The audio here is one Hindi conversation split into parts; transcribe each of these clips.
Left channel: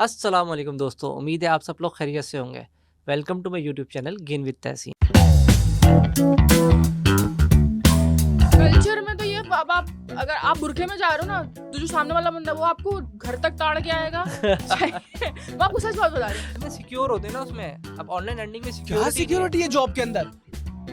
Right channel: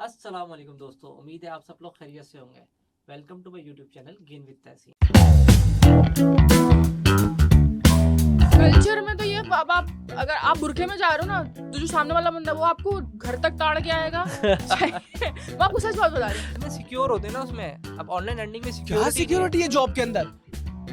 अस्सलाम वालेकुम दोस्तों, उम्मीद है आप सब लोग खैरियत से होंगे। Welcome to my YouTube channel gain with Tahseen. Culture में तो ये अब आप अगर आप बुरखे में जा रहे हो ना, तो जो सामने वाला बंदा वो आपको घर तक ताड़ के आएगा। मैं आपको सच बात बता रही हूँ। में सिक्योर होते हैं ना उसमें। अब ऑनलाइन अर्निंग में क्या सिक्योरिटी है जॉब के अंदर?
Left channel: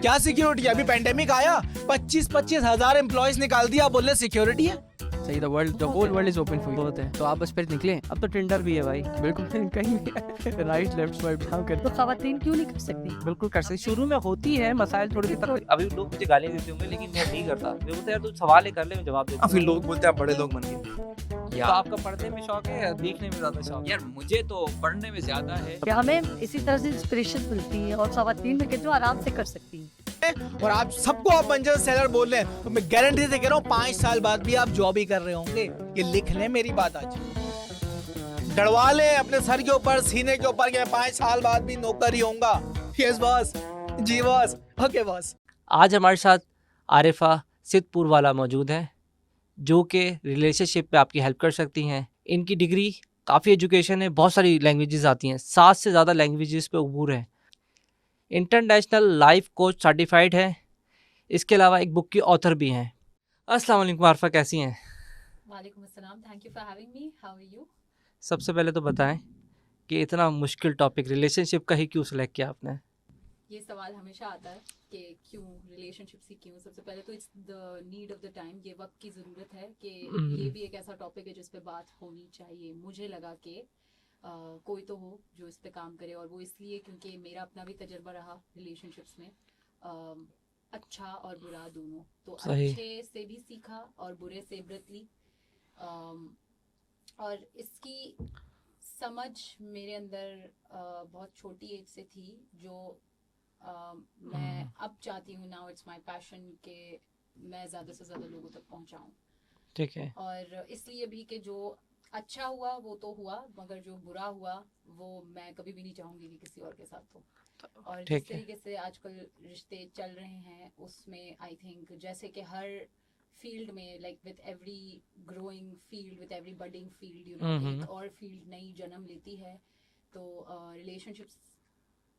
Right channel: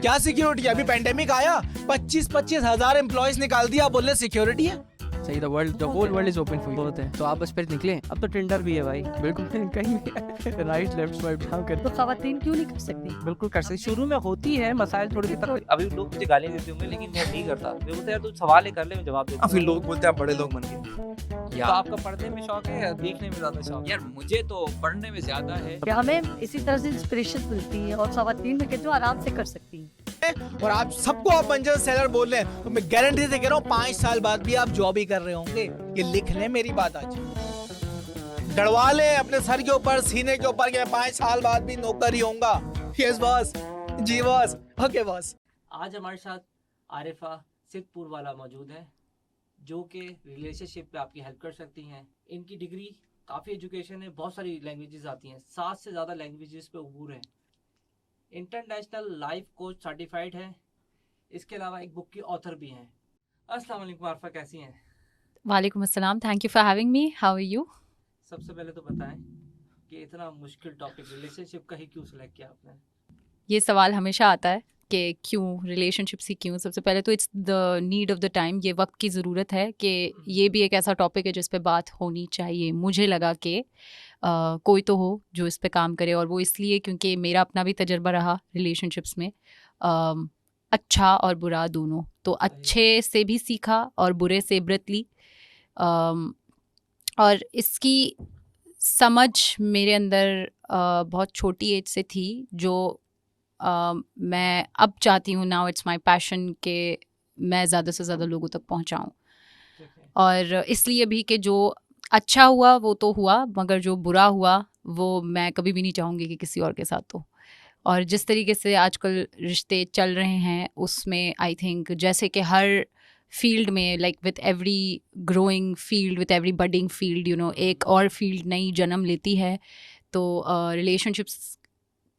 क्या सिक्योरिटी है? अभी पेंडेमिक आया, 25-25 हजार एम्प्लॉयज निकाल दिया, बोल रहे सिक्योरिटी है। सही, the whole world is open for you होते हैं, तो आप बस फिर निकले। अब तो टिंडर भी है भाई। बिल्कुल कहीं राइट लेफ्ट स्वाइप डाउन कर। तो खवातीन क्यों नहीं कर सकती? बिल्कुल कर सकते। शुरू में होती है मसाइल थोड़ी सी तरह। अभी लोग मुझे गालियां देते होंगे लेकिन मैं नहीं करता। मैं बोलता यार तू सवाल ही कर ले, मैं जवाब देता हूं। फिर लोग बोलते हैं आप बड़े लोग बन गए। तो आपका पढ़ने में शौक है या देखने में ज्यादा शौक है? यार मुझे तो पढ़ने में ज्यादा है। कि हमें इसी तरह से इंस्पिरेशन मिलती है और खवातीन में कहते हो आराम से कर सकती हैं। और आप सबको आप मंजर सेलर बोल रहे हैं, तो मैं गारंटी से कह रहा हूँ 5 साल बाद भी आप जॉब ही कर रहे होंगे। ये लिख लें मेरी बात आज, डरवा लें अपने सर के ऊपर, सीने के ऊपर कि मैं 5 साल बाद भी नौकर ही होऊंगा। यस बॉस, जी बॉस, ओके बॉस। आज हमारे साथ आरिफा सिद्धपुर वाला मौजूद है जो कि रिलेशनशिप पे आपकी हेल्प कर सकती हैं। इनकी डिग्री काफ़ी एजुकेशन है, बहुत सारी लैंग्वेजेस आती हैं, 7 से ज़्यादा लैंग्वेजेस पे उबूर है। इंटरनेशनल लाइफ कोच सर्टिफाइड है। इसके अलावा एक बुक की ऑथर भी हैं। अस्सलाम वालेकुम आरिफा, कैसी हैं? वालेकुम अस्सलाम, thank you for having me. How are you? सबसे पहले तो बताएं कि इतना मुश्किल टॉपिक रिलेशनशिप का ही क्यों सिलेक्ट किया आपने? ये सवाल हमेशा आता है कि क्यों रिलेशनशिप्स ही क्यों। सबसे पहले तो it's the need of the time, ये वक्त की ज़रूरत है कि ये भी एक ऐसा टॉपिक है जिस पे बात होनी चाहिए। मुझे लगा कि कोई तो हो जो इस पे काम करे, और वो इसलिए क्योंकि मेरा अपना भी तजर्बा रहा रिलेशनशिप्स में, अच्छा और बुरा दोनों। तो सही। अच्छे से भी सीखा और बुरे से इबरत ली। और इसकी समझ मेरे अंदर बहुत छोटी एज से थी, जो मैं अब चाहती हूँ, नाउ इट्स माय पैशन, कि मैं ज़्यादा से ज़्यादा लोगों तक पहुँचाऊँ। ठीक है। और इसलिए भी कि जो अच्छा हुआ वो तो हुआ, मगर जो बुरा हुआ वो मैं कभी भी नहीं चाहूँगी कि किसी और के साथ हो। और जिस ठीक है। तरीके से आजकल रिश्ते चल रहे हैं उसमें आई थिंक जैसे कि हर फील्ड में, like with every growing field, with every budding field, एक और फील्ड नई जन्म लेती है। तो रिलेशनशिप्स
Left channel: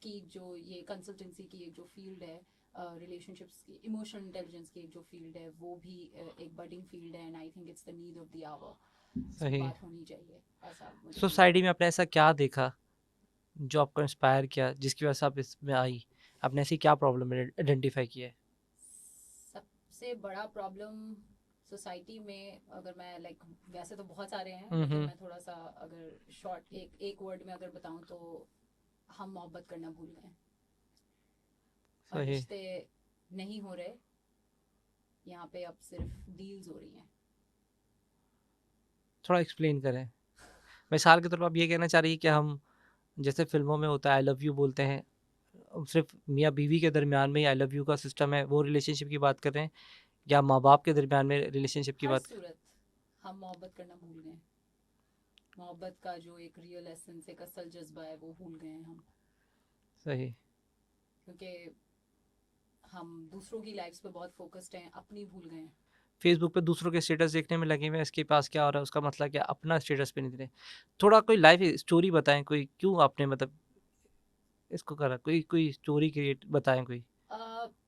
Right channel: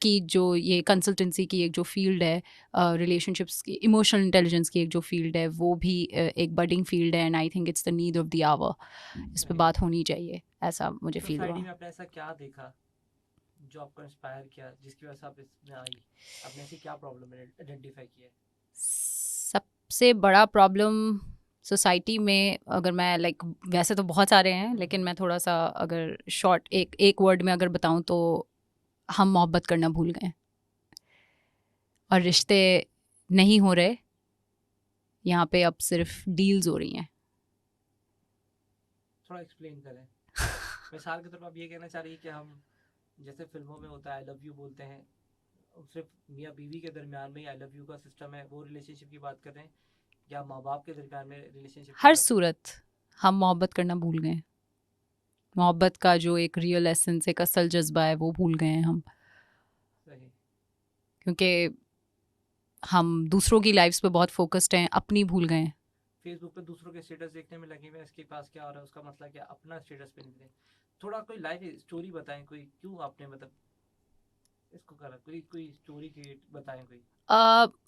की जो ये कंसल्टेंसी की एक जो फील्ड है, रिलेशनशिप्स की इमोशनल इंटेलिजेंस की एक जो फील्ड है, वो भी एक बडिंग फील्ड है। And I think it's the need of the hour, इस पे सही। बात होनी चाहिए, ऐसा मुझे feel सोसाइटी हुआ। में आपने ऐसा क्या देखा जो आपको इंस्पायर किया, जिसकी वजह से आप इसमें आई? आपने ऐसी क्या प्रॉब्लम आइडेंटिफाई की है? सबसे बड़ा प्रॉब्लम सोसाइटी में, अगर मैं लाइक वैसे तो बहुत सारे हैं, लेकिन मैं थोड़ा सा अगर शॉर्ट एक वर्ड में अगर बताऊं तो हम मोहब्बत करना भूल गए और सही। रिश्ते नहीं हो रहे। यहाँ पे अब सिर्फ डील्स हो रही हैं। थोड़ा एक्सप्लेन करें। मिसाल के तौर पर आप ये कहना चाह रही है कि हम जैसे फिल्मों में होता है आई लव यू बोलते हैं, सिर्फ मियाँ बीवी के दरमियान में आई लव यू का सिस्टम है, वो रिलेशनशिप की बात कर रहे हैं, या माँ बाप के दरमियान में रिलेशनशिप की हर बात? सूरत हम मोहब्बत करना भूल गए। मोहब्बत का जो एक रियल एसेंस, एक असल जज्बा है, वो भूल गए हैं हम, सही। क्योंकि हम दूसरों की लाइफ्स पे बहुत फोकस्ड हैं, अपनी भूल गए हैं। फेसबुक पे दूसरों के स्टेटस देखने में लगे हुए हैं, इसके पास क्या हो रहा है, उसका मतलब क्या, अपना स्टेटस पे नहीं दे रहे। थोड़ा कोई लाइफ स्टोरी बताएं, कोई क्यों आपने मतलब इसको करा, कोई स्टोरी क्रिएट बताएं कोई।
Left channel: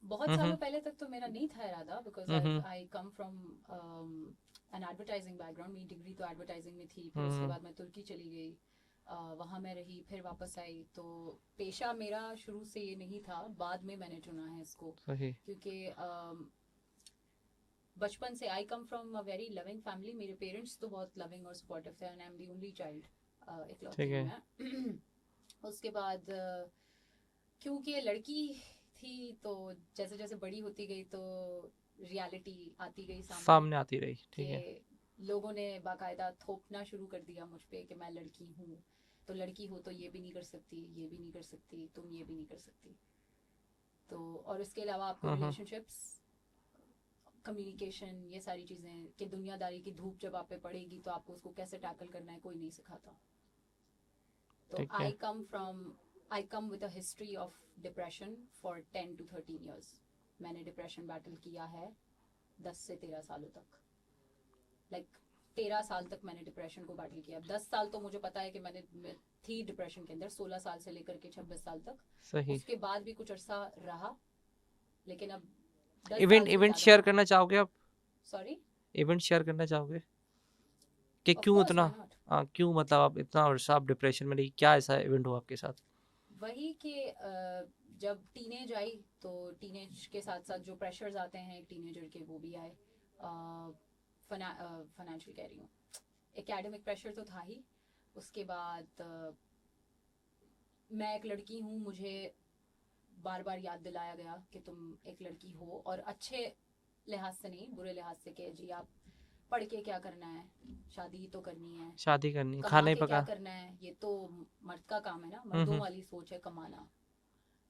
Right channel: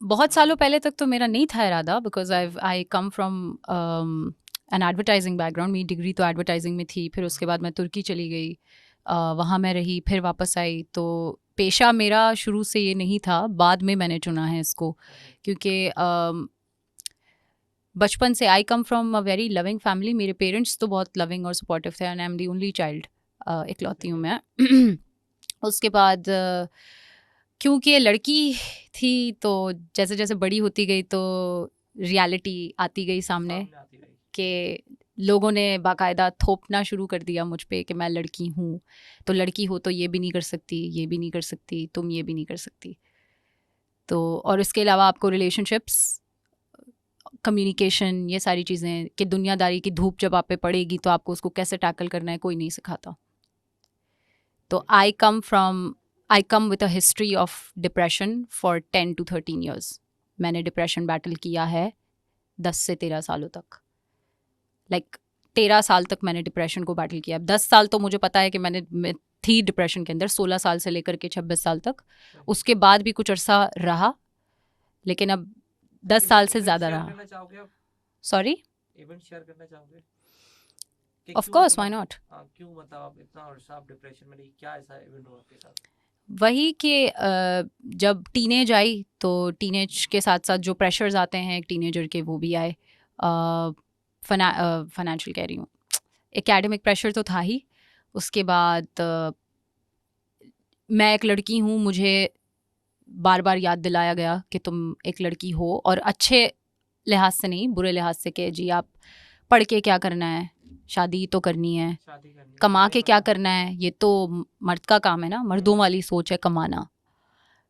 बहुत सालों पहले तक तो मेरा नहीं था इरादा, because I come from N advertising background. मेरी डिग्री तो एडवर्टाइजिंग में थी। फिर उसके बाद मैं तुर्की चली गई, वहाँ मैं रही, फिर वापस आई। तो पेशा मेरा शुरू से ये नहीं था, बाद में मैंने चुना है इसको, सही। क्योंकि बचपन से I come from a very loving family. मेरे पेरेंट्स तो बहुत लविंग और सपोर्टिव थे, and I am the only child, इकलौती ठीक हूँ है। मैं। उसके बाद क्योंकि लड़की थी, तो जैसे जैसे बड़ी होती गई तो रियलिटी आती गई सामने, सामने आती रही। ठीक है। कि लोगों ने बाकायदा थोपना शुरू कर दिया मुझ पे कि मैं लड़की हूँ, तो लड़की हो तो ये भी नहीं कर सकती, ये भी नहीं कर सकती, तुम ये भी नहीं कर सकती। तो और इसके अलावा आपको रिलेशनशिप्स, कम्युनिकेशन, ये सारी चीज़ें कि दुनियादारी की धूप जब आप पे पड़ेगी तो आपको उसको कैसे टैकल करना है कोई नहीं सिखाता। तो ठीक है। I come with a history of depression for 10 to 13 years। मैंने डिप्रेशन बैटल किया है 10 से 13 सालों तक। लाइक 13 साल तक मैंने डिप्रेशन को बैटल किया। 10 साल तो मुझे पता है कि मैं थी डिप्रेशन के अंदर, 16 साल से लेकर के 26 साल तक। सही। उसके बाद भी कुछ अरसा रहा, लेकिन अब 10 साल से ज़्यादा शेयर रहा। करना चाहोगे आप? सॉरी, इवेंट शेयर करना चाहोगे कि ऑफ क्यों कोर्स, इतना व्हाई नॉट। क्यों मतलब आप इतना अरसा आप डिप्रेशन में रही, क्या ऐसा इवेंट हुआ आपके साथ? वही कि जब टीनेज आई तो टीनेज के साथ साथ जो प्रेशर्स आते हैं एक टीनेजर के, वो भी आए। फाइनेंशियल कह रही हूँ, एकेडमिक प्रेशर तो था ही। उसके बाद मैं एक लड़की हूँ, मुझे बार बार याद दिलाया गया कि तुम एक लड़की हो, और अच्छे लिहाज से नहीं, बुरे लिहाज से, कि जी आप पढ़ के क्या करना है, शादी तो करनी है, शादी करनी, कमा खाने के क्या पका- करना है, ये तो मर्द का काम है ना, मर्दों हम्म। वाली सोच है कमाना।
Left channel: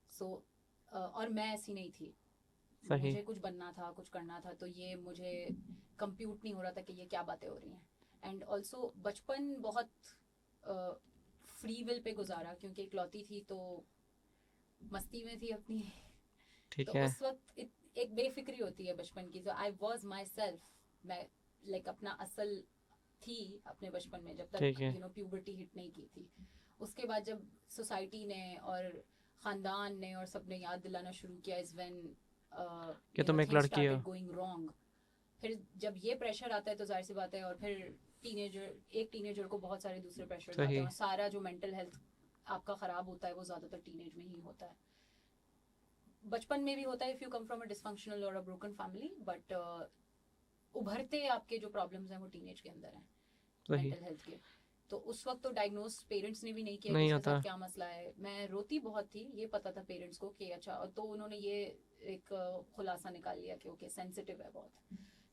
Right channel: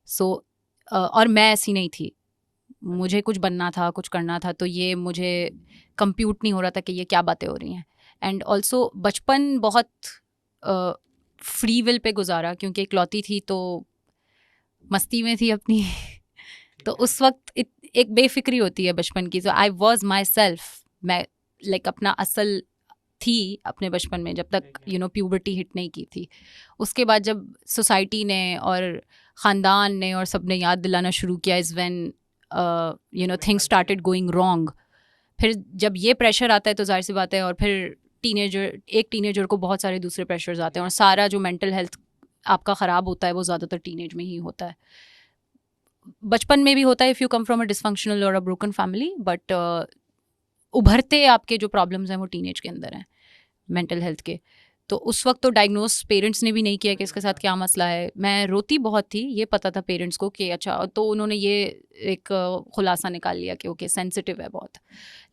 सो और मैं ऐसी नहीं थी, सही। मुझे कुछ बनना था, कुछ करना था, तो ये मुझे कंप्यूट नहीं हो रहा था कि ये क्या बातें हो रही हैं। एंड ऑल्सो बचपन बहुत फ्री विल पे गुजारा, क्योंकि इकलौती थी तो मस्ती में थी अपनी। ठीक तो है। उस वक्त एक बेफिक्री होती है बचपन की। तो आई वॉज माई सेल्फ, मैं लाइक अपना असल थी अपने बचपन में, जब तक ठीक है। यू नो प्यूबर्टी हिट नहीं की थी। उसके बाद जब सोसाइटी ने और ख़ानदान ने और सब ने याद दिलाना शुरू किया, इज़ व्हेन यू नो तुम एक थिंग्स लड़की स्टार्टेड हो। Going wrong. फिर जब ये प्रेशर आता है तो जाहिर सी बात है, और फिर एक टीनेजर को बहुत सारे दूसरे प्रेशर्स आते हैं, सही। और सारा जो मेंटल हेल्थ आपका ख़राब होता है वो ज़्यादातर टीनेज में ही होता है। बचपन में भी होता है if you come from a dysfunctional और अ ब्रोकन फैमिली, बट उभरते आपके जो प्रॉब्लम्स हैं वो टीनेज के अंदर हैं, सही। मेंटल हेल्थ के। तो उस वक्त तो डायग्नोस पेरेंट्स ने भी नहीं किया कि नहीं इसके होता। साथ क्या मसला है। मैं रोती बहुत थी, ये पता था पेरेंट्स को कि अच्छा, तो उन्होंने ये एक खुलासा निकाल लिया कि ओके सेंसिटिव है बहुत,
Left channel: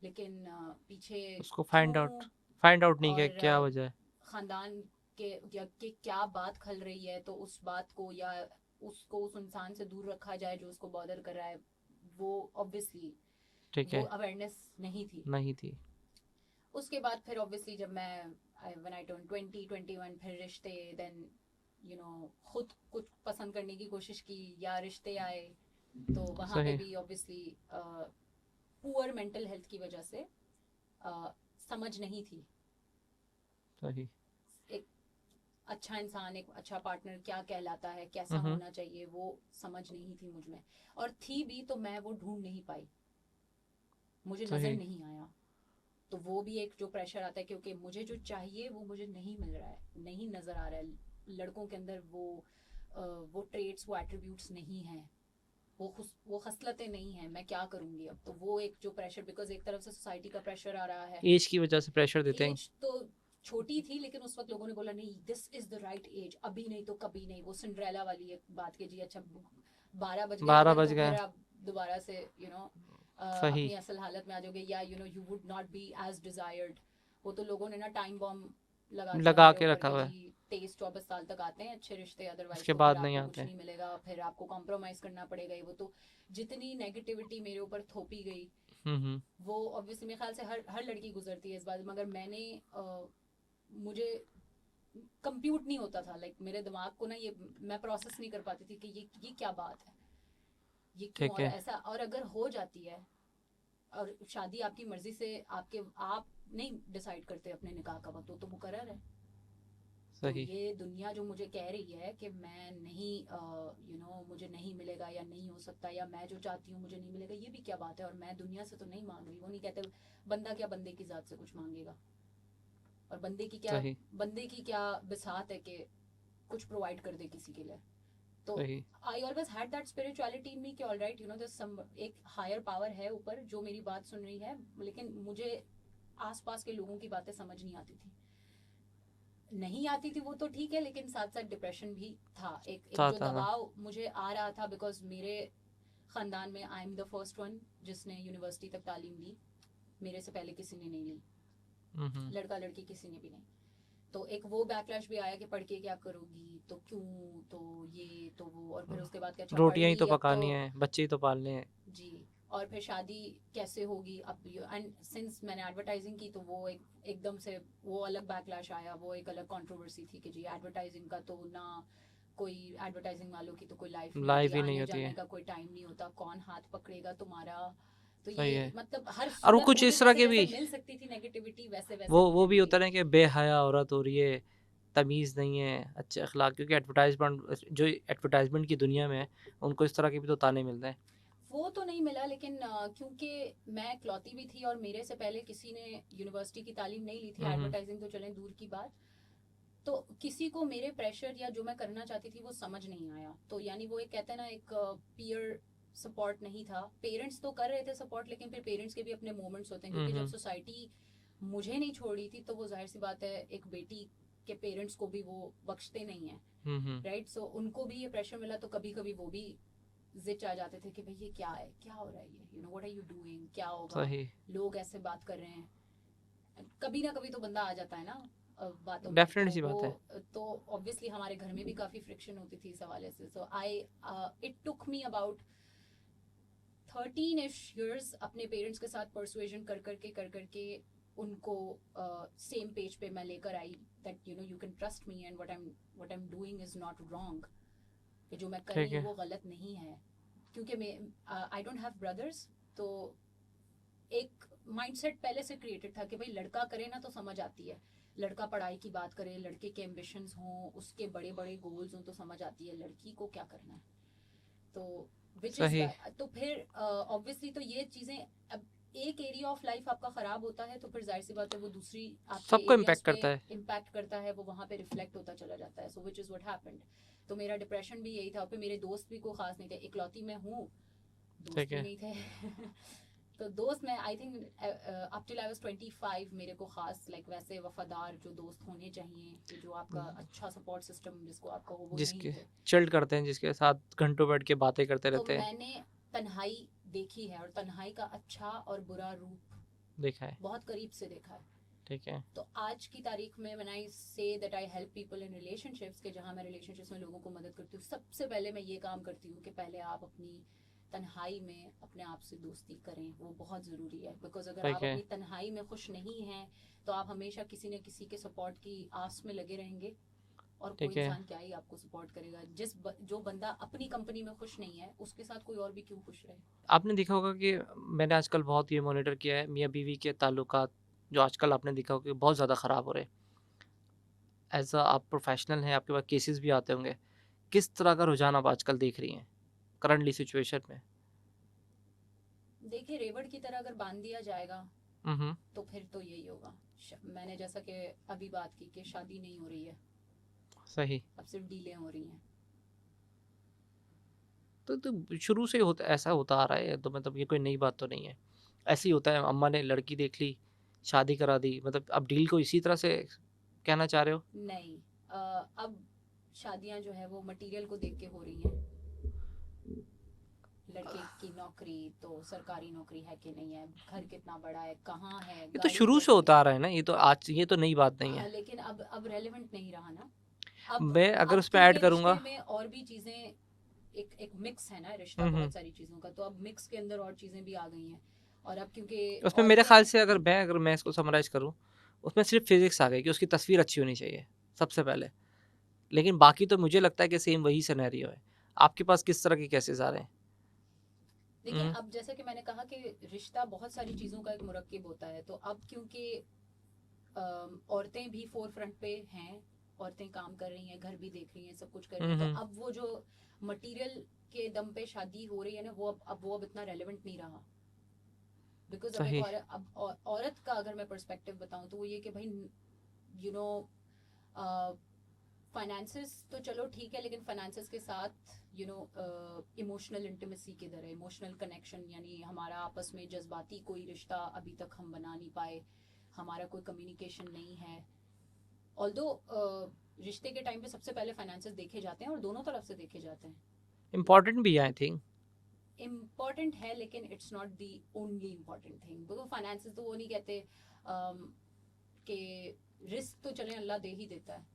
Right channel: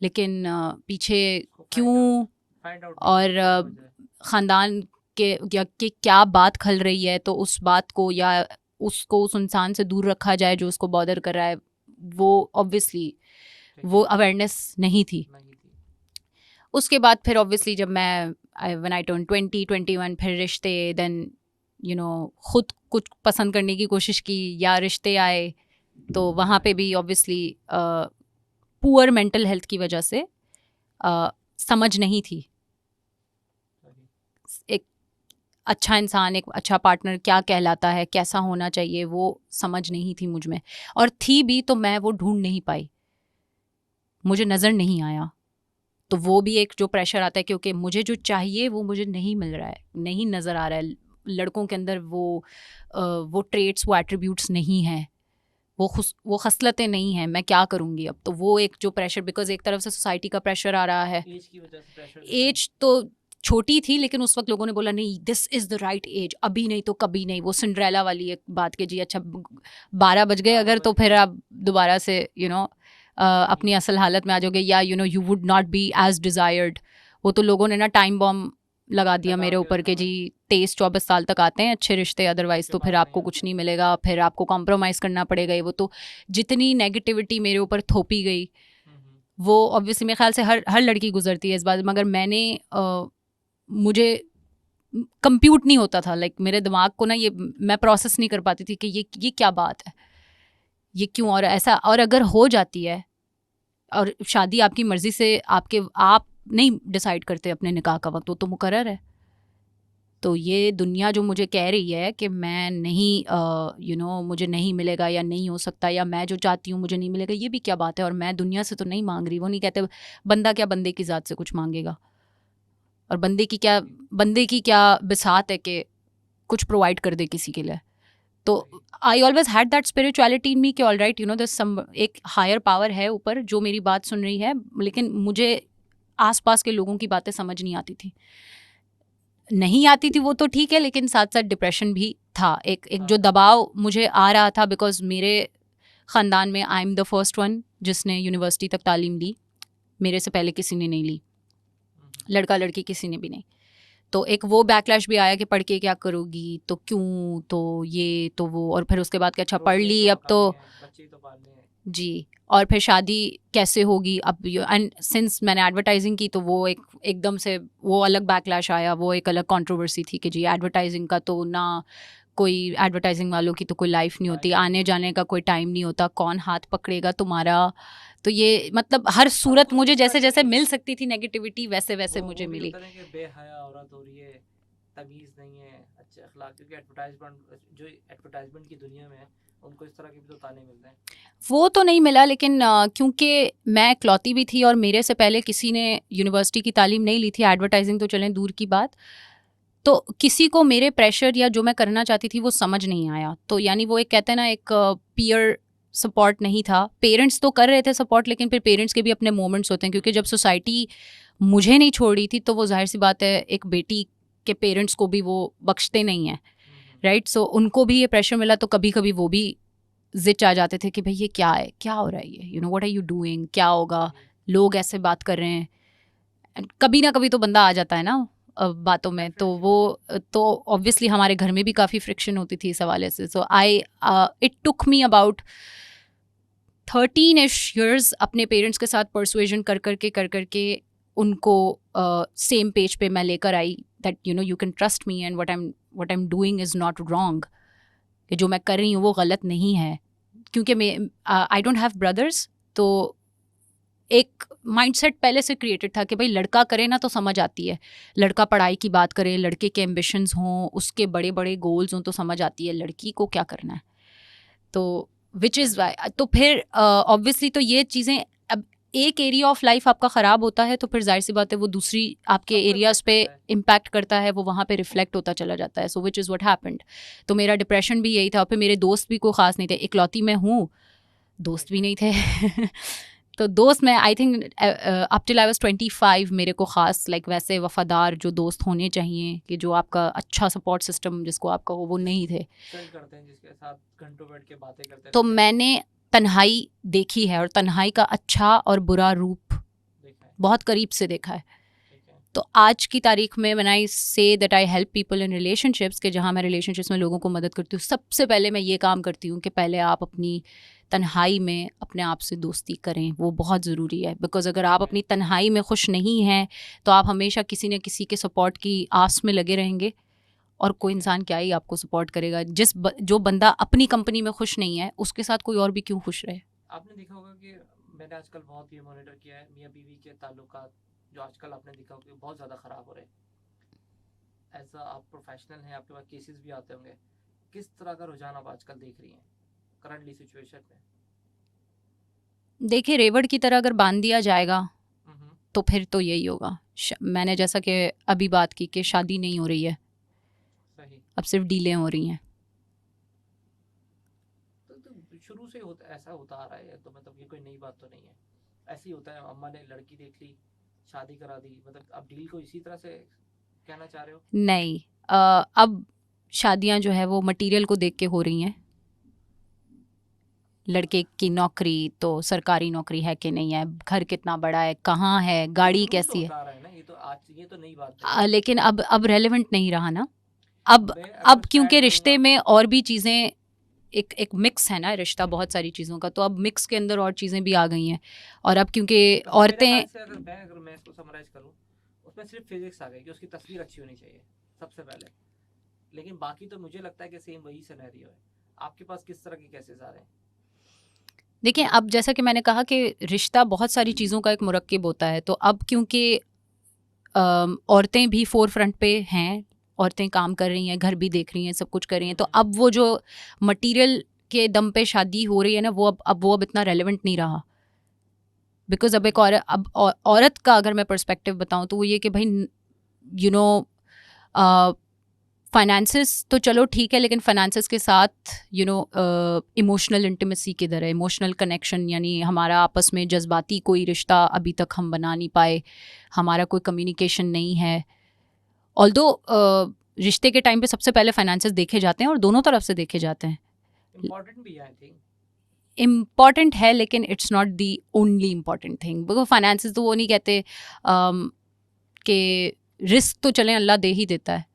लेकिन पीछे उसको क्यों फाइंड आउट नहीं और किया क्या वजह है। ख़ानदान के या कि क्या बात खल रही है, तो उस बात को या उसको उस इंसान से दूर रखा जाए जो उसको बॉदर कर रहा है। वो ऑब्वियसली ठीक वो है। अवेयरनेस नहीं थी। नहीं थी। उसके बाद फिर ऑब्वियसली जब मैं व्हेन आई टर्न 20-21, फिर रिश्ते, देन यू नो खुद कुछ पसंद करने की कोशिश की या रिश्ते आए, तो वहाँ पे सही। भी ऑब्वियसली पुअर मेंटल हेल्थ की वजह से समझ नहीं थी। सही। एक अच्छा इंसान, एक अच्छा पार्टनर क्या कहलाता है, कैसा हम्म। होना चाहिए, वो समझ नहीं थी मुझ में, और थी भी तो मैं वो ढूंढ नहीं पाई, मुझे नज़र सही। नहीं आया। तो वो भी एक जो प्रेशर आता है, क्योंकि मुझे जो चाहिए वो मुझे नहीं मिल रहा है, नहीं नज़र आ रहा है। लड़कों के अंदर वो ट्रेट्स, वो एट्रीब्यूट्स नहीं हैं, वो खसलतें नहीं हैं। मैं क्या करूँगी अब? तो वो एक जो प्रेशर, बिकॉज एक तरफ से सोसाइटी का प्रेशर आ रहा है, एज की वजह से प्रेशर देते हैं। एज तो छोटी थी, लेकिन उस वक्त लोगों ने बोला नहीं, this is the right age, अभी नहीं तो कभी नहीं। वो सिंड्रेला वाली एक बात के जी, अच्छा 12 बज गए 12 अगर, बज तो फिर गए। आप दोबारा से यू नो सही। अपनी असल हालत में आ जाओगे, या you know you would not be as desired. वो तो लोगों ने ना टाइम बॉम्ब लगा दिया लगा मेरे के ऊपर रखा के हुआ है। जी 23-24 साल तक आते हैं अच्छे रिश्ते, अदरवाइज उसके तो फिर बाद आपको नहीं कुछ आते। नहीं मिलेगा, फिर आपको कॉम्प्रोमाइज़ करना पड़ेगा। वो तो जितनी नेगेटिविटी मेरे ऊपर थोपी गई, वो ऑब्वियसली मेरे ख्याल से हर लड़की गुजरती है इस बात, मगर मैंने मुझे कंप्यूट नहीं होता था, लाइक मेरे दिमाग को ना ये मैं प्रोसेस नहीं कर पाती थी कि ये क्या बात है, ये क्यों, ठीक और है। ऐसा। और अगर हो जाती है और शादी आपकी मर्जी से, आप नहीं डिसाइड करते अपने निकाह का वक्त, वो तो मुकर्रर है। तो सही। ये दुनिया जो मुझे कह रही है कि मैं नहीं यू नो मुझे नहीं मिलेगा या नहीं हो सकता, या मैं जो चाहती हूँ मुझे नहीं मिलेगा, ये भी क्या बात है? और मैं दुनिया से तो नहीं मांग रही। वो नहीं कहते बंदा क्या बंदे की ज़ात से कुछ मांगेगा, और बंदे की क्या बिसात है कि कुछ प्रोवाइड कर दे किसी के लिए। तो सही। I always had that spirituality in me कि all right, you know this some एक हायर पावर है ऊपर जो मेरी बात सुन रही है, लेकिन मुझे आसपास के लोगों की बातें समझ नहीं आती थी। नहीं आती थी वो तो ठीक है, लेकिन साथ साथ डिप्रेशन भी था, एक था, जो था। दबाव मुझे आ रहा था, बिकॉज मेरे ख़ानदान में I am the first one जिसने यूनिवर्सिटी तक तालीम ली, मेरे से पहले किसी ने नहीं ली, लड़का लड़की किसी ने भी नहीं। तो एक वो बैकलैश भी आया कि पढ़ के क्या करोगी, तो क्यों, तो ये तो वो, और फिर उसके बाद कि अच्छा पढ़ रोटियां ही ली, अब तो पकानी है, बच्चे ही तो पालने हैं। जी, और फिर शादी कैसे होगी अब। एंड सिंस मैंने एडवर्टाइजिंग की, तो वो एकदम से वो अलग बैकलैश आया, वो एक अलग कंट्रोवर्सी थी कि जी एडवर्टाइजिंग का तो ना, कोई एडवर्टाइजिंग वालों की तो कोई लाइफ नहीं लाइफ होती, ही नहीं आने होती जाने है। का कोई टाइम नहीं होता, कौन हाथ पकड़ेगा तुम्हारा, तो ये नहीं। मतलब हर सूरत कुछ मुझे इस तरह जैसे के जैसे भी- मिल सकती थी नेगेटिविटी वैसे वैसे वो मुझे भी मिली। होता है कि बेहया औरत हो रही है, तमीज़ नहीं है, अच्छे अखलाक, क्योंकि एडवर्टाइजमेंट जो एडवर्टाइजमेंट की दुनिया में है, उनको इस तरह के भी तो ताने मिलते हैं। वो तो नहीं मिला, लेकिन क्योंकि मैं इकलौती भी थी और मेरे से पहले किसी ने यूनिवर्सिटी की तालीम नहीं ली थी, एडवर्टाइजिंग तो चलें दूर की बात, तो किसी को मेरे प्रेशर या जो मैं करना चाहती थी वो समझ नहीं आया। तो यानी वो एक कहते हैं ना, एक पीयर सपोर्ट नहीं था। पेरेंट्स तो कर रहे थे सपोर्ट, लेकिन फिर पेरेंट्स के भी अपने मोमेंट्स होते हैं, क्योंकि जब सोसाइटी मुझे नहीं छोड़ रही थी तो वो जाहिर सी बात है एक बेटी के पेरेंट्स को भी वो बख्शते नहीं हैं, राइट। सो उनको भी ये प्रेशर मिला, तो कभी कभी वो भी जिच आ जाते थे कि भाई ये क्या है, क्या हो रहा है, ये व्हाट आर यू डूइंग, क्या होगा, सही, लोग ऐसे बात कर रहे हैं। And कभी ना कभी तो बंदा आ जाता है ना बातों में, तो Definitely सी वो बात तो ऑब्वियसली हमारे घर में भी काफ़ी फ्रिक्शन होती थी इस हवाले से। So I it took me about 13-ish years अपने पेरेंट्स के साथ परसुएजन कर करके उनको सेम पेज पे मैं लेकर आई that you know you can trust me and what I am doing is not wrong, कि जो मैं कर रही हूँ वो गलत नहीं है। क्योंकि मैं आई डोंट हैव ब्रदर्स, तो एक माइंडसेट पहले से क्रिएटेड था कि भाई लड़का करे ना तो समझ आती है, लड़का पढ़ाई की बात करे, लड़के के एम्बिशंस हों, उसके बड़े बड़े गोल्स हों, तो समझ आती है लड़की को क्या करना है। तो विच इज़ सही। वाई, तो फिर ऑब्वियसली तो ये चीज़ें, अब एक एरिया ऑफ लाइफ आपका ख़राब होता है तो फिर जाहिर सी बात है वो दूसरी आपके सबको एरियाज impact पे करता है। इम्पैक्ट करता है, वो वहाँ पे रिफ्लेक्ट होता चला जाता है। सो विच इज़ व्हाट हैपेंड। तो मेरा डिप्रेशन भी यही था, और फिर मेरे दोस्त भी कोई ख़ास नहीं थे, इकलौती मैं हूँ, दोस्त ठीक भी है। नहीं थे तो दोस्त मैं I think up till I was 25 मेरे को ख़ास लाइक वैसे वफादार जो दोस्त होने चाहिए, कि जो आपका अच्छा सपोर्ट सिस्टम जिसको आपका वो नहीं जिसके थे। चिल्ड करते हैं, जिसके साथ घंटों बैठ के बातें करते तो रहते हैं, मैंने तन्हाई देखी है, और तन्हाई का अच्छा और बुरा रूप देखा है। बहुत करीब से देखा है। ठीक है। तो आज की तारीख में when I say that I help people in relationships, के जहाँ मैं रिलेशनशिप्स में लोगों को मदद करती हूँ, सबसे पहले मैं ये काम करती हूँ कि पहले आप अपनी तन्हाई में अपने आप से दोस्ती करें, वो बहुत ज़रूरी है। बिकॉज अगर आप ठीक है। अपनी तन्हाई में खुश नहीं हैं तो आप हमेशा किसी न किसी के सपोर्ट की आस में लगे रहेंगे, और कोई ठीक है। इंसान क्या ही आपको सपोर्ट करेगा। जो बंदा अपनी कंपनी में खुश नहीं है उसके साथ कोई और भी क्यों खुश रहे। आपने देखा होगा कि मैंने आजकल बहुत ये मॉनिटर किया है, मियाँ बीवी के ताल्लुकात जो आजकल आपने देखा होगा कि बहुत ज़्यादा ख़राब हो रहे हैं। एज अ आप प्रोफेशनल हैं, आपके पास केसेस भी आते होंगे, किस तरह का रुझान आप आजकल देख रही हैं करंटली सिचुएशन में? देखिए, रेवड़ की तरह अगर बांध दिया जाएगा हम्म। तो फिर तो यही होगा। मैंने जैसा कि अभी बात की कि शादी नहीं हो रही है, सही। अब सिर्फ डीलें हो रही हैं। तो शुरू से होता ऐसा होता आ रहा है, तो मतलब ये कोई नई बात तो नहीं है, ऐसे ही होता है। अम्मा ने लड़की देख ली, शादी करा दी, मतलब अब डील को इसी तरह से कहना चाह रहे हो? नहीं, अब शादियां जो है वो मटेरियल को देख के हो रही हैं। लड़के की नौकरी तो सरकारी नौकरी है कि नहीं है, घर कितना बड़ा है, कहाँ है, ये तो गाड़ी शुरू से कैसी है। होता आ रहा है ना, ये तो आज, ये तो नई बात नहीं है। लेकिन अब रेलेवेंट नहीं रहा ना। अब मैं अगर अब उसमें क्योंकि ऐड रिश्ते करूंगा, में और भी चीज़ें, एक मिक्स है ना रिश्ता हम्म, बहुत सारी चीज़ों का, तो अब मिक्स के अंदर और चीज़ें भी आ गई हैं। और अब क्योंकि उसमें मेरे ख्याल औरतें, से अगर मैं इसको समराइज करूं, उसमें सिर्फ फिजिक्स आ गई कि उसकी तस्वीर अच्छी होनी चाहिए सबसे पहले, लेकिन बाकी तो मुझे लगता है कि सेम वही सिनेरियो है। आपके पास किस तरह के केसेस आ रहे हैं? देखिए अब जैसा कि मैंने कहा कि रिश्ता बहुत सारी चीज़ों का एक मुरक्किब होता है, तो अब क्योंकि औरतें भी फोर फ्रंट पे हैं, औरतें काम कर रही हैं, घर भी देख रही हैं, सब कुछ कर रही हैं, तो अब वो जो मटेरियल के दम पे शादी हो रही है ना, वो अब इतना रेलेवेंट नहीं रहा। बिकॉज अब एक सही। औरत, अब औरत का अगर मैं पर्सपेक्टिव बताऊं तो वो ये कि भाई यू नो फाइनेंसेस तो चलो ठीक है, लेकिन फाइनेंसेस के साथ यू नो इमोशनल इंटीमेसी किधर है, इमोशनल कनेक्शन, यानी हमारा आपस में जज्बाती कोई रिश्ता अभी तक हम बना नहीं पाए, हमारा कोई कम्युनिकेशन नहीं है। ऑल्दो रिश्ते के टाइम पे सबसे पहले फाइनेंसेस देखे जाते हैं और दोनों तरफ से देखे जाते हैं, इम्पोर्टेंट भी है आई थिंक। इम्पॉर्टेंट है, लेकिन it's not the only important thing. Because finances तो वो नहीं कहते कि रिस्क तो चलें अल्लाह दे ही देता है,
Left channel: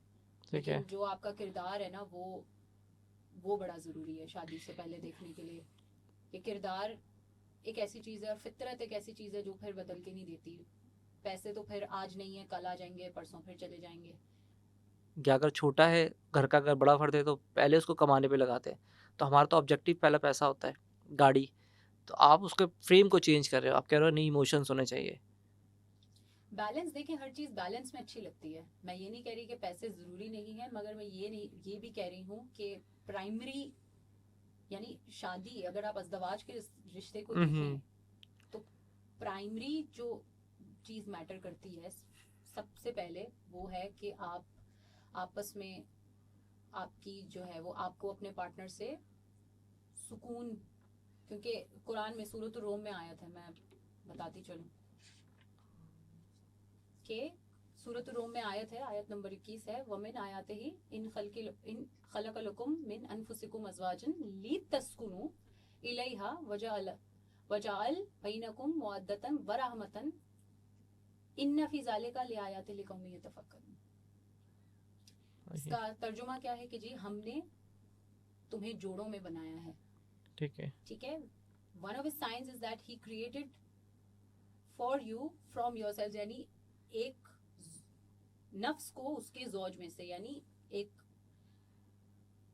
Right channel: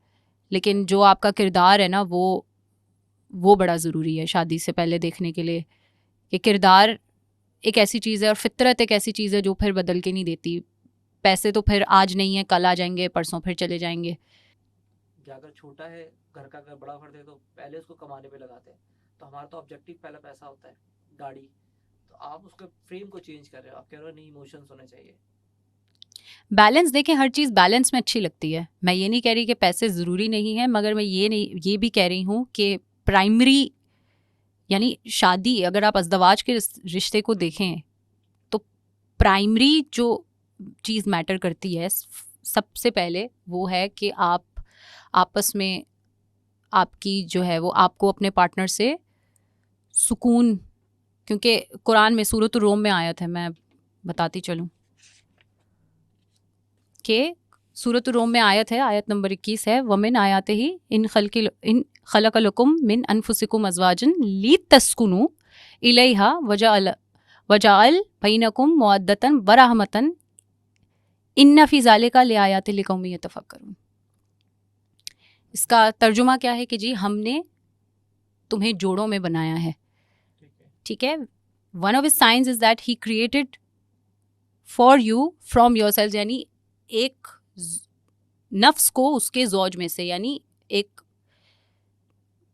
लेकिन जो आपका किरदार है ना वो बड़ा ज़रूरी है शादी से पहले देखने के लिए, कि किरदार एक ऐसी चीज़ है और फितरत एक ऐसी चीज़ है जो फिर बदल के नहीं देती। पैसे तो फिर आज नहीं है, कल आ जाएंगे, परसों फिर चले जाएंगे। या अगर छोटा है घर का, अगर बड़ा फर्द है तो पहले उसको कमाने पे लगाते हैं, तो हमारा तो ऑब्जेक्टिव पहला पैसा होता है, गाड़ी, तो आप उसके फ्रेम को चेंज कर रहे हो, आप कह रहे हो नहीं इमोशंस होने चाहिए। बैलेंस देखें, हर चीज़ बैलेंस में अच्छी लगती है। मैं ये नहीं कह रही कि पैसे ज़रूरी नहीं है, मगर मैं ये भी कह रही हूँ कि प्राइमरी यानी शादी, अगर आप अज़दवाज के रिश्ते को देखें तो प्राइमरी जो चीज़ मैटर करती है सबसे पहले वो है कि आप आपस में आपकी जो है वो आपको अपने पार्टनर से सुकून, क्योंकि कुरान में सूरत रोम में आयत है, मैं बताती चलूँ कि सूरत रोम में आयत है, आयत नंबर 21 है, वमिन आयाते ही इन खलकलकुम मिन अनफुसिकुम अज़वाजन लितस्कुनु इलैहा वजअल बैनकुम मवद्दतन व रहमतन इन्न फी ज़ालिका लिआयाति लिकौमिन यतफक्करून। इसका तर्जुमा क्या है कि जी हमने तुम्हें जोड़ों में बनाया है, ठीक है। One of his science is that he created for you from yourself, यानी एक नफ्स को उसके ज़ौज में से, यानी एक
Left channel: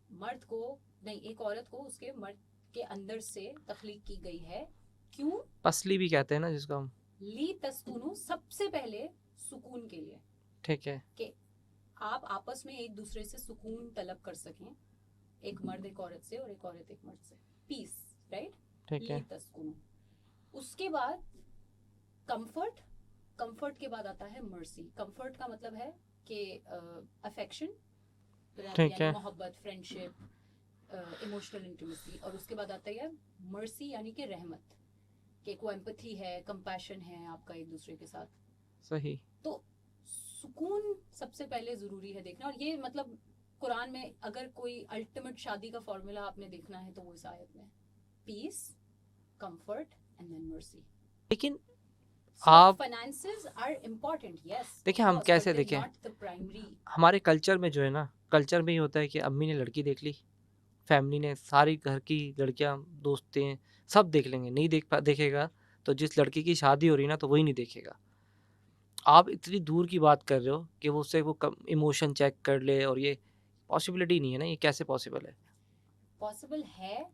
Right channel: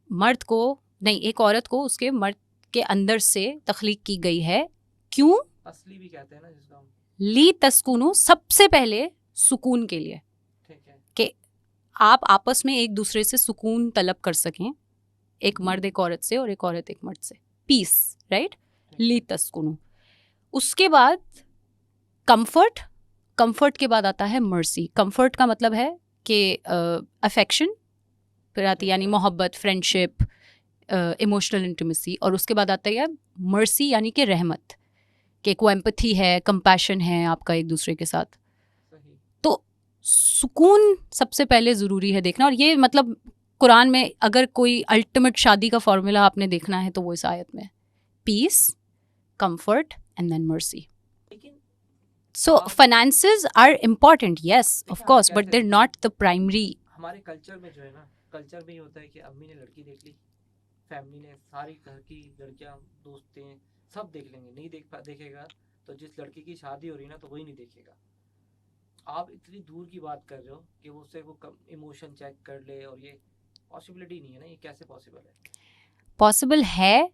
मर्द को नहीं, एक औरत को उसके मर्द के अंदर से तख्लीक की गई है। क्यों? पसली भी कहते हैं ना जिसको हम। ली तस्कुनु, सबसे पहले सुकून के लिए, ठीक है, कि आप आपस में एक दूसरे से सुकून तलब कर सकें, एक मर्द एक औरत से और एक औरत एक मर्द से, पीस, राइट। ली तस्कुनु। उसके बाद कंफर्ट, कंफर्ट के बाद आता है मर्सी। कंफर्ट का मतलब है कि अफेक्शन, फिर आती है ठीक यानी है। मोहब्बत, फ्रेंडशिप, इमोशनल इंटीमेसी, और उसके बाद आता है मर्सी यानी कि रहमत, कि कोई एम्पैथी है, कंपैशन है आपका एक दूसरे के साथ। सही। तो सुकून सबसे पहले ज़रूरी है देखना, और ये मतलब कुरान में अगर कोई अल्टीमेट शादी का फॉर्मूला आपने देखना है तो वो इस आयत में, peace, comfort and then mercy. लेकिन So आप- finances are important, yes, देखिए, of हम course, but कैसे they're देखें? not the primary. हमारे कल्चर में जो है ना, कल्चर में ही होता है कि अम्मी ने लड़की देख ली, फैमिली ने, सारी घर की लड़कियां, दोस्तें सब देख लेंगे, नहीं देखेगा तो जिस लड़की की शादी हो रही है ना तो वही नहीं देखेगा। आप इतनी दूर की बात कर रहे हो कि वो उससे वो इमोशन चेक कर ले, और ये पॉसिबिलिटी नहीं है ना, ये कैसे पॉसिबल है? Possible है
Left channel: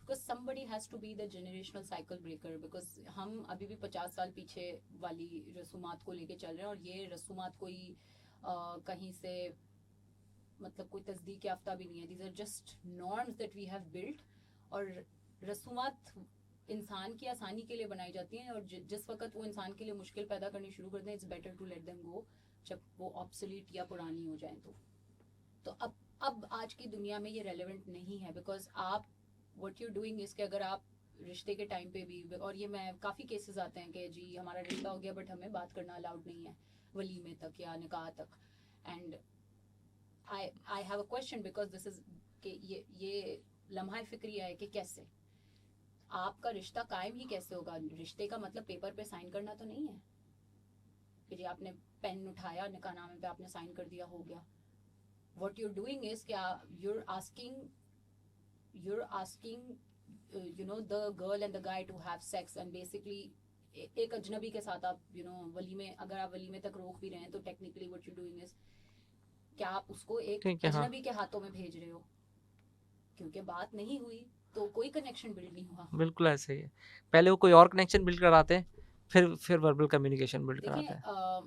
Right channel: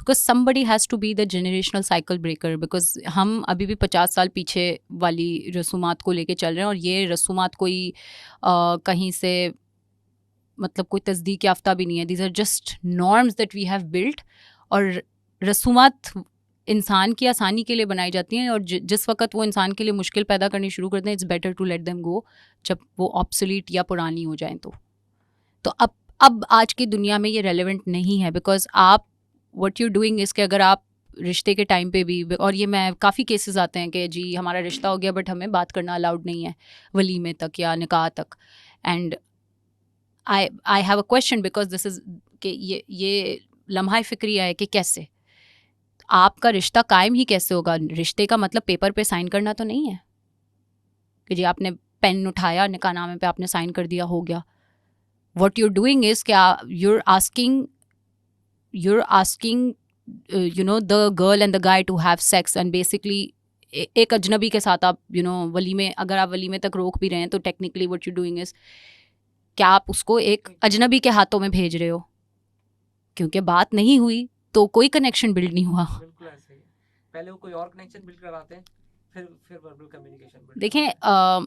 because somebody has to be the generational cycle breaker, because हम अभी भी 50 साल पीछे वाली रसूमात को लेके चल रहे हैं, और ये रसूमात कोई कहीं से मतलब कोई तस्दीक याफ्ता भी नहीं है। These are just norms that we have built, और रसूमात इंसान की आसानी के लिए बनाई जाती हैं, और जिस वक्त वो इंसान के लिए मुश्किल पैदा करनी शुरू करते हैं, it's better to let them go, जब वो ऑब्सोलीट या पुरानी हो जाएं। तो अब आज की दुनिया में ये रेलेवेंट नहीं है, बिकॉज आप व्हाट यू डूइंग इज़ कि अगर आप रिश्ते के टाइम पे भी, और ये मैं काफ़ी केसेस आते हैं कि जी हमारा रिश्ता हो गया बट हमें बात करना अलाउड नहीं है वलीमे तक या निकाह तक, and I have a question because this is कि ये लम्हा फ़िक्रिया है कि कैसे आपका रिश्ता कायम ही कैसे होगा। रिश्ते का मतलब पेपर पे साइन करना तो नहीं है कि जी आपने पेन उठाया, निकाहनामे पे आपने साइन कर दिया, हो गया। What you're doing is क्या you're asking you know the girl and the guy to have sex, and basically एक अजनबी के साथ आप वलीमे, अगर आप वलीमे तक रोक भी रहे हैं तो technically what you're doing is क्या आप उसको एक हाँ। अजनबी के हाथों में भेज रहे हो, क्योंकि बात नहीं हुई तो कोई कनेक्शन बिल्ड नहीं हुआ। बिल्कुल ऐसे ही है, पहले वो कोई और कनेक्शन बिल्ड कराते हैं, फिर वर्बल कम्युनिकेशन बिल्ड देखें कराते हैं।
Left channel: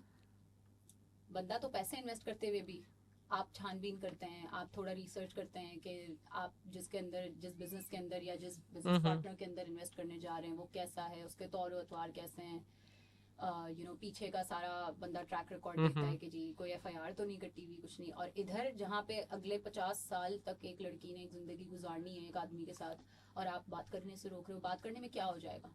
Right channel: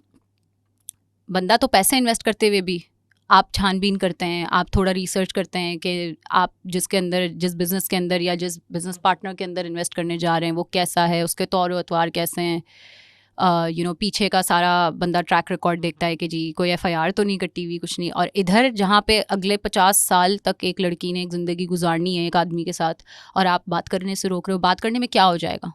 बंदा तो पैसे इन्वेस्ट करते हुए भी आप छानबीन करते हैं, आप थोड़ा रिसर्च करते हैं कि आप जिस बिज़नेस के अंदर या जिस बिज़नेस पार्टनर के अंदर इन्वेस्ट करने जा रहे हैं वो कैसा है, उसके तौर अतवार कैसे हैं, पीछे का सारा बंदा ट्रैक रिकॉर्ड देखता है कि जी कोई FIR तो नहीं कटी हुई, कुछ नहीं। और इधर जहाँ पे अगले 50 साल तक एक लड़की ने एक ज़िंदगी गुजारनी है एक आदमी के साथ, और आप बात करने से रोक रहे हो, बात करने में क्या हो जाएगा?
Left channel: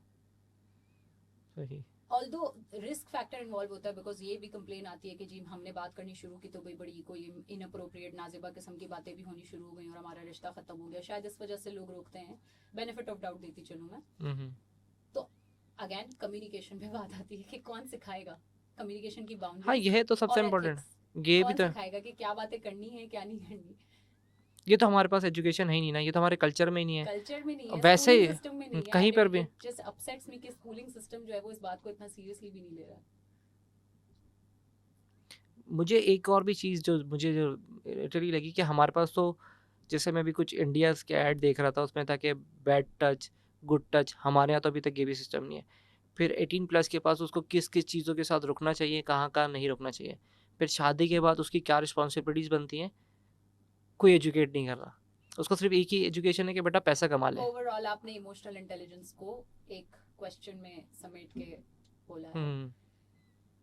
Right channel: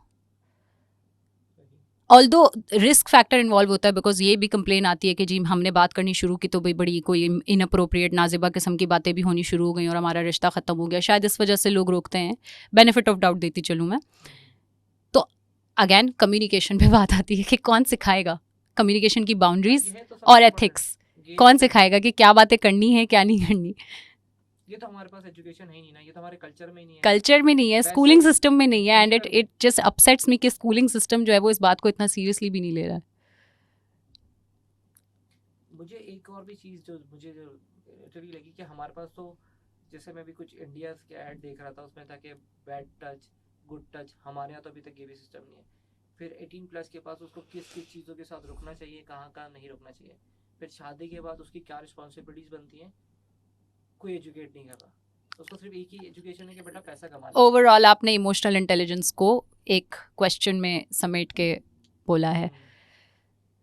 सही। ऑल्दो रिस्क फैक्टर इन्वॉल्व होता है, बिकॉज ये भी कंप्लेन आती है कि जी हमने बात करनी शुरू की तो भाई बड़ी कोई इनअप्रोप्रिएट नाजिबा किस्म की बातें भी होनी शुरू हो गई और हमारा रिश्ता ख़त्म हो गया। शायद इस वजह से लोग रोकते हैं, बेनिफिट ऑफ डाउट देती चलूँ मैं। तो अगेन कम्युनिकेशन पे बात आती है कि कौन सिखाएगा कम्युनिकेशन की बाउंड्रीज ये तो और सबसे important एथिक्स, है। ये कौन तो- सिखाएगा कि क्या बातें करनी है क्या नहीं करनी। ये तो हमारे पास एजुकेशन है ही नहीं ना, ये तो हमारे कल्चर में ही नहीं है। कल्चर में नहीं है, वैसे स्कूलिंग सिस्टम में नहीं है, कहीं एंड पर भी। इट जस्ट अपसेट्स मी कि स्कूलिंग सिस्टम जो है वो इस बात को इतना सीरियसली भी नहीं ले रहा है। मुझे एक और भी चीज़ जो लिटरली लगी कि हमारे पास तो, जैसे मैं भी कुछ इंडिया के ऐड देख रहा था, उसमें था कि बैड टच, गुड टच, हमारे यहाँ तो अभी तक ये भी सिस्टम नहीं है। फिर 18 प्लस के पास उसको किस किस चीज़ों के साथ रुकना चाहिए, कहाँ कहाँ नहीं रुकना चाहिए। फिर शादी के बाद उसकी क्या रिस्पॉन्सिबिलिटीज़ बनती हैं, कोई एजुकेट नहीं कर रहा। उसको सिर्फ एक ही एजुकेशन है कि बेटा पैसा कमा ले। ओवरऑल आपने इमोशनल इंटेलिजेंस को एक क्वेश्चन में समेट के बोला है।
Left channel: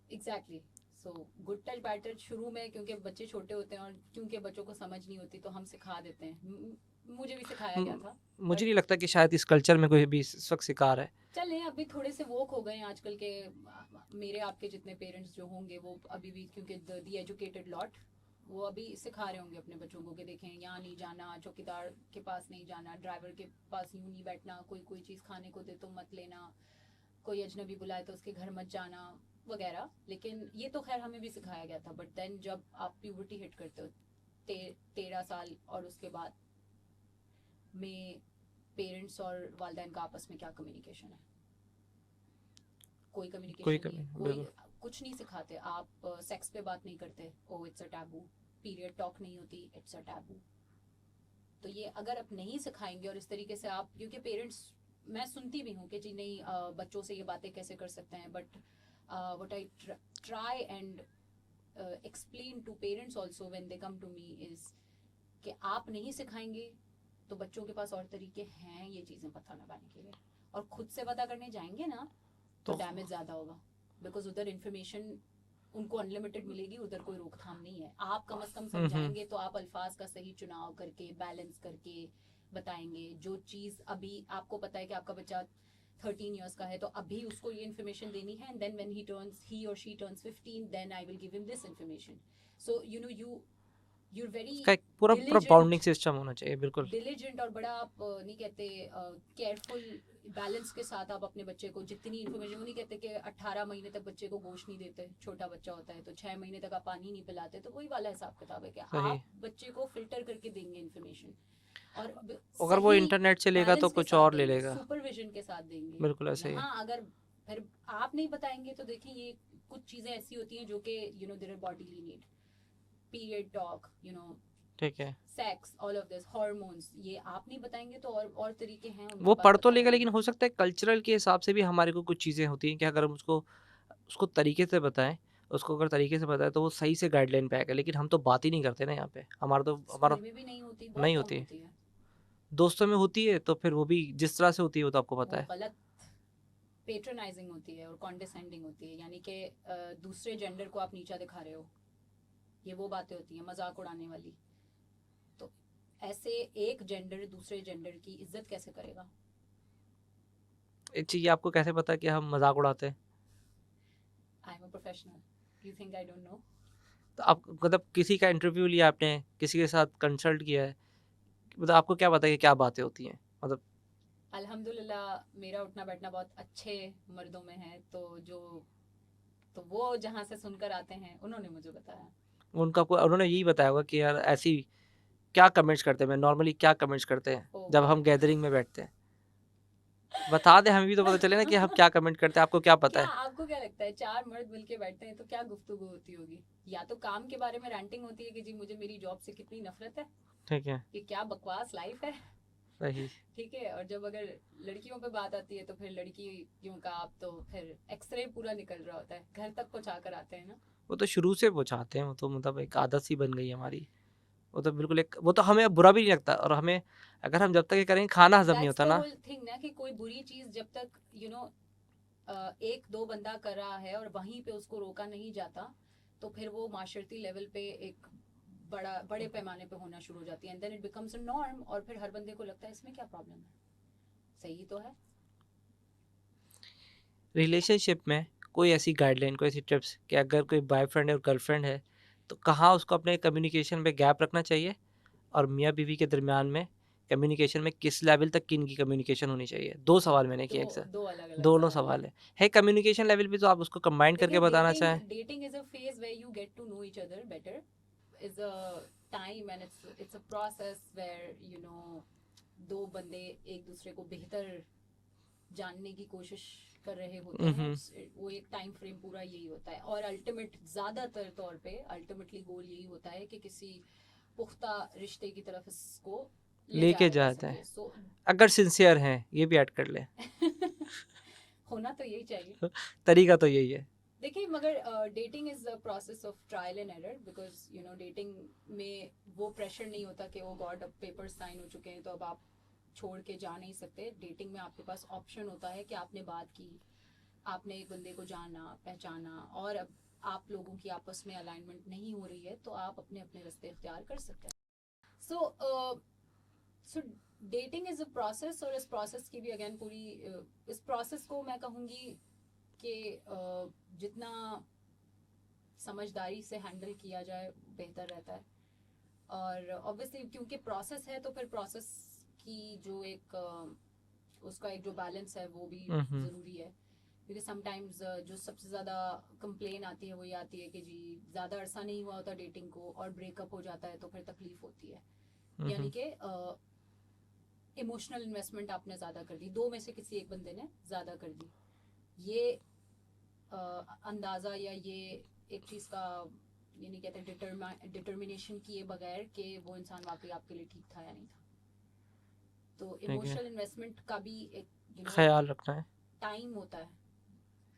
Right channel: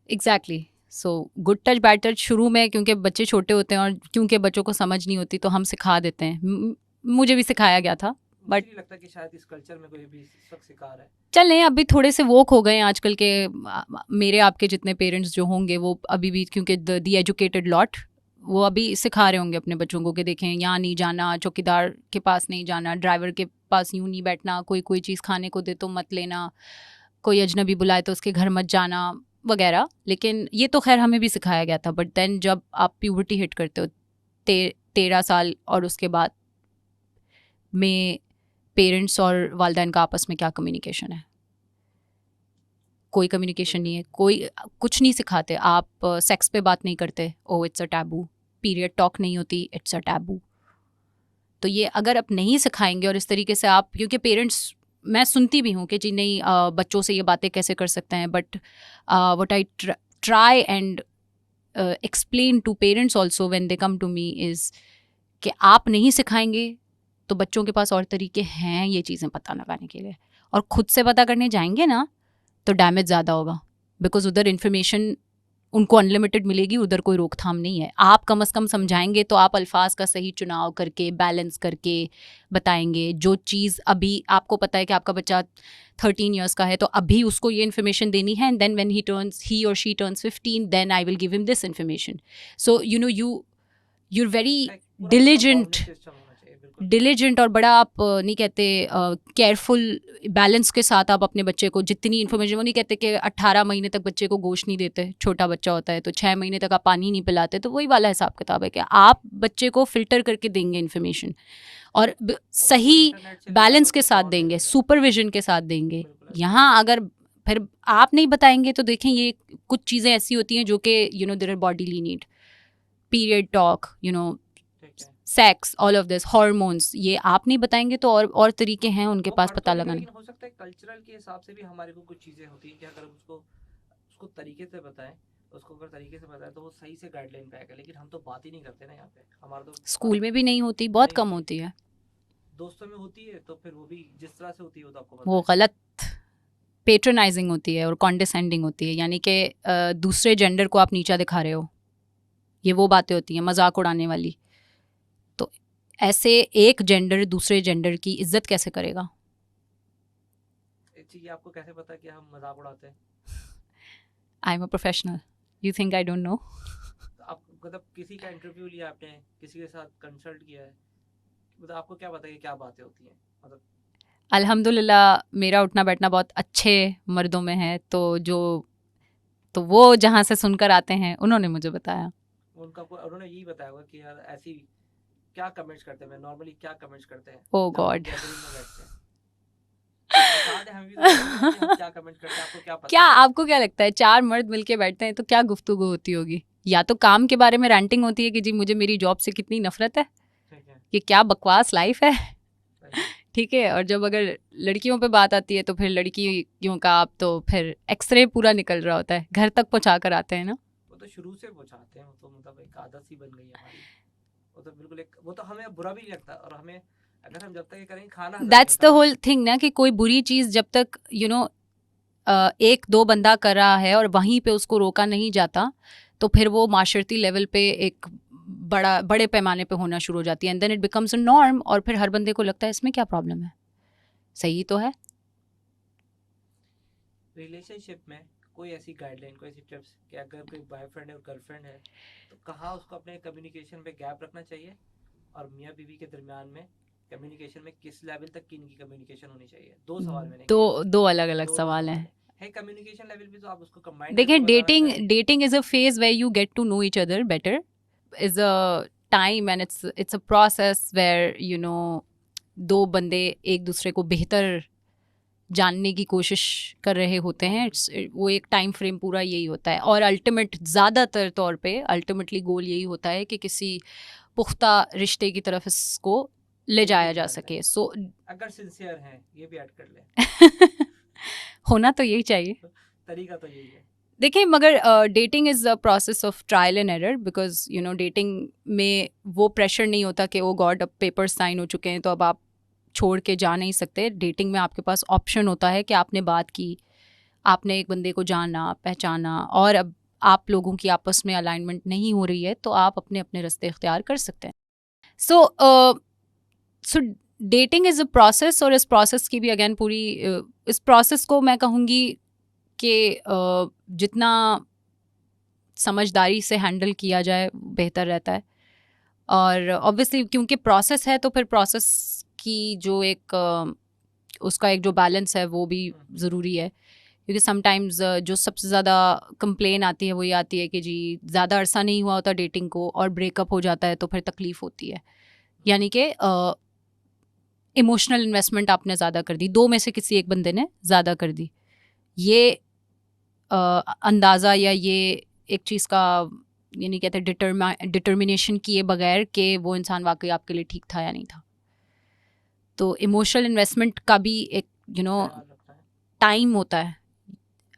Exactly. So good touch bad touch शुरू में क्योंकि बच्चे छोटे होते हैं और क्योंकि बच्चों को समझ नहीं होती तो हम सिखा देते हैं। मुझे भी सिखाया गया था। मुझे नहीं लगता कि शायद इस कल्चर में कोई भी इस वक्त शिकार है। चलें अभी थोड़े से वोक हो गए हैं आजकल के। मेरे आपके जितने पेरेंट्स जो होंगे वो अभी भी, क्योंकि द एजुकेटेड लॉट, वो अभी सिखा रहे होंगे अपने बच्चों को कि देखें यहाँ नहीं जाना, चौकीदार के पास नहीं जाना, ड्राइवर के पास यूँ नहीं बैठना, कोई चीज़ खाने को दे तो मत लेना, कोई अजनबी बुलाए तो उसके घर मत जाना वगैरह। लेकिन ये तो खैर हमें भी सिखाया गया था। बट देन जब आप प्यूबर्टी हिट करते हो 13 साल और उसके बाद में पेरेंट्स और वालिदैन का आपस में क्या कम्युनिकेशन है? कोई कम्युनिकेशन नहीं है। कोई कुछ नहीं सिखाते। आप सेक्स पे बात नहीं करते, oh it's a taboo. Period talk नहीं होती, इट्स अ टैबू। तो ये अगर आप नहीं सिखाएंगे और इस तरीके से आप, क्योंकि पेरेंट्स, मैं सुनती भी हूँ कि जी नहीं बच्चों से ये बातें कैसे कर सकते हैं, but what I try and explain to parents also when they come to me is कि आप नहीं सिखाएंगे तो बच्चों के पास और तरीके हैं ये चीज़ें पता लगाने के लिए, और ख़ुद से पता करने जाएंगे ना तो डैमेज ज़्यादा होगा। बिकॉज उधर इन्फॉर्मेशन उनको अनलिमिटेड मिलेगी, उधर कोई रोकथाम नहीं है। आप कम से कम समझाएंगे तो आप अल्फाज का सही चुनाव करके बैलेंस करके बताएंगे। जो चीज़ अभी आपको पता है कि आपका बच्चा 13 इयर्स का है तो अभी उसको ये इन्फॉर्मेशन देनी है, एंड देन व्हेन ही और she turns 15 then I will give him this information. So you know you're very diligent system होना चाहिए, बिल्कुल diligent, और बड़ा आप नहीं कहते केयरफुल बैलेंस के साथ आप अपने बच्चे को जितनी इन्फॉर्मेशन, वो नहीं कहते कि 18 महीने तक बच्चे को गोश्त नहीं देते, छोटा बच्चा होता है तो 6 महीने तक आप पानी नहीं पिलाते, तो वही वाला हिसाब किताब है कि आप बच्चे को फिल्टर करके देंगे इन्फॉर्मेशन और सही बैलेंस के साथ देंगे, सुपरविजन के साथ देंगे। यहाँ अगर फिर आप नहीं बताएंगे तो देखें ये कुछ चीज़ें ऐसी होती हैं जो कि you know there are bodily need, period talk, you know, sex, all of this, hormones, ये आप नहीं बताएंगे तो और तरीके हैं उनके पास पता लगाने। लेकिन हो सकता है कल्चरल के हिसाब से भी हमारे को कुछ चीज़ें होती हैं कि अगर हम उसको तरीके से बताएं, उसको अगर तरीके से बताएं तो वो सही से गाइडलाइन पे आएगा। लेकिन हम तो बात ही नहीं करते ना यहाँ पे। हमारा तो स्कूल में भी नहीं होती, बहुत कम होती है, दोस्तों में होती है, तो फिर वो भी जिस तरह से होती है वो तो आपको पता है, वो गलत पेट्रोनाइजिंग होती है और कॉन्डिसेंडिंग होती है, यानी कि दूसरे जेंडर को आप नीचा दिखा रहे हो, ये वो बातें होती हैं मजाक उड़ाने वाली। तो ऐसे एक जेंडर दूसरे जेंडर की इज्जत कैसे करेगा? ये आपको कैसे पता कि हम मजाक उड़ाते हैं? I am a professional, you think I don't know? तो आप मतलब किसी का इंटरव्यू लिया आपने, किसी के साथ कंसल्ट किया है, मतलब आपको क्या पता है कि क्या बातें होती हैं? मतलब अल्हम्दुलिल्लाह मेरा उठना बैठना बहुत अच्छे मर्दों में है, तो वो जहाँ से सुनकर आते हैं उन्होंने मुझे बताया। उन्होंने यही बताया होगा कि यार ऐसी क्या कमेंट्स करते हैं, नॉर्मली क्या कमेंट्स करते हैं जब हम गैदरिंग में बैठते हैं? बता दे, हमें भी तो पता चले ना कि हम क्या कमेंट करते हैं। आपको क्या पता है? आपको क्या लगता है 4 मर्द मिलके बैठते हैं तो क्या गुफ्तगू होती होगी? या तो काम के बारे में रैंटिंग होती है कि जी मुझे मेरी जॉब से कितनी नफरत है, ठीक है, ये क्या बकवास लाइफ है, सही, ठीक है। और जब अगर लड़कियों पे बात आती है तो फिर लड़कियों का आप तो फिर एक्सरे पूरा निकल रहा होता है, घर तक पहुंचा कर आते हैं ना। वो तो शुरू से पहुंचाते हैं, वो तो मतलब एक आदत सी बन गई है हमारी। वो तो बिल्कुल वो तो हमें बुरा भी नहीं लगता, और हमें अगर हम जब तक ये करेंगे खाना हजम नहीं होता। दैट्स द होल थिंग ना, कि कोई बुरी चीज़ जब तक यू नो 1-2 बंदा कर रहा है और वहीं पे उसको रोका नहीं जाता तो फिर वो माशरती लेवल पे एक बड़े पैमाने पे होना शुरू हो जाती है, and then it becomes a norm, और फिर हर बंदे को लगता है इसमें क्या प्रॉब्लम है, सही तो है। रिलेशनशिप में कोई ऐसी गाइडलाइन, कोई ऐसी टिप्स कि अगर कोई बॉयफ्रेंड है और गर्लफ्रेंड है तो कहाँ उसको अपने कम्युनिकेशन में गैप रखना चाहिए, और मियाँ बीवी के दरमियान में कम्युनिकेशन में किस लेवल तक किन की कम्युनिकेशन होनी चाहिए? 2 सवाल मैंने किए हैं। दो अलग-अलग सवाल हैं। है कम्युनिकेशन लेवल भी, तो आप उसको कंबाइन करके देखिए बताना चाहें। Dating is a phase where you get to know each other better, is a time and it's a process where you know 2 बंदे एक दूसरे को बेहतर जानने की कोशिश कर रहे होते हैं। वो एक टाइम फ्रेम पूरा यही होता है, और ज़्यादातर तौर पे अल्टीमेटली गोल यही होता है कि किसी पुख्ता रिश्ते की तरफ इसको ले लेके जाया जा जाते सके. हैं। सो अगर सिंसियर हैं, ये भी ऐड कर ले। होना तो यही चाहिए. तरीका तो यही है। देखिए मगर dating is a process of trial and error, because you know dating में वो प्रेशर नहीं होता कि ओ गॉड अब पेपर साइन हो चुके हैं तो अब आप छोड़ के जा नहीं सकते. डेटिंग में आपके पास ऑप्शन होता है कि आपने बात की, आपने एक बंदे को जाना, पहचाना, और अब आप लोगों की आपस में अलाइनमेंट नहीं हो रही है तो आप अपने अपने रास्ते इख्तियार कर सकते हैं. सो डेटिंग इज़ अ प्रोसेस, और इस प्रोसेस की भी अगेन पूरी इस प्रोसेस को मैं कहूँगी कि जितना समझदारी से हैंडल किया जाए बेहतर रहता है. और ऑब्वियसली क्योंकि प्रोसेस है तो फिर प्रोसेस की जो एक उसका एक जो बैलेंस है वो भी ज़रूरी है. क्योंकि समटाइम्स जो सबसे ज़्यादा कंप्लेन आती है वो ये आती है कि जी ज़्यादा अरसा नहीं हुआ होता डेटिंग को और ब्रेकअप हो जाता है तो फिर तकलीफ़ होती है. यानी कि इमोशनल इन्वेस्टमेंट आपने ज़्यादा कर दी, दो में से किसी एक बंदे ने ज़्यादा कर दी. ये अंदाज़ा या ये एक चीज़ का यानी कहते हैं डिटर्मिनेशन किए बगैर कि वो इंसान वाकई आपके लिए ठीक था या नहीं था. तो इमोशनल इन्वेस्टमेंट का भी एक ख्याल रखना है. टाइम होता है,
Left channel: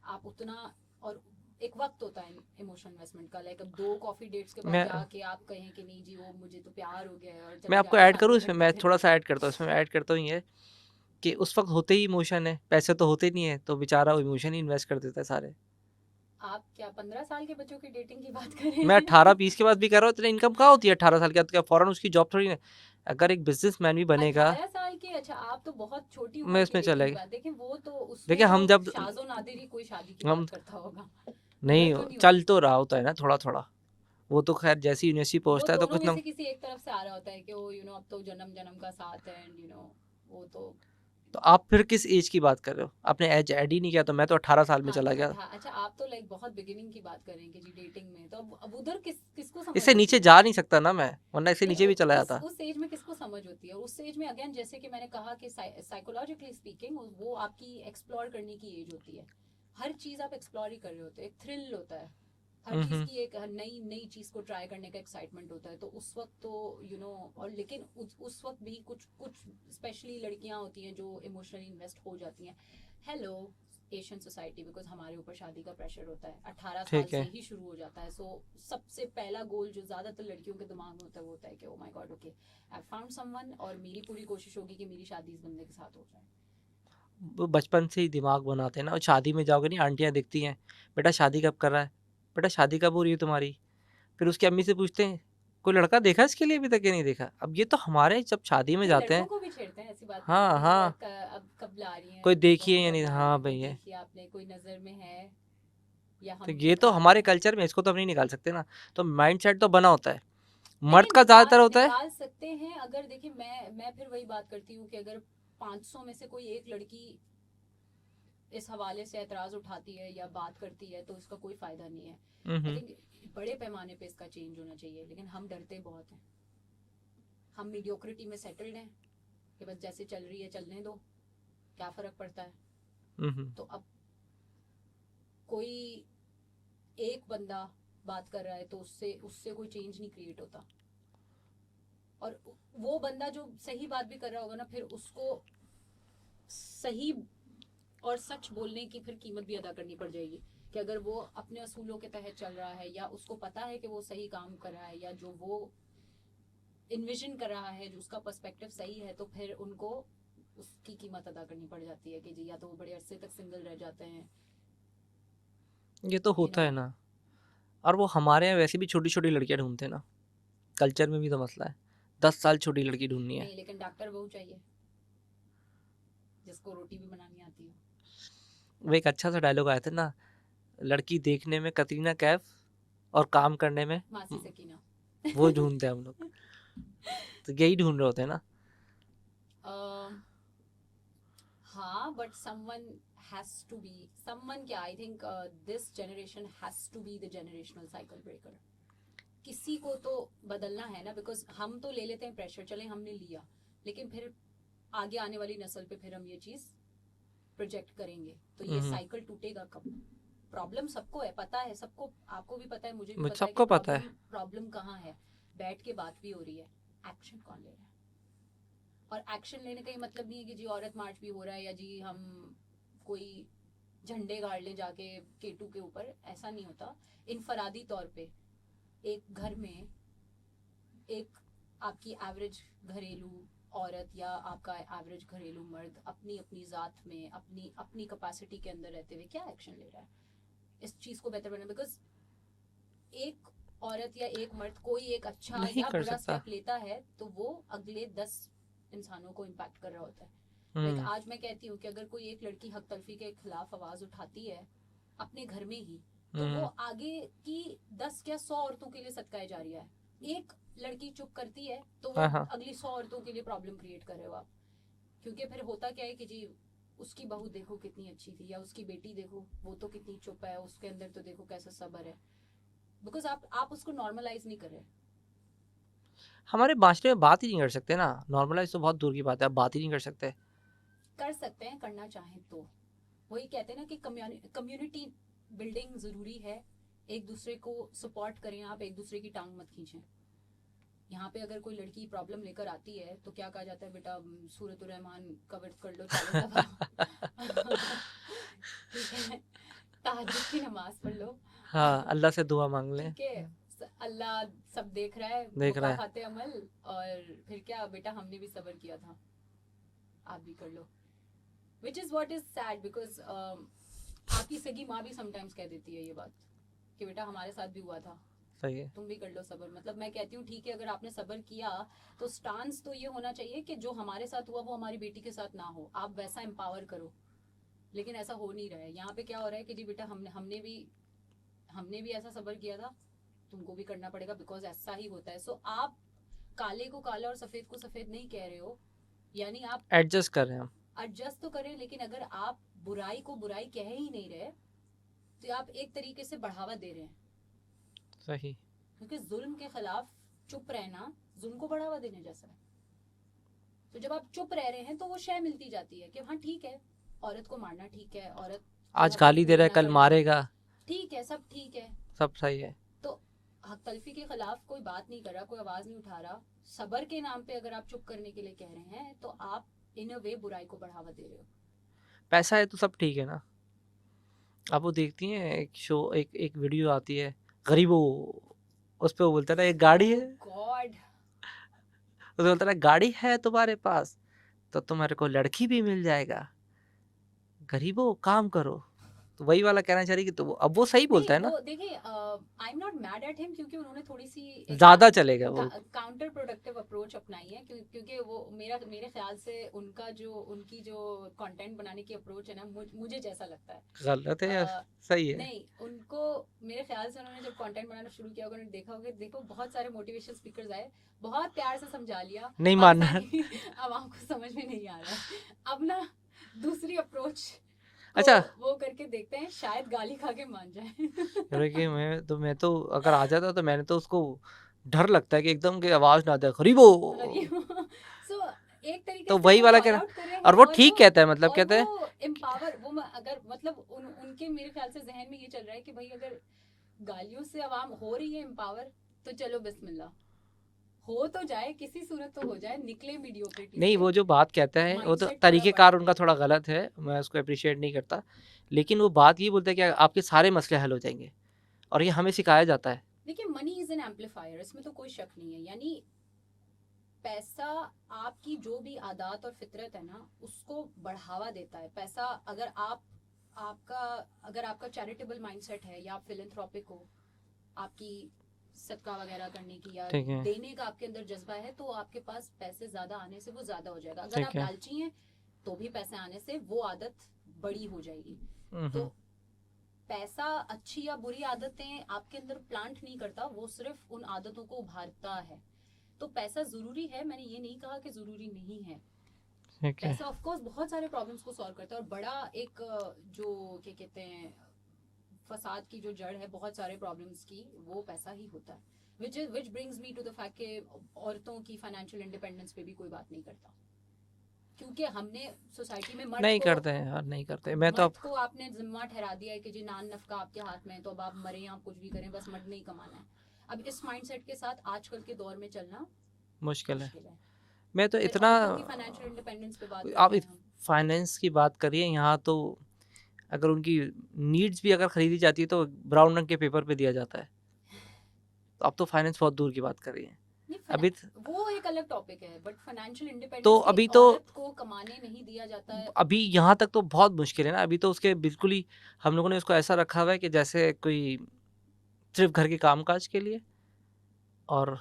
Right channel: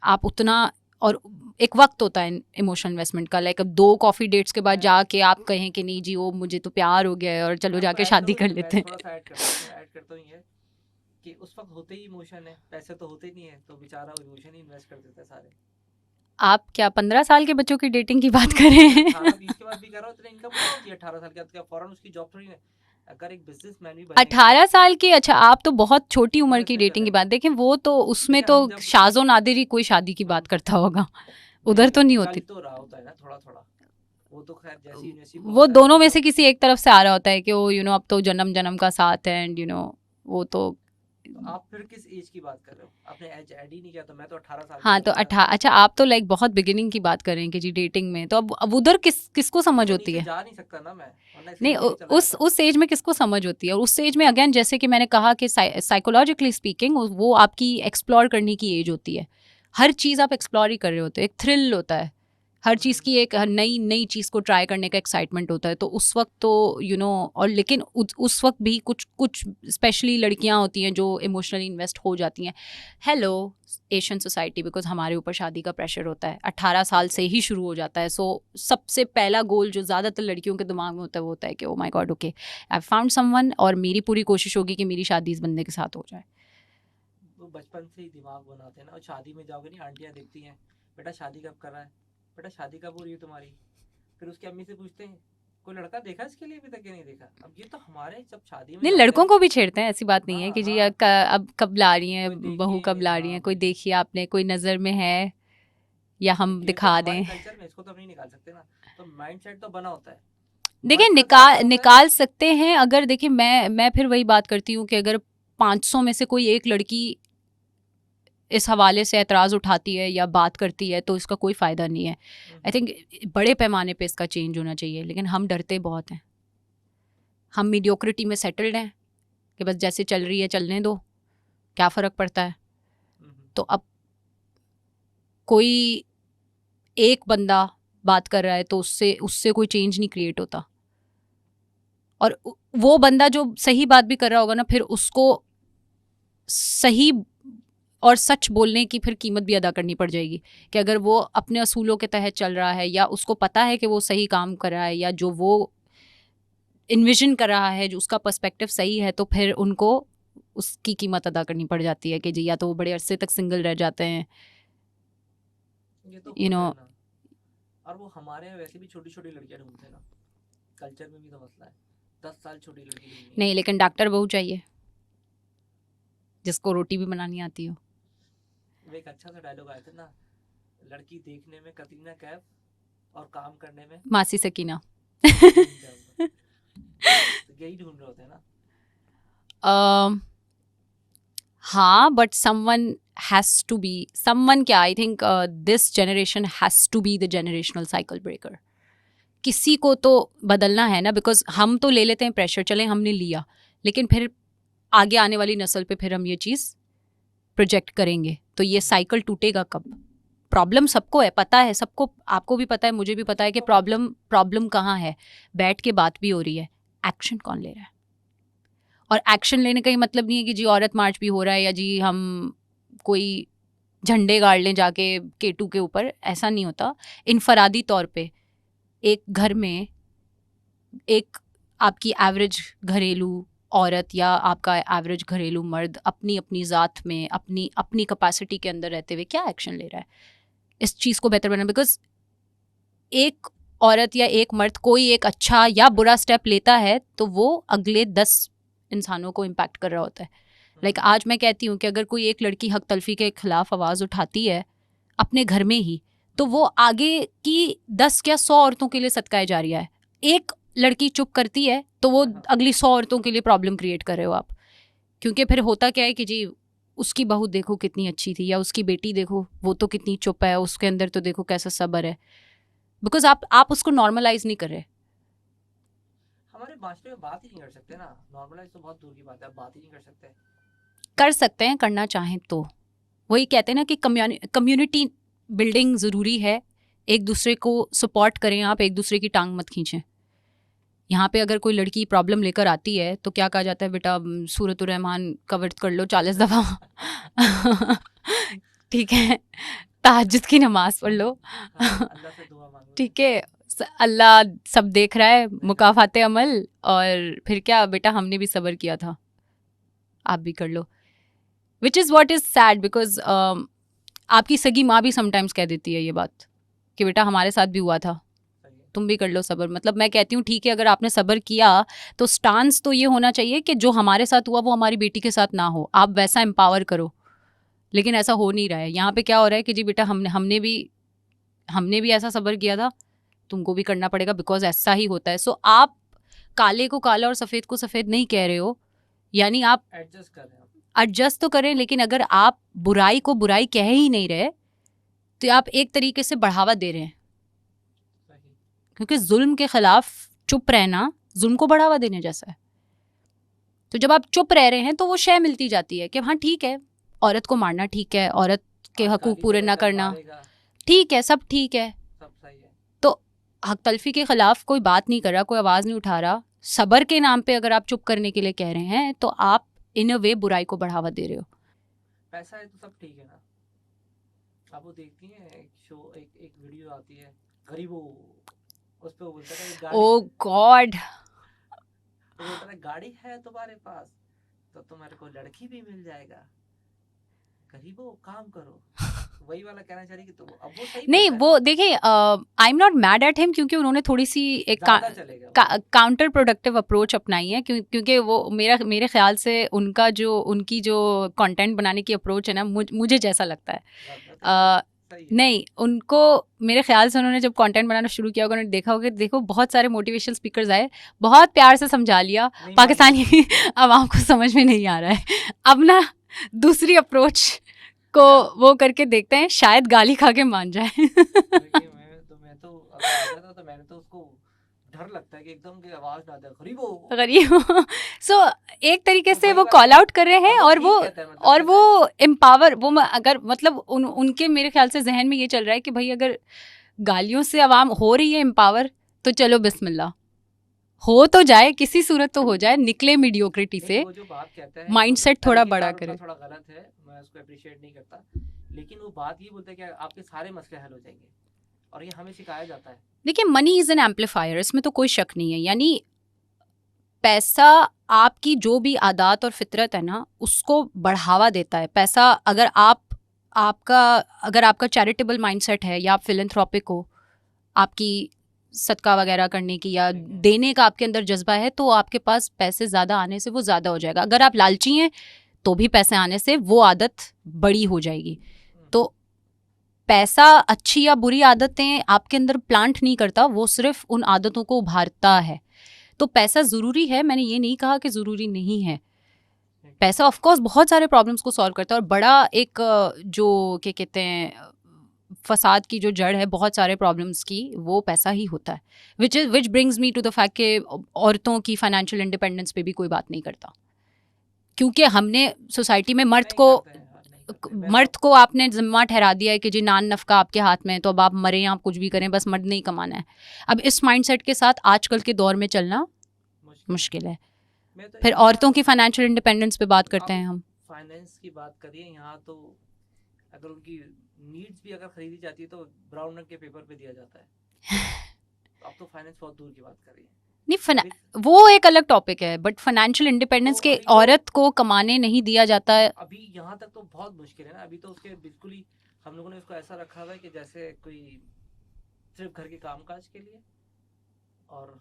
आप उतना, और एक वक्त होता है इमोशनल इन्वेस्टमेंट का. लाइक अब 2 कॉफ़ी डेट्स के बाद मैं- जाके आप कहें कि नहीं जी वो मुझे तो प्यार हो गया है और मैं चलो आपको जाके ऐड शादी करूँ कर इसमें, मैं लेते हैं. थोड़ा सा ऐड करता हूँ इसमें, ऐड करता हूँ ये कि उस वक्त होते ही इमोशन है, पैसे तो होते नहीं है, तो बेचारा वो इमोशन ही इन्वेस्ट कर देता है सारे. आप क्या 15 साल के बच्चों की डेटिंग की बात कर रहे मैं हैं? 18-20 के बाद भी कर रहा हूँ. इतनी इनकम कहाँ होती है 18 साल के बाद? क्या फौरन उसकी जॉब थोड़ी है? अगर एक बिजनेसमैन भी बनेगा, 18 साल की, अच्छा आप तो बहुत छोटी उम्र मैं की इसमें डेटिंग की चलेंगे. बात देखें, वो तो उसमें देखिए, तो हम जब शाज़ो नादिर ही कोई शादी की हम बात करता होगा, नहीं, उधर तो नहीं चल होती. तो रहा होता है ना थोड़ा थोड़ा. वो तो खैर जैसी यूनिवर्सिटी वो पहुंचता है तो दोनों कुछ में हम, से किसी एक तरफ से आ रहा होता है कि वो अब तो जन्म जन्म का साथ है, एंड वो तो तो आप फिर किस एज की बात कर रहे हो? आपने एज ऐड ही नहीं किया, तो मैं तो 18 साल में हाँ तो चला गया. अच्छा आप तो लाइक बहुत बिगिनिंग की बात कर रहे हैं कि जी डेटिंग में, तो अब उधर किसको समझ इससे होती नीचे है? जा नहीं सकता ना मैं, वरना इससे नहीं, नीचे भी चला उस जाता. उस एज में किसको समझ होती है? और उस एज में अगेन जैसे कि मैंने कहा कि साइकोलॉजिकली स्पीकिंग वो आपकी एक्सप्लोर करने की एज होती है. हर चीज़ आप एक्सप्लोर ही कर रहे होते हो, एक थ्रिल होता है हर चीज़ की, एक नई चीज़ को ट्राई करने का एक्साइटमेंट होता है. तो उस वक्त तो और लेकिन उस वक्त भी कुछ स्पेशली लड़कियां होती हैं जो इमोशनली इन्वेस्ट हो जाती हैं. हेलो एशियन सोसाइटी, बिकॉज हमारे ऊपर शादी का प्रेशर होता है 18 साल ठीक से है. ही शुरू हो जाता है. सो सबसे पहला गोल जो ज़्यादातर लड़कियों के दिमाग में होता है वो होता है कि oh my God, okay I found someone, और मेरी पूरी कोशिश होगी कि मेरी शादी इस बंदे के साथ हो जाए. वो बचपन से ही दिमाग बनाते हैं ना. और शादी में जाओगे नहीं, आंटियां देखती हैं, बेटा शादी कब कर रहा है, बेटा शादी कब हो रही है तुम्हारी. फिर उसकी अम्मी से पूछते हैं कोई लड़का देखा इसके लिए अभी तक या नहीं देखा. अब ये तो हमारे जब शादी में नहीं, जाते लड़कों हैं, को भी छेड़ते हैं, ऐसी बात नहीं है हाँ कि जी हाँ, अब कब ला रही हैं, कोई देखी बहू है या कब नहीं, ला रही हाँ है, कोई भैया. देखी आपने, कोई नज़र में है, या तो हम ये तो दिखा हमारे दें. कल्चर में, इसको तो हम नहीं निकाल सकते ना. तो माइंड सेट तो बना होता है. देखिए मर्द का ज्यादातर होता है. निकाल सकते हैं. अगर देखिए मैं फिर वही बात करती हूँ कि अगर 500 में से कोई एक लड़की इस हवाले से एतराज़ उठाती है या बात करती है तो इसका कोई फ़ायदा नहीं है. आई थिंक बड़े पैमाने पे इसका चेंज होना चाहिए, लेकिन हम डरते बहुत हैं. हम मीडियोक्रिटी में सेटल्ड हैं कि बस जैसे चल रही है चलने दो, क्या फ़र्क पड़ता है. तो अब कोई एक बंदा बात कर रहा है तो उससे कोई चेंज नहीं क्रिएट होता. और वो बंदा जो सही बात भी कर रहा होगा ना, फिर उसको सही और सच बोलने की फिर कीमत भी अदा करनी पड़ जाएगी कि अगर वो अपने असूलों के तहत चल रहा है या उसको पता है कि वो सही काम कर रहा है या जो वो इन्विजन कर रहा है, जो उसका पर्सपेक्टिव सही है, तो फिर उनको उसकी कीमत अदा करनी पड़ जाती है कि जी या तो वो बड़े अरसे तक सिंगल रह जाते हैं. ये तो होता है ना. और वो हमारे यहाँ वैसे भी छोटी छोटी लड़कियां ढूंढते हैं ना. कल्चर में भी तो मसला है. 10 साल छोटी लड़की ढूंढनी है. नहीं, लेकिन डॉक्टर बहू चाहिए जिसको रोटी भी बनानी आती हो. वो एक अच्छा सा डायलॉग आया था ना, लड़की देखने में कतरीना कैफ और काम करने में मासी सकीना. वो ढूंढते हैं हम लोग. तो यही ढूंढ रहे होते हैं ना. हाँ, but someone has to be someone. क्या I think this generation has to be the generational cycle breaker. किसी को तो बदलना है ना, बिकॉज हम तो ले लेते हैं प्रेशर, चले हमने लिया, लेकिन फिर आगे आने वाली नस्ल पे फिर हम ये चीज़ प्रोजेक्ट करेंगे तो ये साइकिल टूटेगा कब. प्रॉब्लम सबको है, पता है सबको, आपको भी पता है, मुझे भी पता है कि सबको पता है. प्रॉब्लम कहाँ है. बैठ के बात भी हो रही है, एक्शन कौन ले रहा है. और एक्शन लेने का ही मतलब नहीं है कि जी औरत मार्च भी हो रहा है या जी हम कोई झंडे गाड़ लें जाके K2 के ऊपर, ऐसा नहीं होता। इनफरादी तौर पे एक घर में एक आपकी एवरेज घरेलू औरत या आपका एवरेज घरेलू मर्द अपनी अपनी ज़ात में अपनी अपनी कैपेसिटी के अंदर रहते हुए क्या एक्शन ले रहा है इस चीज़ को बेहतर बनाना। बिकॉज एक औरत या एक मर्द कोई एक अच्छा नहीं या कर बुरा सकता। स्टेप लेता है तो वो अगले 10 इंसानों को इम्पैक्ट कर रहा होता है। लाइक आज मैं कहती हूँ कि अगर कोई एक लड़की हक तलफी के खिलाफ आवाज़ उठाती है अपने घर में ही, तो वो आगे की 10 या 100 औरतों के लिए सदका जारिया है। एक लड़की चुप करती है तो वो हाँ, हाँ। अगली 100 औरतों के लिए प्रॉब्लम क्रिएट कर रहे हो आप। क्योंकि फिर होता क्या है कि जी उसकी बहू देखो कितनी अच्छी थी या उसकी बेटी देखो वो तो कितनी चुप है, उसके अंदर तो देखो कैसा सब्र है। बिकॉज आप उसको नॉर्मलाइज नहीं कर रहे। हमारे माशरे में बात ही नहीं कर सकते ना, नॉर्मलाइज तो बहुत दूर की बात है, आप बात ही नहीं कर सकते। कर सकते हैं करना चाहें तो। वही कहते हैं ना कि कम्युनिटी बिल्डिंग ज़रूरी है, एक दूसरे को सपोर्ट करें आप, एक दूसरे की टांग मत खींचें। यहाँ पे अगर कोई लड़की प्रॉब्लम लेकर आती है तो क्या कहा जाता है, बेटा सूरतुर रहमान का वर्द कर लो 40 दफ़ा ठीक है, तहज्जुद की नमाज पढ़ लो हाँ, अल्लाह से दुआ मांग लें। ठीक है, अल्लाह सब देख रहा है, देख रहा है। मुकाफाते अमल। और फिर क्या बेटा हमने भी सब्र किया था, आप भी कर लो। Which is what is sad because आपकी सगी माँ भी समटाइम्स कह देती है ये बात कि बेटा हमारे साथ भी हुआ था, सही है। तुम भी कर लो सब्र। मतलब मैं कहती हूँ ठीक है, अगर आपने सब्र किया तो स्टांस तो ये होना चाहिए कि जो हमारे साथ हुआ वो हमारी बेटी के साथ ना हो, आप वैसा एम्पावर करो। लेकिन ऐसा हो नहीं रहा है। यहाँ पे क्या हो रहा है कि जी बेटा हमने भी ऐसा सब्र किया था, तुमको भी करना पड़ेगा, बिकॉज ऐसा ही होता है। सो आप काले को काला और सफ़ेद को सफ़ेद नहीं कह रहे हो, यानी आप एडजस्ट कर रहे हैं हम। एडजस्ट तो करें, लेकिन अगर आप बुराई को बुराई कह ही नहीं रहे तो आप एक तरीके से बढ़ावा दे रहे हैं। सही। क्योंकि जुल्म के खिलाफ चुप रहना जुल्म को बढ़ावा देने जैसा है। तो जब आप चुप रह रहे हैं तो वो शय मिलती जाती है कि हाँ ठीक है, औरत को मारना ठीक है, औरत के आज हकूक गाली दे पूरे रहा ना है, कल करना मारेगा, ठीक है, सब ठीक है। सब सही है। हक तलफी के खिलाफ कोई बात नहीं कर रहा, कोई आवाज़ नहीं उठा रहा। सबर के नाम पे अगर आप चुप करने के लिए कह रहे हैं तो आप इन अ वे बुराई को बढ़ावा दे रहे हो। पैसा है तो सब ठीक है ना। आप वो देखती हैं एक शो, एक वीडियो आती है गरीबों, उस पे वो बोलता है ना एक गाड़ी ओह है, गॉड, उसमें बोलता है ना गाड़ी है तुम्हारे पास तो तुम्हारे को लड़की भी मिल जाएगा, गरीबों काम करो। तो वही वाला कहना चाह रही कि तो अब वो सही नहीं बोलता है वो देखिए I am not mad at him, क्योंकि उन्होंने थोड़ी सी ना, एक ज्यादा चलेगा वो। काउंटर प्रोडक्टिव अप्रोच अपनाई है। क्योंकि वो मेरे ख्याल से उनकी जो कंटेंट बनाने की अप्रोच है ना, मुझे जैसा लगता है गलत है या सही है? नहीं, उनको मेरे ख्याल से उन्होंने जब कंटेंट बनाना शुरू किया होगा, उन्होंने देखा होगा कि देखो बहुत सारे मोटिवेशनल स्पीकर्स आए, बहुत प्यार से समझा लिया, नहीं पाकिस्तानी आवाम को समझ में नहीं आ रहा है, अब ना दूसरी अप्रोच को अच्छा। वो करके देखते हैं, शायद गाली खा के मान जाए। देखिए मैं तो अगर आ जाता तो मैंने तो उसको डर लगता है कि एकदम की आवाज ना दे गरीबों। गरीब सो एक तरीके तो से वही वो वाला कॉल क्या- आउट कर रहे हैं और वो और ठीक वो कहता है, मतलब और कहता है वो एम्पावर अगर मतलब उनके मेरे ख्याल से जहन में ये चल रहा है कि भाई अगर गालियों से आवाम हो रही है एम्पावर तो चलो बिस्मिल्लाह, हो तो जाए, किसी सूरत तो हो जाए, निकले मीडियोक्रिटी नहीं, से। वो जो बात कहता है वो तो माइंडसेट थोड़ा बड़ा तरीकेकार उनका करे। थोड़ा गलत है, मैं उसको अप्रिशिएट नहीं करता, लेकिन वो बात ये बोलता है कि आपके सारे मसले हल हो जाएंगे, और ये हमें सिखाया जाता है। देखिए मनी इज एन एम्पलीफायर, इसमें तो कोई शक नहीं है। यानी पैसा आपकी जो भी आदत और फितरत है ना उसको बढ़ावा देता है। पैसा अगर आपका चैरिटेबल माइंडसेट है या आप फिलैंथ्रोपिक हो, आपकी सदका वगैरह करने की या ठीक है। देने का आपके अंदर जज्बा है, तो आपके पास पैसे ज़्यादा आने से वो ज़्यादा हो जाएगा। अगर ठीक आप है। लालची हैं तो भी पैसे आने से वो आदत बड़ी हो जाएगी। तो पैसा अच्छी या बुरी आदतें आपके अंदर प्लांट नहीं करता, वो सिर्फ उन आदतों को उभारता है। तो पैसा ज़रूरी है, मैंने ये नहीं कहा कि ज़रूरी नहीं है। पैसा ऑफ कोर्स बहुत सारे प्रॉब्लम्स को सॉल्व करता है, और बड़ा एक जो क्या कहते हैं फसाद की जो जड़ है बहुत सारे प्रॉब्लम्स की, वो पैसा ही होता है। Which brings me to the fact कि औरतों की फाइनेंशियल इंडिपेंडेंस पे भी कोई बात नहीं करता, क्योंकि हमने सोसाइटी में मर्द नहीं को करते हैं यार, नहीं करते। मैं मर्द तो को आपने जिम्मा ठहरा दिया है कि जी नान नफका आपके हाथ में है, तो अब आप मरें आप कुछ भी करें, बस मर्द नहीं कमाना है। अब इस माइंडसेट के साथ आजकल के दौर में चलना मुश्किल है। मुश्किल है। मैं तो फिर इतना औरतों की फाइनेंशियल इंडिपेंडेंस पे बात करते आप हैं हम। फाइनेंस की बात करिए यहाँ तो, अगर उनकी नीड्स भी अगर खरीदी जाती है तो ब्राउन रंग के पेपर पे दिया जाता है। तो अब तो फाइनेंस बहुत दूर की बात कर रही है। नहीं अभी वो एक अलग टॉपिक है, बट फाइनेंशियल इंडिपेंडेंस के अभी तो औरत को कमाने नहीं दिया जाता है। अभी यहाँ तक तो बहुत मुश्किल है ना। अभी तो उसके बिल्कुल ही हम लोगों ने उसको ऐसा रखा हुआ है कि जैसे कोई सिर्फ घर के कामकाज के लिए, और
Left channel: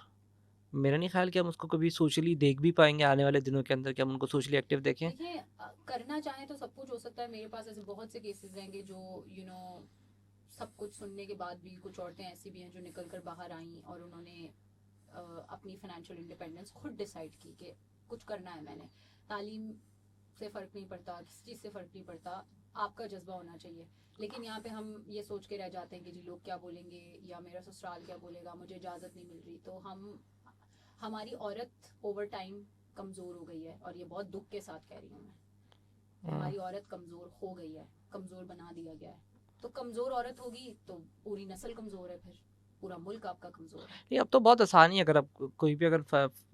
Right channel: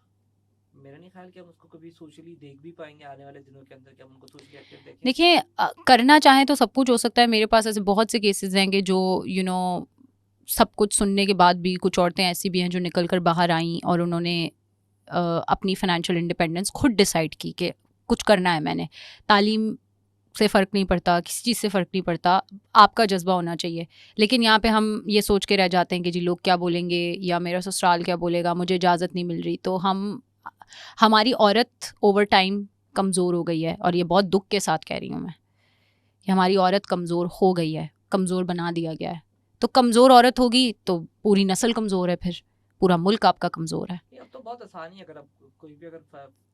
मेरा नहीं ख्याल कि हम उसको कभी सोशली देख भी पाएंगे आने वाले दिनों के अंदर, कि हम उनको सोशली एक्टिव देखें। देखिए करना चाहें तो सब कुछ हो सकता है। मेरे पास ऐसे बहुत से केसेस हैं कि जो सब कुछ सुनने के बाद भी कुछ औरतें ऐसी भी हैं जो निकल कर बाहर आईं और उन्होंने अपनी फाइनेंशियल इंडिपेंडेंस खुद डिसाइड की कि कुछ करना है मैंने। तालीम से फ़र्क नहीं पड़ता, किसी चीज़ से फ़र्क नहीं पड़ता, आपका जज्बा होना चाहिए। लेकिन यहाँ पे हम ये सोच के रह जाते हैं कि जी लोग क्या बोलेंगे या मेरा ससुराल क्या बोलेगा, मुझे इजाज़त नहीं मिल रही। तो हमारी औरत ओवर टाइम कमज़ोर हो गई है, और ये बहुत दुख के साथ कह रही हूँ मैं कि हमारी औरत कमज़ोर हो गई है, कमज़ोर बना दिया गया है। तो कमज़ोर औरत होगी तो पूरी नस्ल कमज़ोर है, फिर पूरा मुल्क आपका कमज़ोर है। नहीं, अब तो बहुत आसान ही है। अगर आप कोई भी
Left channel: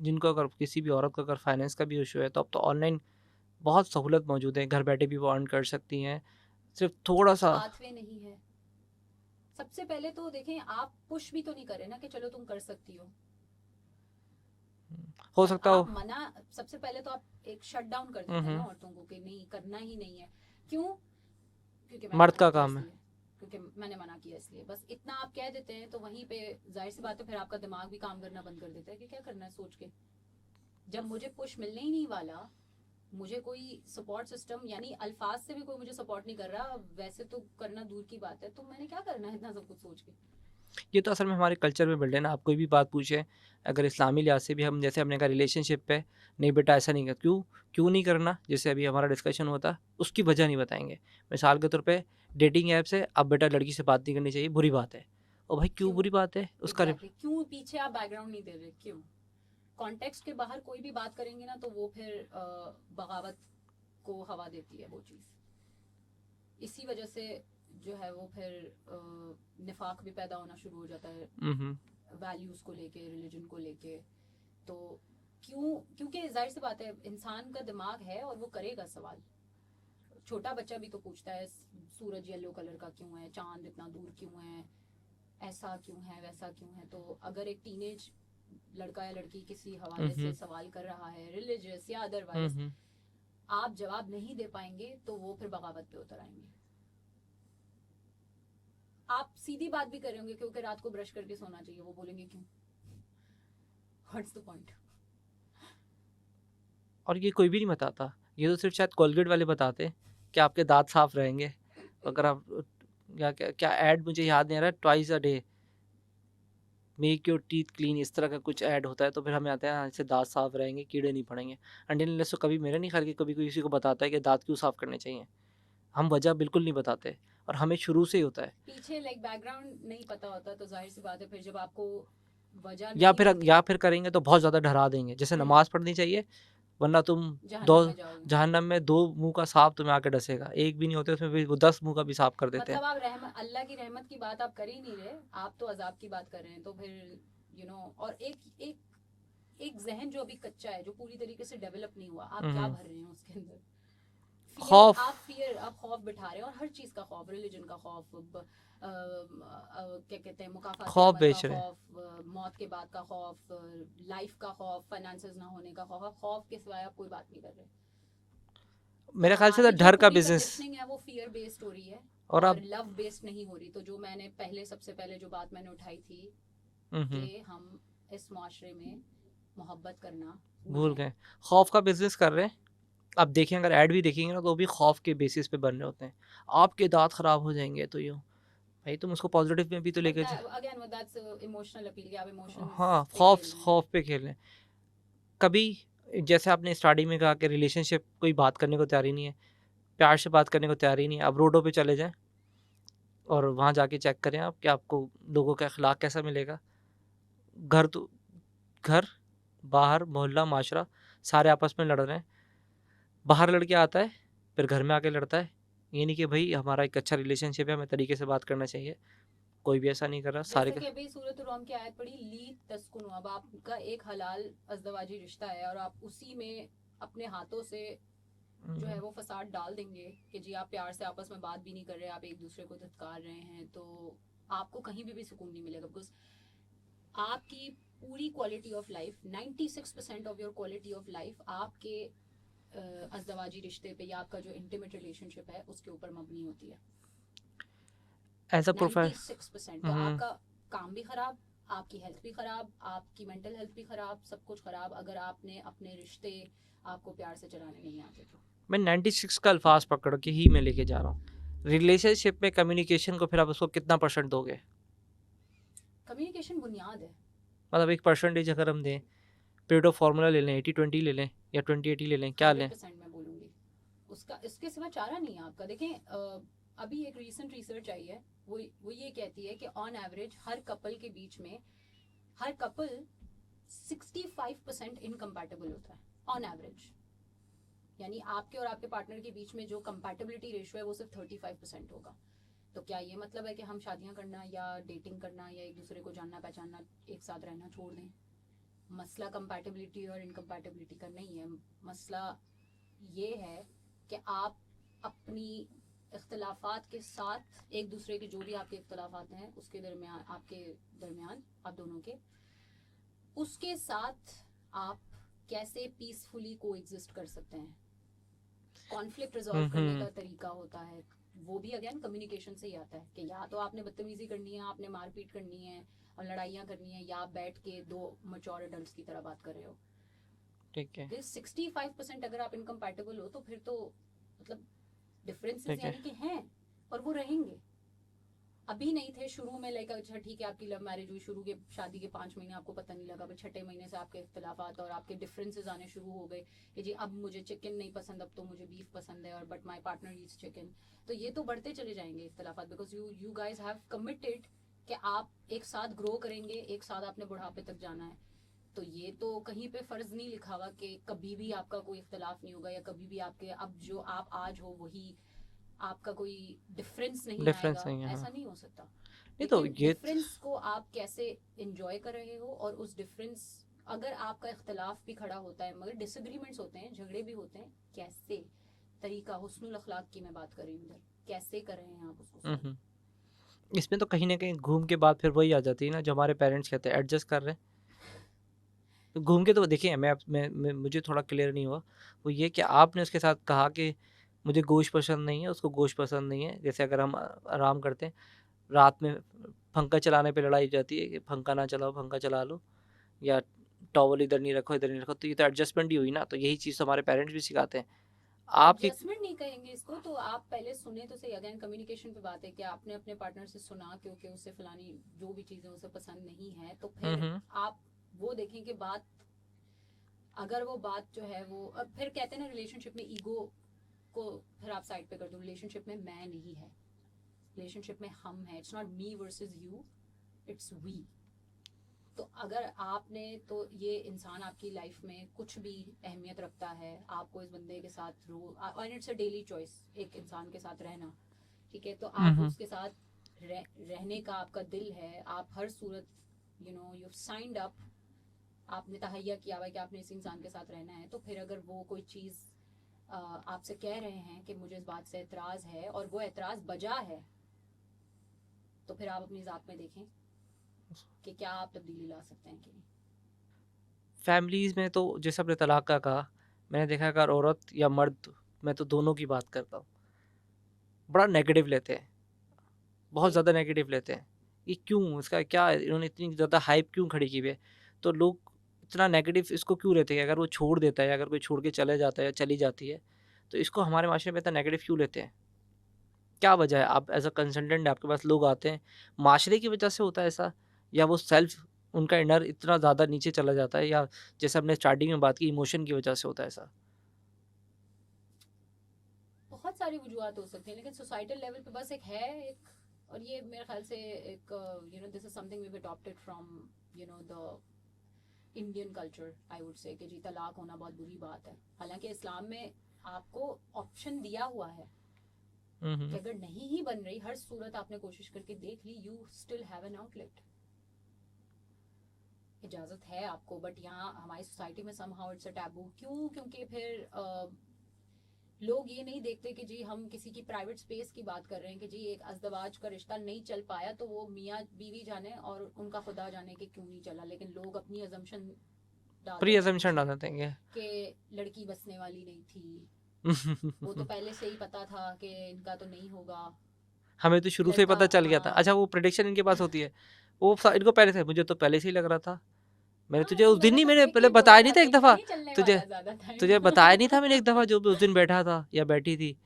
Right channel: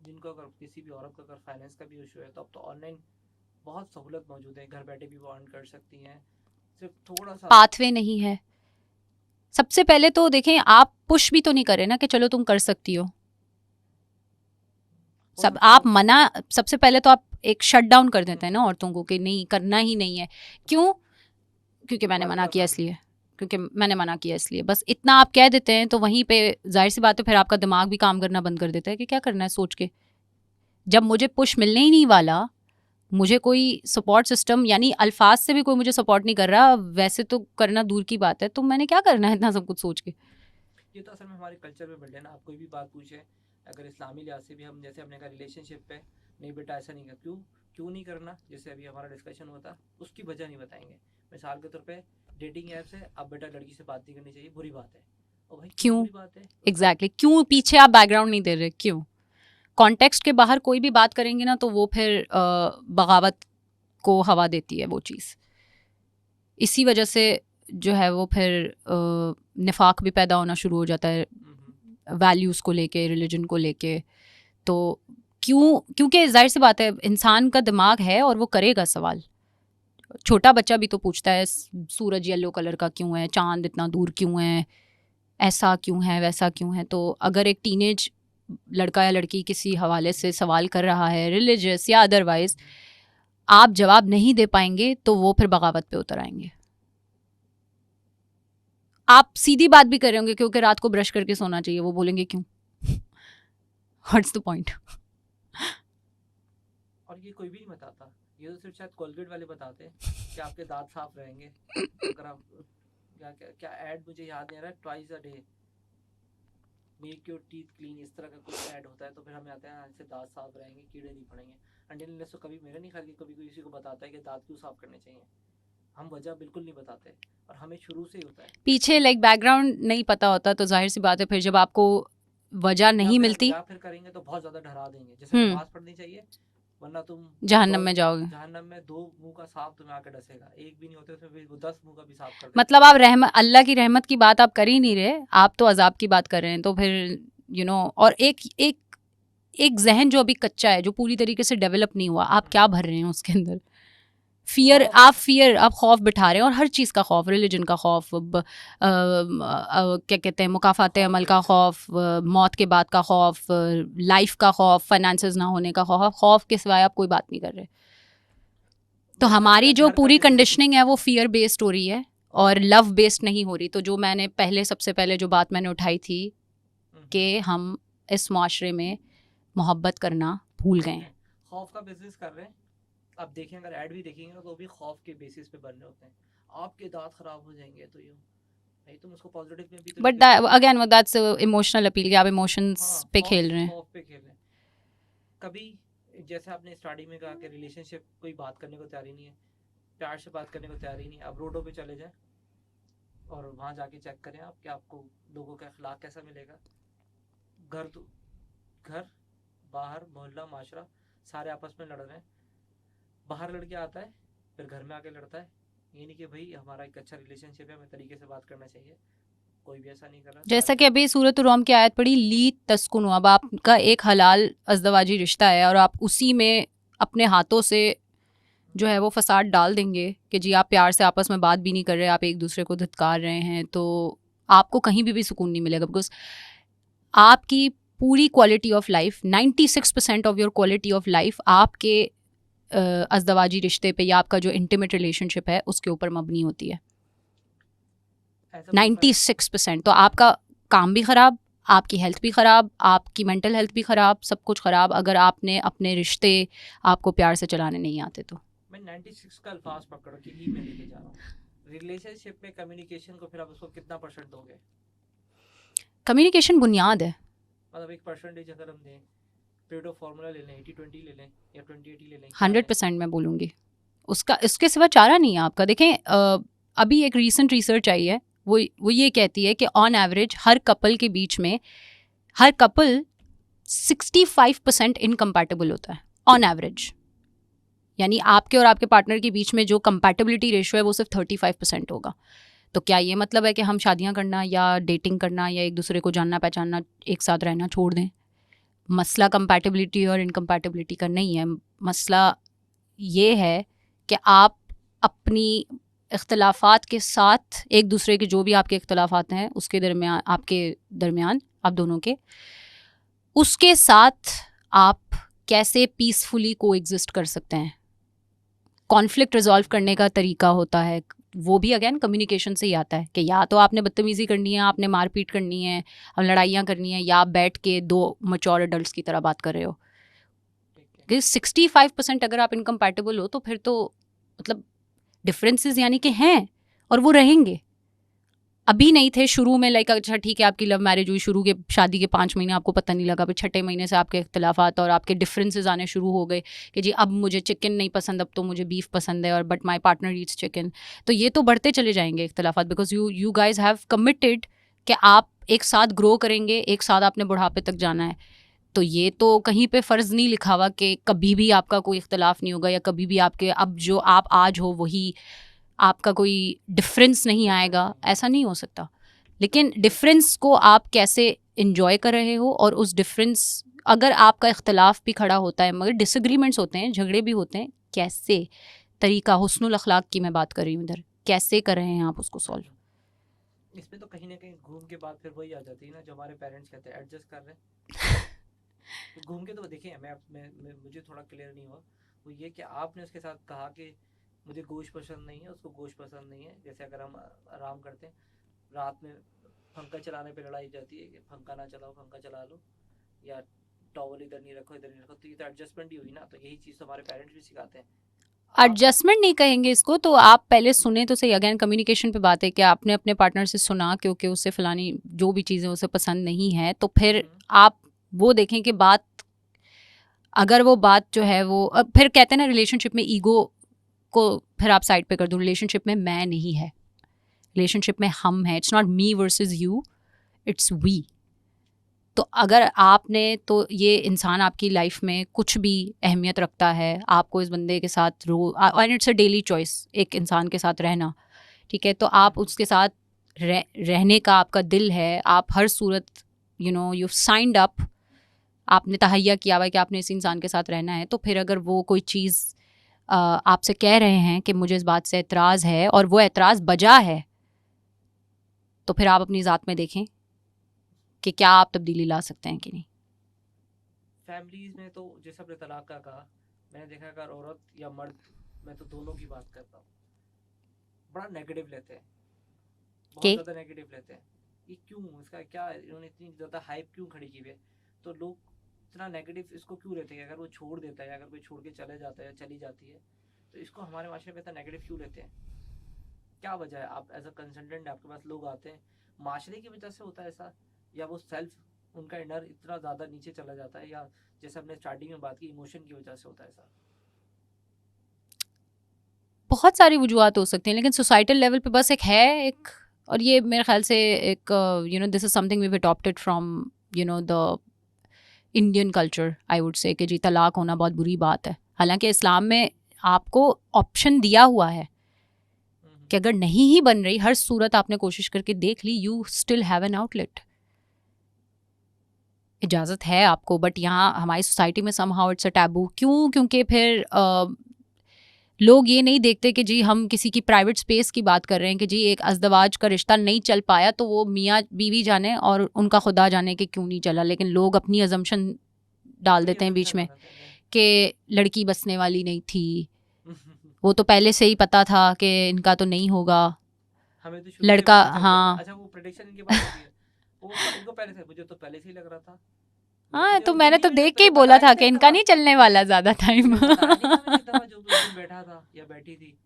जिनको अगर किसी भी औरत को अगर फाइनेंस का भी इशू है, तो अब तो ऑनलाइन बहुत सहूलत मौजूद है। घर बैठे भी वो अर्न कर सकती हैं, सिर्फ थोड़ा सा पाथवे नहीं है। सबसे पहले तो देखें, आप पुश भी तो नहीं करे ना कि चलो तुम कर सकती हो। हो सब सकता आप हो। मना, सबसे पहले तो आप एक शट डाउन कर देते हैं ना हम्म। औरतों को कि नहीं करना ही नहीं है। क्यों? क्योंकि मैंने मर्द मना का किया काम है। इसलिए, क्योंकि मैंने मना किया इसलिए, बस इतना आप कह देते हैं। तो वहीं पे जाहिर सी बात है फिर आपका दिमाग भी काम करना बंद कर देता है कि क्या करना है सोच के। जब मुझे पुश मिलने ही नहीं वाला, मुझे कोई सपोर्ट सिस्टम यानी अल्फाज से भी कोई मुझे सपोर्ट नहीं कर रहा, वैसे तो करना दूर की बात है, तो मैंने क्या करना है इतना सब कुछ सोच के। ये तो असल में हमारे कल्चर में बिल्ड है ना। आप कोई भी बात पूछे, अगर इस्लामी लिहाज से भी हम, जैसे हमने कहा रिलेशनशिप पे, नहीं बेटा ऐसा नहीं कर, क्यों नहीं करना, जैसे अभी हमारा डिस्कशन होता, उसकी वजह नहीं बताएंगे। मिसाल के तौर पे डेटिंग ऐप से अब बेटा लड़की से बात नहीं करनी चाहिए, बुरी बात है। ओ भाई क्यों क्यों? बुरी बात है उसका? एग्जैक्टली क्यों पीछे आप बैकग्राउंड नहीं दे रहे, क्यों? कॉन्टेक्स्ट के बाहर कोई भी बात करेंगे ना तो वो फिर बगावत को हवा देती है वो चीज़। इसी वजह से जो है वो फिर निफाक भी पैदा होना शुरू हो जाता है वैल्यूज़ को लेके, रिलीजन को लेके। तो क्योंकि जाहिर सी बात है इंसान का दिमाग है और वो करेगा सवाल। छोटा बच्चा भी तो पूछता है सूरज येलो कलर का क्यों है, चांद इतना दूर क्यों है, ऐसा क्यों है, वैसा क्यों है। तो अगर एक टीनेज लड़का या लड़की किसी हवाले से सवाल कर रहा है रिलीजियस या अदरवाइज, आप जवाब नहीं दे पाएंगे तो वो फिर बगावत पे उतर आएंगे। आप सीधी बात भी कर रहे होंगे क्योंकि रात को ब्रश करके सोना चाहिए, वो बोलेंगे क्यों? What's the point? और ये कोई भी नहीं बताता, ये तो सिर्फ शायद कोलगेट वाले बताते हैं कि आपके दांत साफ रहेंगे। अगर आप क्या ऐड मुझे याद नहीं आ रहा है, twice a day make your teeth clean, इस तरह का कुछ ऐड होता है। तो फिर हमें आता है हाँ, इससे दांत साफ रहेंगे, कीड़े नहीं पड़ेंगे। अनटिल तो कभी मेरा नहीं ख्याल कि कभी किसी को बताता है कि दांत क्यों साफ करने चाहिए। हम वजह बिल्कुल नहीं बताते, और हमें शुरू से ही होता है। पीछे बैकग्राउंड नहीं पता होता तो जाहिर सी बात है फिर जब आपको वजह नहीं मिलती, या फिर करेंगे तो बहुत ज्यादा डरा देंगे, जैसे नमाज पढ़नी चाहिए, वरना तुम जहन्नम में जाओगे। जहन्नम में 2 मुंह का सांप तुम्हें आके डसेगा। एक भी नहीं होते उसमें भी वो 10 मुंह का भी सांप कर देते मतलब आप अल्लाह की रहमत की बात आप कर ही नहीं रहे, आप तो अजाब की बात कर रहे हैं। तो फिर और एक एक एक जहन जो अभी कच्चा है, जो पूरी तरीके से डेवलप नहीं हुआ, आप क्या भर रहे हैं उसके अंदर? फियर, आप खौफ बिठा रहे हैं, और हर चीज़ का खौफ, रिलीजन का खौफ, क्या कहते हैं, मुकाफात खौफ अमल का बेच रहे हैं। खौफ, मौत के बाद का खौफ, लाइफ का खौफ, फाइनेंसेस ना होने का खौफ के सिवाय आप कोई बात नहीं कर रहे। तो मेरे ख्याल से हमारी ना जो घर का पूरी business- कंडीशनिंग है वो फियर बेस्ड हो रही है और और लव बेस्ड नहीं हो रही। तो जो मैंने सबसे पहले जो बात मैंने उठाई थी कि हम इस माशरे में मोहब्बत करना भूल गए हैं। खौफ का बिजनेस कर रहे हैं। आप देखें, अगर ऐड भी देखेंगे ना तो वो भी खौफ के बेसिस पे बन रहे होते हैं। आपके दांत खराब हो जाएंगे तो यूँ भाई तुम उसको पॉजिटिव में भी तो बट लेके अगेन दैट्स इमोशनल अपील कि आप इमोशंस हाँ, पे खेल रहे हैं। खौफ पे खेल रहे हैं। कभी जैसे आपने स्टार्टिंग में कहा कि रिलेशनशिप कोई बात करने को तैयार ही नहीं है, प्यार से बात करने को तैयार ही नहीं है। आप रोडों पे चले जाएं और वहाँ जाके चेक करें आप कि आपको लोगों का अखलाक कैसा मिलेगा। घर बाहर मोहल्ला माशरा सारे आपस में लड़ रहे हैं। बाहर लड़के आता है फिर घर में आके लड़ता है। ये नहीं कि भाई हमारा एक अच्छा रिलेशनशिप है, हमें तरीके से बात करना चाहिए। कोई भी ऐसा नहीं कर रहा। जैसा सारे कि अभी सूरत रोम की आयत पढ़ी, ली तस्कुन, अब आपका एक हलाल अज़दवाजी रिश्ता है और आप उसी में अपने हाथों से जो है वो फसाद डाल देंगे कि जी आप प्यार से आपस में बात भी नहीं कर रहे, आप एक दूसरे को धिक्कार रहे हैं, तो आपको कहीं भी सुकून नहीं मिलेगा। बिकॉज आपकी पूरी quality of life, 96% of your quality of life आपके अज़दवाजी रिश्ते पे या आपका जो इंटीमेट रिलेशनशिप है उसके ऊपर मबनी होती है। As a 96%। तो आपका काम भी ख़राब, आपकी हेल्थ भी ख़राब, आपकी मेंटल हेल्थ भी ख़राब, सब कुछ ख़राब अगर आपने अपने रिश्ते आपको प्यार से चलाने नहीं आते तो। मैं 96 का अल्फाज पकड़ के ही मैं लेके जा रहा हूँ। रिलेशनशिप में कम्युनिकेशन को फिर आप उसको कितना % दोगे? कम्युनिकेशन बुनियाद है। मतलब एक % अगर हम दें, पेरेटो फार्मूला ले लें, 80-20 ले लें या 20-80 ले लें, क्या लें? 100% मैं बोलूँगी उसका, इसके सिवा चारा नहीं है आपका। देखें अभी एक रीसेंट रिसर्च आई है, वो ये कहती है कि ऑन एवरेज हर कपल के बीच में हर कपल 65% इनकम्पैटिबल होता है ऑन एवरेज। यानी आपके और आपके पार्टनर के बीच में जो कंपैटिबिलिटी रेशियो है वो सिर्फ 35% होगा। तो क्या ये मतलब है कि हम शादियां करना या डेटिंग करना या एक दूसरे को जानना पहचानना, एक साथ रहना छोड़ दें? मसला कंपैटिबिलिटी और इनकम्पैटिबिलिटी का नहीं है। मसला ये है कि आप अपनी इख्तलाफात के साथ, एक दूसरे के जो भी आपके इख्तलाफात हैं उसके दरमियान, आपके दरमियान, आप दोनों के, उसके साथ आप कैसे पीसफुली को एग्जिस्ट कर सकते हैं। कॉन्फ्लिक्ट रिजॉल्व करने का तरीका होता है, वो भी अगेन कम्युनिकेशन से ही आता है कि या तो आपने बदतमीज़ी करनी है, आपने मारपीट करनी है, अब लड़ाइयाँ करनी है, या आप बैठ के दो मैच्योर एडल्ट्स की तरह बात कर रहे हो। ठीक है। कि 65% अगर आप इनकम्पैटिबल हो तो फिर तो मतलब डिफरेंसेस ठीक है। यानी कि हैं और वो रहेंगे। अभी नहीं थे शुरू में, लाइक अच्छा ठीक है आपकी लव मैरिज हुई, शुरू के शादी के 5 महीने आपको पता नहीं लगा, फिर 6ठे महीने से आपके इख्तलाफात और आपके डिफरेंसेस आने शुरू हो गए कि जी अब मुझे चिकन नहीं पसंद, अब तो मुझे बीफ पसंद है, और but my partner eats chicken. तो ये तो बढ़ते चले जाएंगे इख्तलाफात, because you guys have committed कि आप एक साथ ग्रो करेंगे, एक साथ आपने बुढ़ापे तक जाना है। तो ये तो कहीं पे फ़र्ज़ नहीं लिखा हुआ कि कभी भी आपका कोई इख्तलाफ नहीं होगा या कभी भी आपके अब जो आप आज हो वही आपका कोई डिफरेंस नहीं Difference आएगा, नहीं है। ऐसा नहीं हो सकता। ये तो लेकिन ये डिफरेंस को आप कैसे इंजॉय कर रहे हो, और उस डिफरेंस, अगर आपका इख्तलाफ भी खड़ा होता है, मगर डिसएग्रीमेंट्स होते हैं, झगड़े भी होते हैं, कैसे तरीका, हुस्नुल अखलाक की मैं बात कर रही हूँ इधर, कैसे कर रहे हैं आप उसको सॉल्व। इसमें तो कहीं ना कहीं घूम के बाद फिर वही आ जाती है ना जो हमारे पेरेंट्स कहते हैं, एडजस्ट कर रहे हैं। तो घूम के तो देखिए, मैं मुझे थोड़ा क्लियर नहीं हुआ, वो ये कि आपने उसके साथ कहा कि मुझे गोश्त पसंद नहीं है, उसको गोश्त पसंद नहीं है। जैसे अगर हम आराम करते हैं, रात में पंखा चलाने पे लड़ाई हो जाती है कि पंखा ना चलाओ, पंखा चला लो, या टॉवल इधर नहीं रखो, इधर नहीं रखो, तो ये तो एडजस्टमेंट ही हुई ना। तो यही चीज़ हमारे पेरेंट्स भी सिखाते हैं। आप एडजस्टमेंट नहीं कहेंगे इसको, तो आप पहले सुने तो सही। अगेन कम्युनिकेशन पे बात है कि आपने अपने पार्टनर से सुना क्योंकि उससे फलानी जो भी चीज़ें उसे पसंद नहीं है, तो फिर आप वो देखें कि बात, अगर वो बात जो है वो, फिर कहते हैं ना रिलेशनशिप में ईगो को फिर आप साइड पे कर दो। रिलेशनशिप में मैं नहीं है, रिलेशनशिप में हम हैं। It's not me versus you, it's we. तो अगर आपने, तो ये इंसान आपकी लाइफ में कुछ भी अहमियत रखता है, आपको इस बंदे के साथ and it's a daily choice एक इंसान के साथ रहना, ठीक है, तो आप उसके साथ रहने का आपका दिल है, आप हर सूरत यू साइंड अप, आपने तहैया किया हुआ है कि आपने इस इंसान के साथ रहना है। तो फिर अगर वो कोई चीज़ आपसे कह रहे हैं कि मुझे इस बात से एतराज़ है और वो एतराज़ बजा है, तो फिर आप अपनी ज़ात में देखें कि क्या आप तब्दीली ला सकते हैं कि नहीं। फैमिलीज़ में तो जैसे आपने तलाक का कहा, मैंने देखा अगर औरत या मर्द, मैं तो दोनों की बात करता हूँ, बड़ा नेगेटिव लेते हैं, बहुत के? ज़्यादा नेगेटिव लेते हैं। ये क्यों, इसका क्या, इन्होंने इतनी ज़्यादा हाइप क्यों खड़ी की हुई है? तो लोग इतना नेगेटिव इसको क्यों लेते हैं? अगर वो छोड़ देता है, अगर कोई छोड़ के चले जाता है या चली जाती है, तो इसको हमारे माशरे में इतना नेगेटिव क्यों लेते हैं? क्या वजह है? आप एज अ कंसल्टेंट आपके पास लोग आते हैं, माशरे की वजह से होता है ऐसा, या वो सेल्फ, उनका इनर इतना ज़्यादा नीचे चला जाता है, या जैसे हमने स्टार्टिंग में बात की इमोशन की वजह से होता है ऐसा? बहुत सारी वजूहत हो सकती हैं, लेकिन सोसाइटल लेवल पे बस एक है एक, और ये मेरे ख्याल से एक this is something we adopted from the Indian culture, I would say, कि जी तलाक होना बहुत बुरी बात है। हालांकि इस्लाम में आपको ऑप्शन दिया हुआ है कि अगर नहीं ही बन रही, हर सूरत आपने कोशिश करके देख ली, you still have an outlet. इजाज़त है आपको, बट यहाँ हमारी सोसाइटी में समहाउ इट्स अ टैबू। क्यों? क्योंकि फिर लोग ये नहीं देखते कि जी हम किसी की प्राइवेट स्पेस की बात कर रहे हैं कि जी एक अज़दवाज का रिश्ता नहीं चल पाया तो वो मियाँ बीवी जाने और उनका खुदा जाने कि क्यों नहीं चला, लेकिन लोग अपनी अजम्पशन डाल देते हैं बीच में कि लड़की बसने वाली नहीं थी, वो तो पहले से ही पता था कि इनका तो नहीं होगा। हमें तो शुरू से लड़का, पता चल गया था। हाँ। अच्छा, वो प्रेडिक्शन इनके पास होती है, वो इनको पहले से, मुझे तो पहले से ही लग रहा था। हाँ, तुझे तो उस दिन मैंने ही तो मैंने देख के पहले ही बोला बताया था नहीं कि एक इनका दफा, नहीं चलने तुझे वाला ज्यादा टाइम। तुझे बताया नहीं था मैंने एक दफा, जो उस दिन बैठा था या बैठी थी,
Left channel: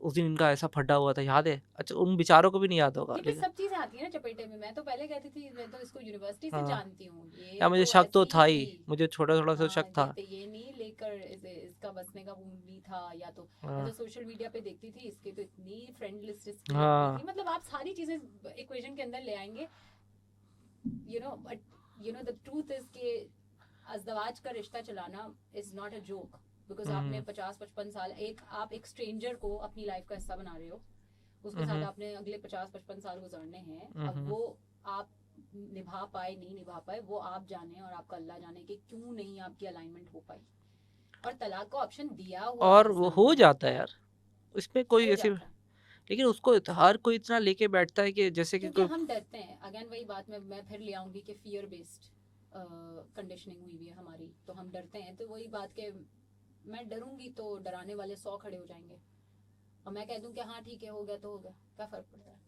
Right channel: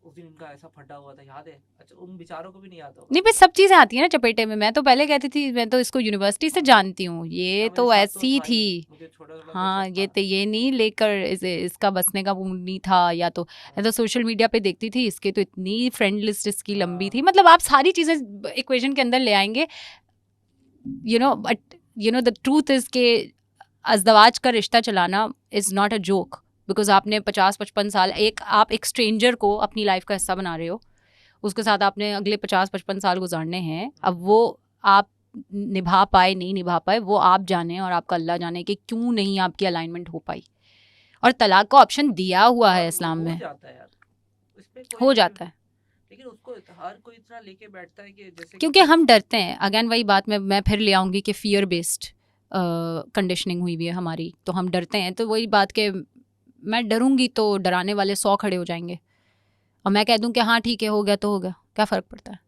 उस दिन इनका ऐसा फटा हुआ था, याद है? अच्छा, उन बेचारों को भी नहीं याद होगा। नहीं, बस सब चीजें आती है ना चपेटे में। मैं तो पहले कहती थी मैं तो इसको यूनिवर्सिटी से हाँ। जानती हूँ, ये या मुझे तो शक तो ऐसी था थी। ही, मुझे छोटा थोड़ा सा हाँ, शक ये था। तो ये नहीं लेकर इसका बसने का मूड नहीं था, या तो हाँ, सोशल मीडिया पे देखती थी इसके तो इतनी फ्रेंड लिस्ट इसकी लंबी थी। हाँ। मतलब आप सारी चीजें इक्वेशन के अंदर ले आएंगे, बट द ट्रूथ इज के अज़दवाज का रिश्ता चलाना is not a joke, because आपने 50-55 साल आप एक स्ट्रेंजर को अपनी लाइफ का हिस्सा बना रहे हो, उसके साथ आपने अगले 50-55 साल गुजारने हैं। अब वो आप निभा पाए नहीं निभा पाए वो आप जाने और आपका अल्लाह जाने कि क्यों नहीं आपकी अलाइनमेंट हो पाई। और तलाक का ऑप्शन दिया हुआ है और इस्लाम हो में, जाता है यार, इसमें कोई हो वैसे, जाता है, लेकिन उसको हर कोई इतना लेके बैठता है कि जैसे कि क्योंकि हम डरते हैं। अगेन वही बात मैं फिर ले आऊंगी कि फियर बेस्ड कंडीशनिंग हुई हुई है हमारी, तो हम डरते हैं। तो वही बात कि मैं डरूंगी तो डराने वाले 100 खड़े हो जाएंगे, और मैं कह दूं कि हाँ ठीक है हो गया तो हो गया, क्या फ़र्क पड़ता है?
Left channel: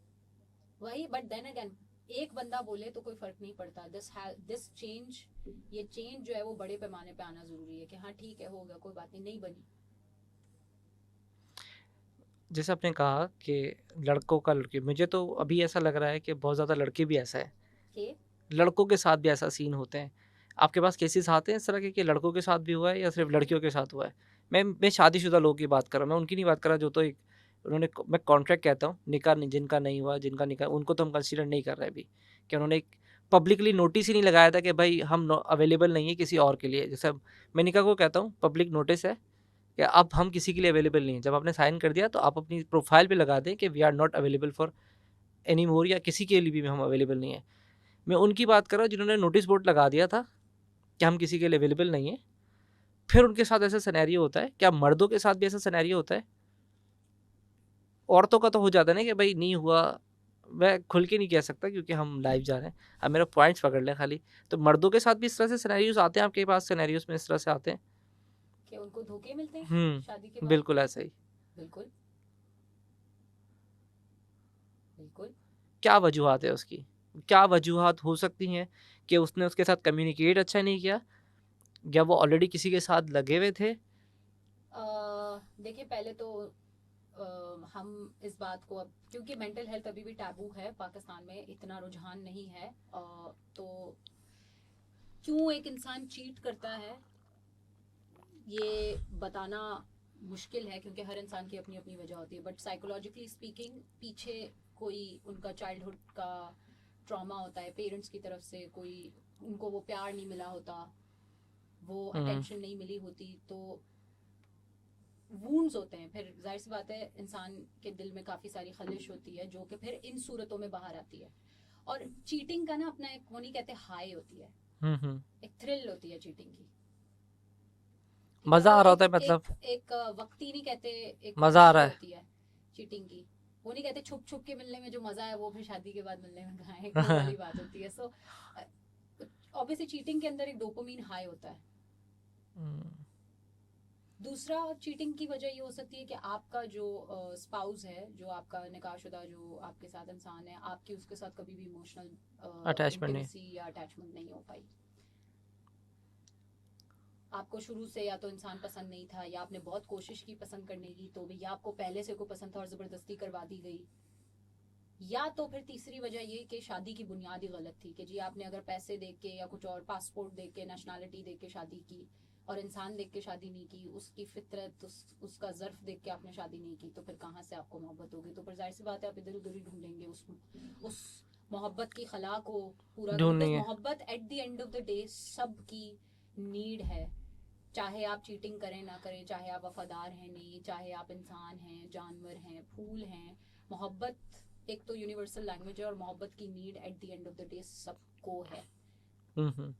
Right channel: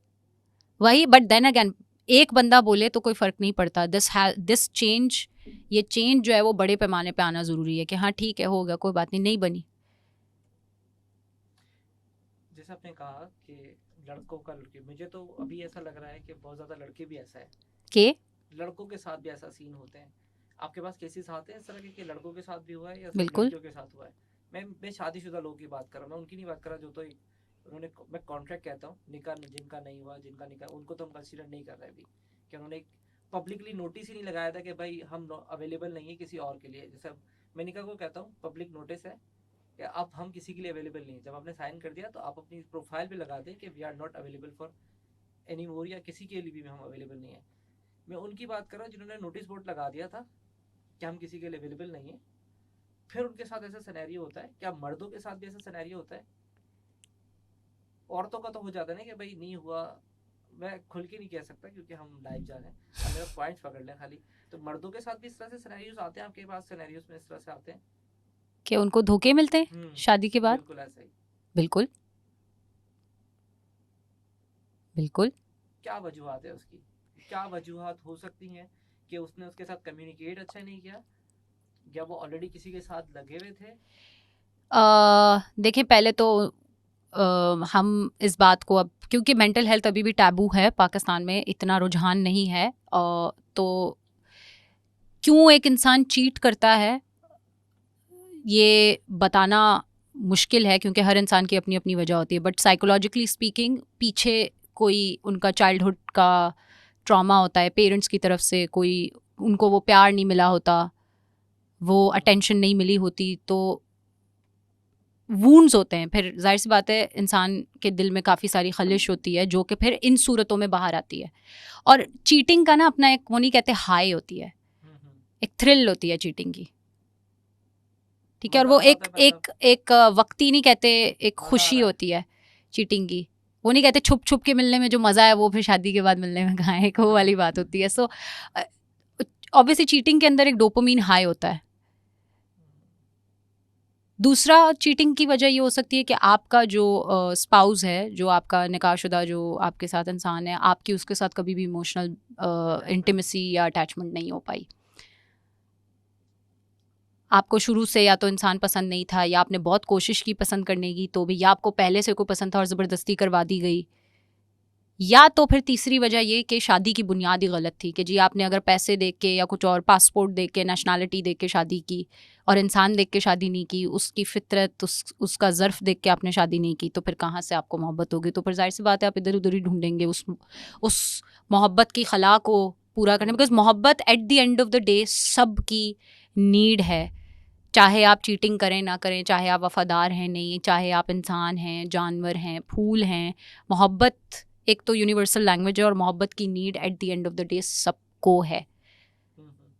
वही, बट देन अगेन एक बंदा बोले तो कोई फ़र्क नहीं पड़ता। दिस चेंज, ये चेंज जो है वो बड़े पैमाने पे आना ज़रूरी है कि हाँ ठीक है हो गया, कोई बात नहीं, नहीं बनी। जैसे आपने कहा कि लड़कों का लड़की, मुझे तो अभी ऐसा लग रहा है कि बहुत ज़्यादा लड़के भी ऐसा है, के लड़कों के साथ भी ऐसा सीन होते हैं। आपके पास केसेस आते हैं इस तरह के कि लड़कों के साथ भी हुआ है या सिर्फ बिल्कुल। लड़कियों के साथ हुआ है? मैं शादीशुदा लोगों की बात कर रहा हूँ, मैं उनकी नहीं बात कर रहा जो तो एक उन्होंने, मैं कॉन्ट्रैक्ट कहता हूँ, निकाह नहीं, जिनका नहीं हुआ, जिनका निकाह, उनको तो हम कंसीडर नहीं कर रहे अभी, कि उन्होंने एक पब्लिकली नोटिस ही नहीं लगाया था कि भाई हम अवेलेबल नहीं है किसी और के लिए। जैसे अब मैं निकाह को कहता हूँ पब्लिक नोटिस है कि अब हम किसी के लिए अवेलेबल नहीं है। जब आपने साइन कर दिया तो आप अपनी प्रोफाइल पे लगा दें कि we are not available for any more, या किसी के लिए भी हम अवेलेबल नहीं है। मैं उनकी बात कर रहा हूँ जिन्होंने नोटिस बोर्ड लगा दिया था कि हम किसी के लिए अवेलेबल नहीं है, फिर उनके साथ ऐसा सिनेरियो होता है। क्या मर्दों के साथ भी ऐसा सिनेरियो होता है? औरतों का तो हो जाता है ना कि भाई नहीं हुआ, मैं खुल के नहीं कह सकता क्योंकि हम लाइव जा रहे हैं, अब मेरा पॉइंट्स पकड़ लें खाली। तो मर्दों के साथ भी इस तरह से सिनेरियोज आते हैं, आपके पास सिनेरियोज में इस तरह से आते हैं? कि उनको धोखे मिलते हैं शादी के बाद? बिल्कुल ऐसा ही। बिल्कुल बिल्कुल। क्या वजूहत है उसकी? क्या वजूहत हो सकती हैं कि उसने उसके साथ कम्युनिकेट अच्छा नहीं किया, या वो ऑलरेडी किसी के साथ लगे हुए थे? देखिए पहले तो हम इस बात को, अब क्योंकि मेंटल हेल्थ अभी भी टैबू है पाकिस्तान में, इतना रुझान नहीं है, तो क्यों एक इंसान चीट करता है ये बताना मुश्किल है, क्योंकि हर इंसान की अपनी अपनी वजह होती है। बट साइकोलॉजिकली स्पीकिंग पीछे कोई उनका चाइल्डहुड का ट्रॉमा होता है, पेरेंट्स की तरफ से कोई उनको वो प्यार नहीं मिला होता, वो अटेंशन नहीं मिली होती, तो वूंड्स होते हैं। फिर जाहिर सी बात है इंसान के दिल में काफ़ी सारी खलिश होती है जो कि फिर इन सूरतों में बाहर आती है। और चीटिंग का ना अपना एक, वो नहीं कहते हाई होती है, एक थ्रिल होती है चीटिंग की, ठीक है? और मजा वो आ रहा एक होता है, मतलब एक वक्ती नहीं कहते, एक मजा आ खुशी रहा है। होती है चीटिंग की। वो नहीं कहते छुप छुप के मिलने में जो मज़ा है वो फिर शादी के बाद मिलने में कहाँ है, एक वो वाली बात होती है। सो ऑब्वियसली चीटिंग के अंदर एक डोपामीन हाई होता है। दूसरा चीटिंग की वजह ये हो सकती है कि आपका जो स्पाउस है, जो आपका निकाहशुदा जो आपके साथ इंसान है, आपकी उसके साथ कभी भी इमोशनल इंटीमेसी या अटैचमेंट नहीं हो पाई। आपको शुरू से या तो इंसान पसंद नहीं था, या आपने बहुत कोशिश की पसंद करने की तो भी, या आपको पहले से कोई पसंद था और ज़बरदस्ती करवा दी गई, या तो फिर तीसरी वजह ये कि शादी की बुनियाद ही गलत थी कि जी आपने अगर पैसे देख के या कुछ और, पासपोर्ट देख के, नेशनैलिटी देख के शादी की और इंसान देख के शादी नहीं की, उसकी फितरत, उसका ज़र्फ देख के आपने शादी नहीं की, तो फिर कहाँ से आपको मोहब्बत होगी? तो फिर जाहिर सी बात है आप इधर उधर ही ढूंढेंगे उस मोहब्बत की खला को पूरा करने, बिकॉज मोहब्बत at the end of the day सब की नीड है। चाहे आप चीटिंग करें ना करें, चाहे आप वफादार हैं नहीं, चाहे आप इंसान हैं, जानवर हैं, फूल हैं, मोहब्बत एक तो यूनिवर्सल लैंग्वेज है और मोहब्बत की need at the end of the day सबको है। हम्म।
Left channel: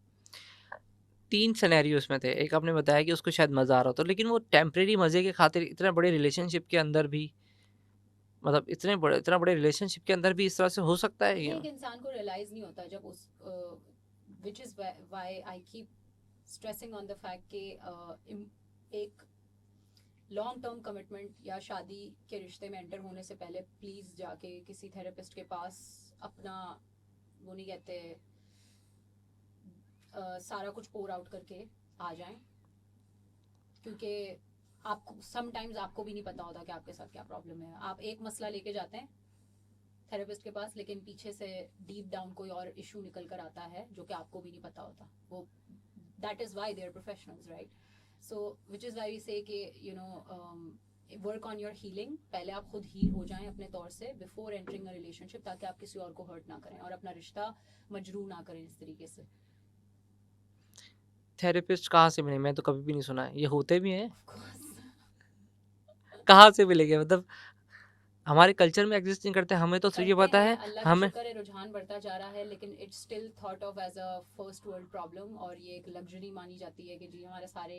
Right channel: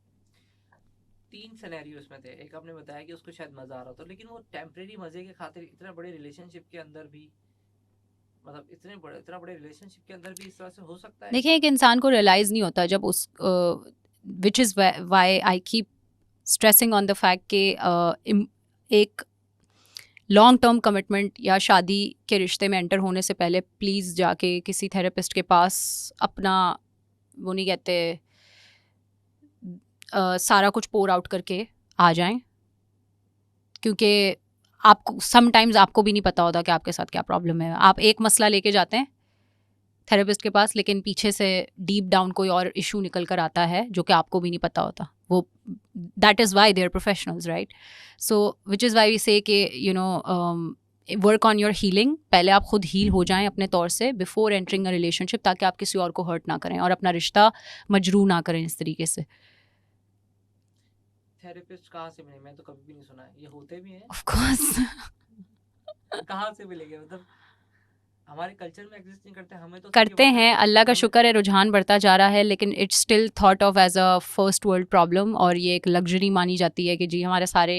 3 सिनेरियोस में थे। एक आपने बताया कि उसको शायद मज़ा आ रहा था, लेकिन वो टेम्परेरी मज़े के खातिर इतने बड़े रिलेशनशिप के अंदर भी, मतलब इतना बड़े रिलेशनशिप के अंदर भी इस तरह से हो सकता है देखिए ये? एक इंसान को रियलाइज़ नहीं होता जब उस विच is Y I keep stressing on the fact कि एक लॉन्ग टर्म कमिटमेंट या शादी के रिश्ते में एंटर होने से पहले प्लीज़ जाके किसी थेरेपिस्ट के पास अपना, वो नहीं कहते, सारा कुछ पोर आउट करके आ जाएं, क्योंकि आपको समटाइम्स आपको भी नहीं पता होता कि आपके साथ क्या प्रॉब्लम है। आप एक मसला लेके जाते हैं थेरेपिस्ट के पास, लेकिन पीछे से डीप डाउन कोई और इशू निकल कर आता है जो कि आपको भी नहीं पता होता। वो that is why they are professionals, right? So which is why we say कि you know work on your healing. पहले आप खुद हील हो जाएं अपने तौर से बिफोर एंटरिंग अ रिलेशनशिप, ताकि आप किसी और को हर्ट ना करें और अपना रिश्ता मजरू ना करें इस तरीके से। थेरेपिस्ट कहाँ से मिले? मैं तो कभी भी नहीं सुना है। ये होते भी हैं? ऑफ कोर्स कहाँ से मिलेंगे? मतलब हमारे कल्चर में एग्जिस्ट नहीं करते। हमें तो सिर्फ ये करते पता हैं, है, अल्लाह का हमें शुक्र है रुझान बढ़ता जा रहा है, लेकिन it's still thought of as a first world problem, और ये एक लग्जरी मानी जाती है कि जी हमारे सारे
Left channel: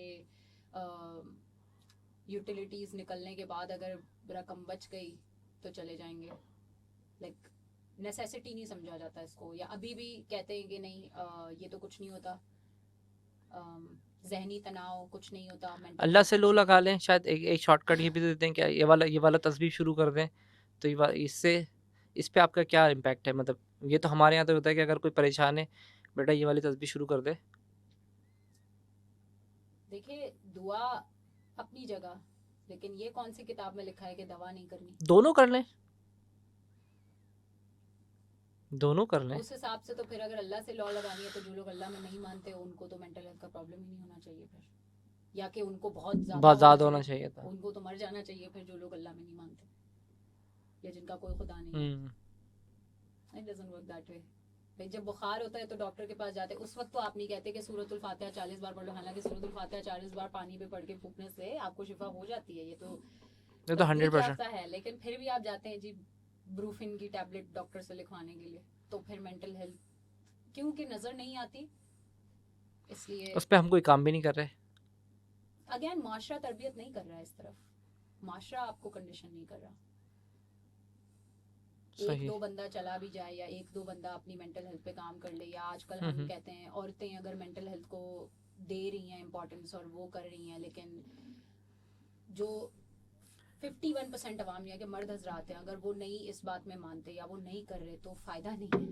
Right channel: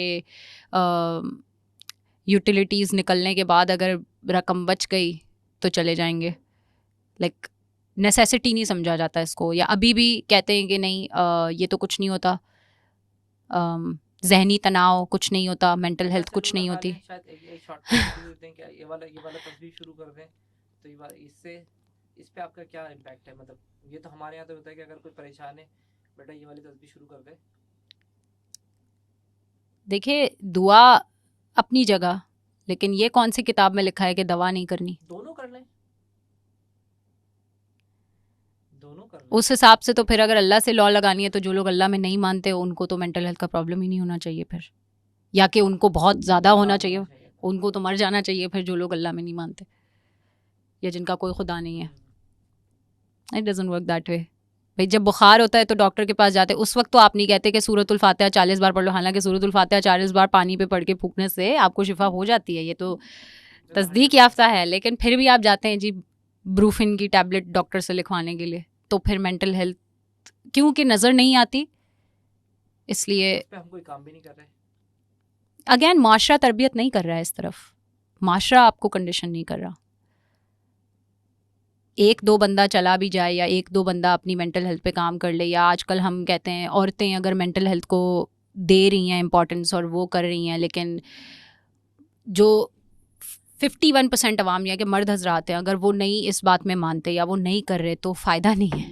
यूटिलिटीज़ निकलने के बाद अगर रकम बच गई तो चले जाएंगे। लाइक नेसेसिटी नहीं समझा जाता इसको, या अभी भी कहते हैं कि नहीं ये तो कुछ नहीं होता, जहनी तनाव कुछ नहीं होता, मेंटल अल्लाह हेल्थ से लो कुछ नहीं लगा होती। लें। शायद एक शॉर्टकट ये भी दे देते हैं क्या, ये वाला तस्बीह शुरू कर दें, तो इससे इस पे आपका क्या इम्पैक्ट है? मतलब ये तो हमारे यहाँ तो होता है कि अगर कोई परेशान है, बेटा ये वाली तस्बीह शुरू कर दे। देखिए दुआ अपनी जगह, लेकिन ये कौन सी किताब में लिखा है कि दवा नहीं करनी? दोनों कर लें, दोनों कर लें। उस हिसाब से तो फिर अगर अल्लाह से लॉ लगानी है तो जो लोग अल्लाह में नहीं मानते उनको तो मेंटल हेल्थ का प्रॉब्लम ही नहीं होना चाहिए फिर, या कि उनको बहुत ज़्यादा बहुत होना ज़्यादा चाहिए, था। उनको तो मर जाना चाहिए फिर, जो लोग अल्लाह में नहीं मानते या जिनका कोई खुदा नहीं है। Hmm. It doesn't work that way. भाई जब बुखार होता है तो डॉक्टर के पास जाते हैं, उस वक्त तो आप नहीं कहते कि सूरतुल फातिहा 40 बार पढ़ लो, हालांकि सूरतुल फातिहा 40 बार पानी पे पढ़ के फूकने से आपको शिफा हो जाती है, ये तो ये तो तस्दीक 100% याफ्ता है, लेकिन फिर भी आप जाते हैं जी ब्रूफिन की टैबलेट डॉक्टर से लिखवाने के लिए, तो फिर मेंटल हेल्थ क्योंकि नज़र नहीं आती इसलिए। उस पे हम कोई काम भी नहीं कर रहे। अगेन माशरा तरबियत नहीं कर रहा है इस तरफ, माशरा आपको कंडीशन नहीं कर रहा। एक सही। दो बंदा चला भी जाए या एक दो बंदा अपनी मेंटल हेल्थ पे काम कर ले, या आजकल हम कहते हैं औरतें अगर मेंटल हेल्थ को दे रही हैं इम्पोर्टेंस और वो कर रही हैं, लेकिन जो 51% अवाम या कि मर्द हजरात हैं अगर वो नहीं इस बात में मानते या वो नहीं कर रहे तो फ़ायदा नहीं है।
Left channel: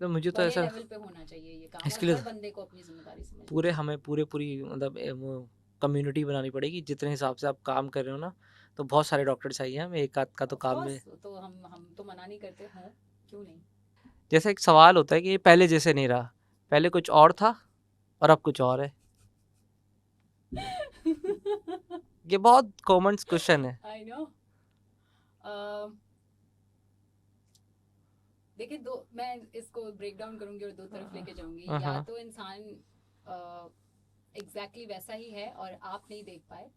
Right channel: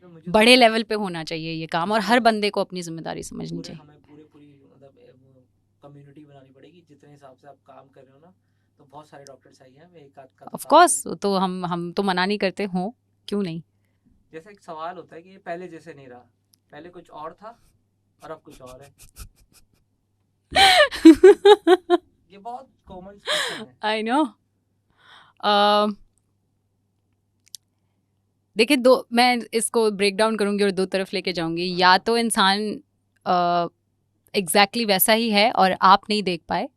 तो मुझे तो बड़े ऐसा लेवल पे होना चाहिए ये काम, और इसलिए हर बंदे को अपनी जिम्मेदारी समझनी पूरे चाहिए। हमें पूरी मतलब वो कम्युनिटी बनानी पड़ेगी। जितने हिसाब से आप काम कर रहे हो ना, तो बहुत सारे डॉक्टर चाहिए हमें, एक आध का तो ऑफ काम कोर्स नहीं। तो हम तो मना नहीं करते, हो क्यों नहीं। जैसे एक सवाल होता है कि ये पहले जैसे नहीं रहा, पहले कुछ और था और अब कुछ और है। ये बहुत कॉमन क्वेश्चन है। I know. देखिए दो, मैं इसको ब्रेक डाउन करूंगी और दो तरफ लेके जाऊंगी। या हाँ। तो इंसान एग्जैक्टली वैसा ही है और आप नहीं देख पाए,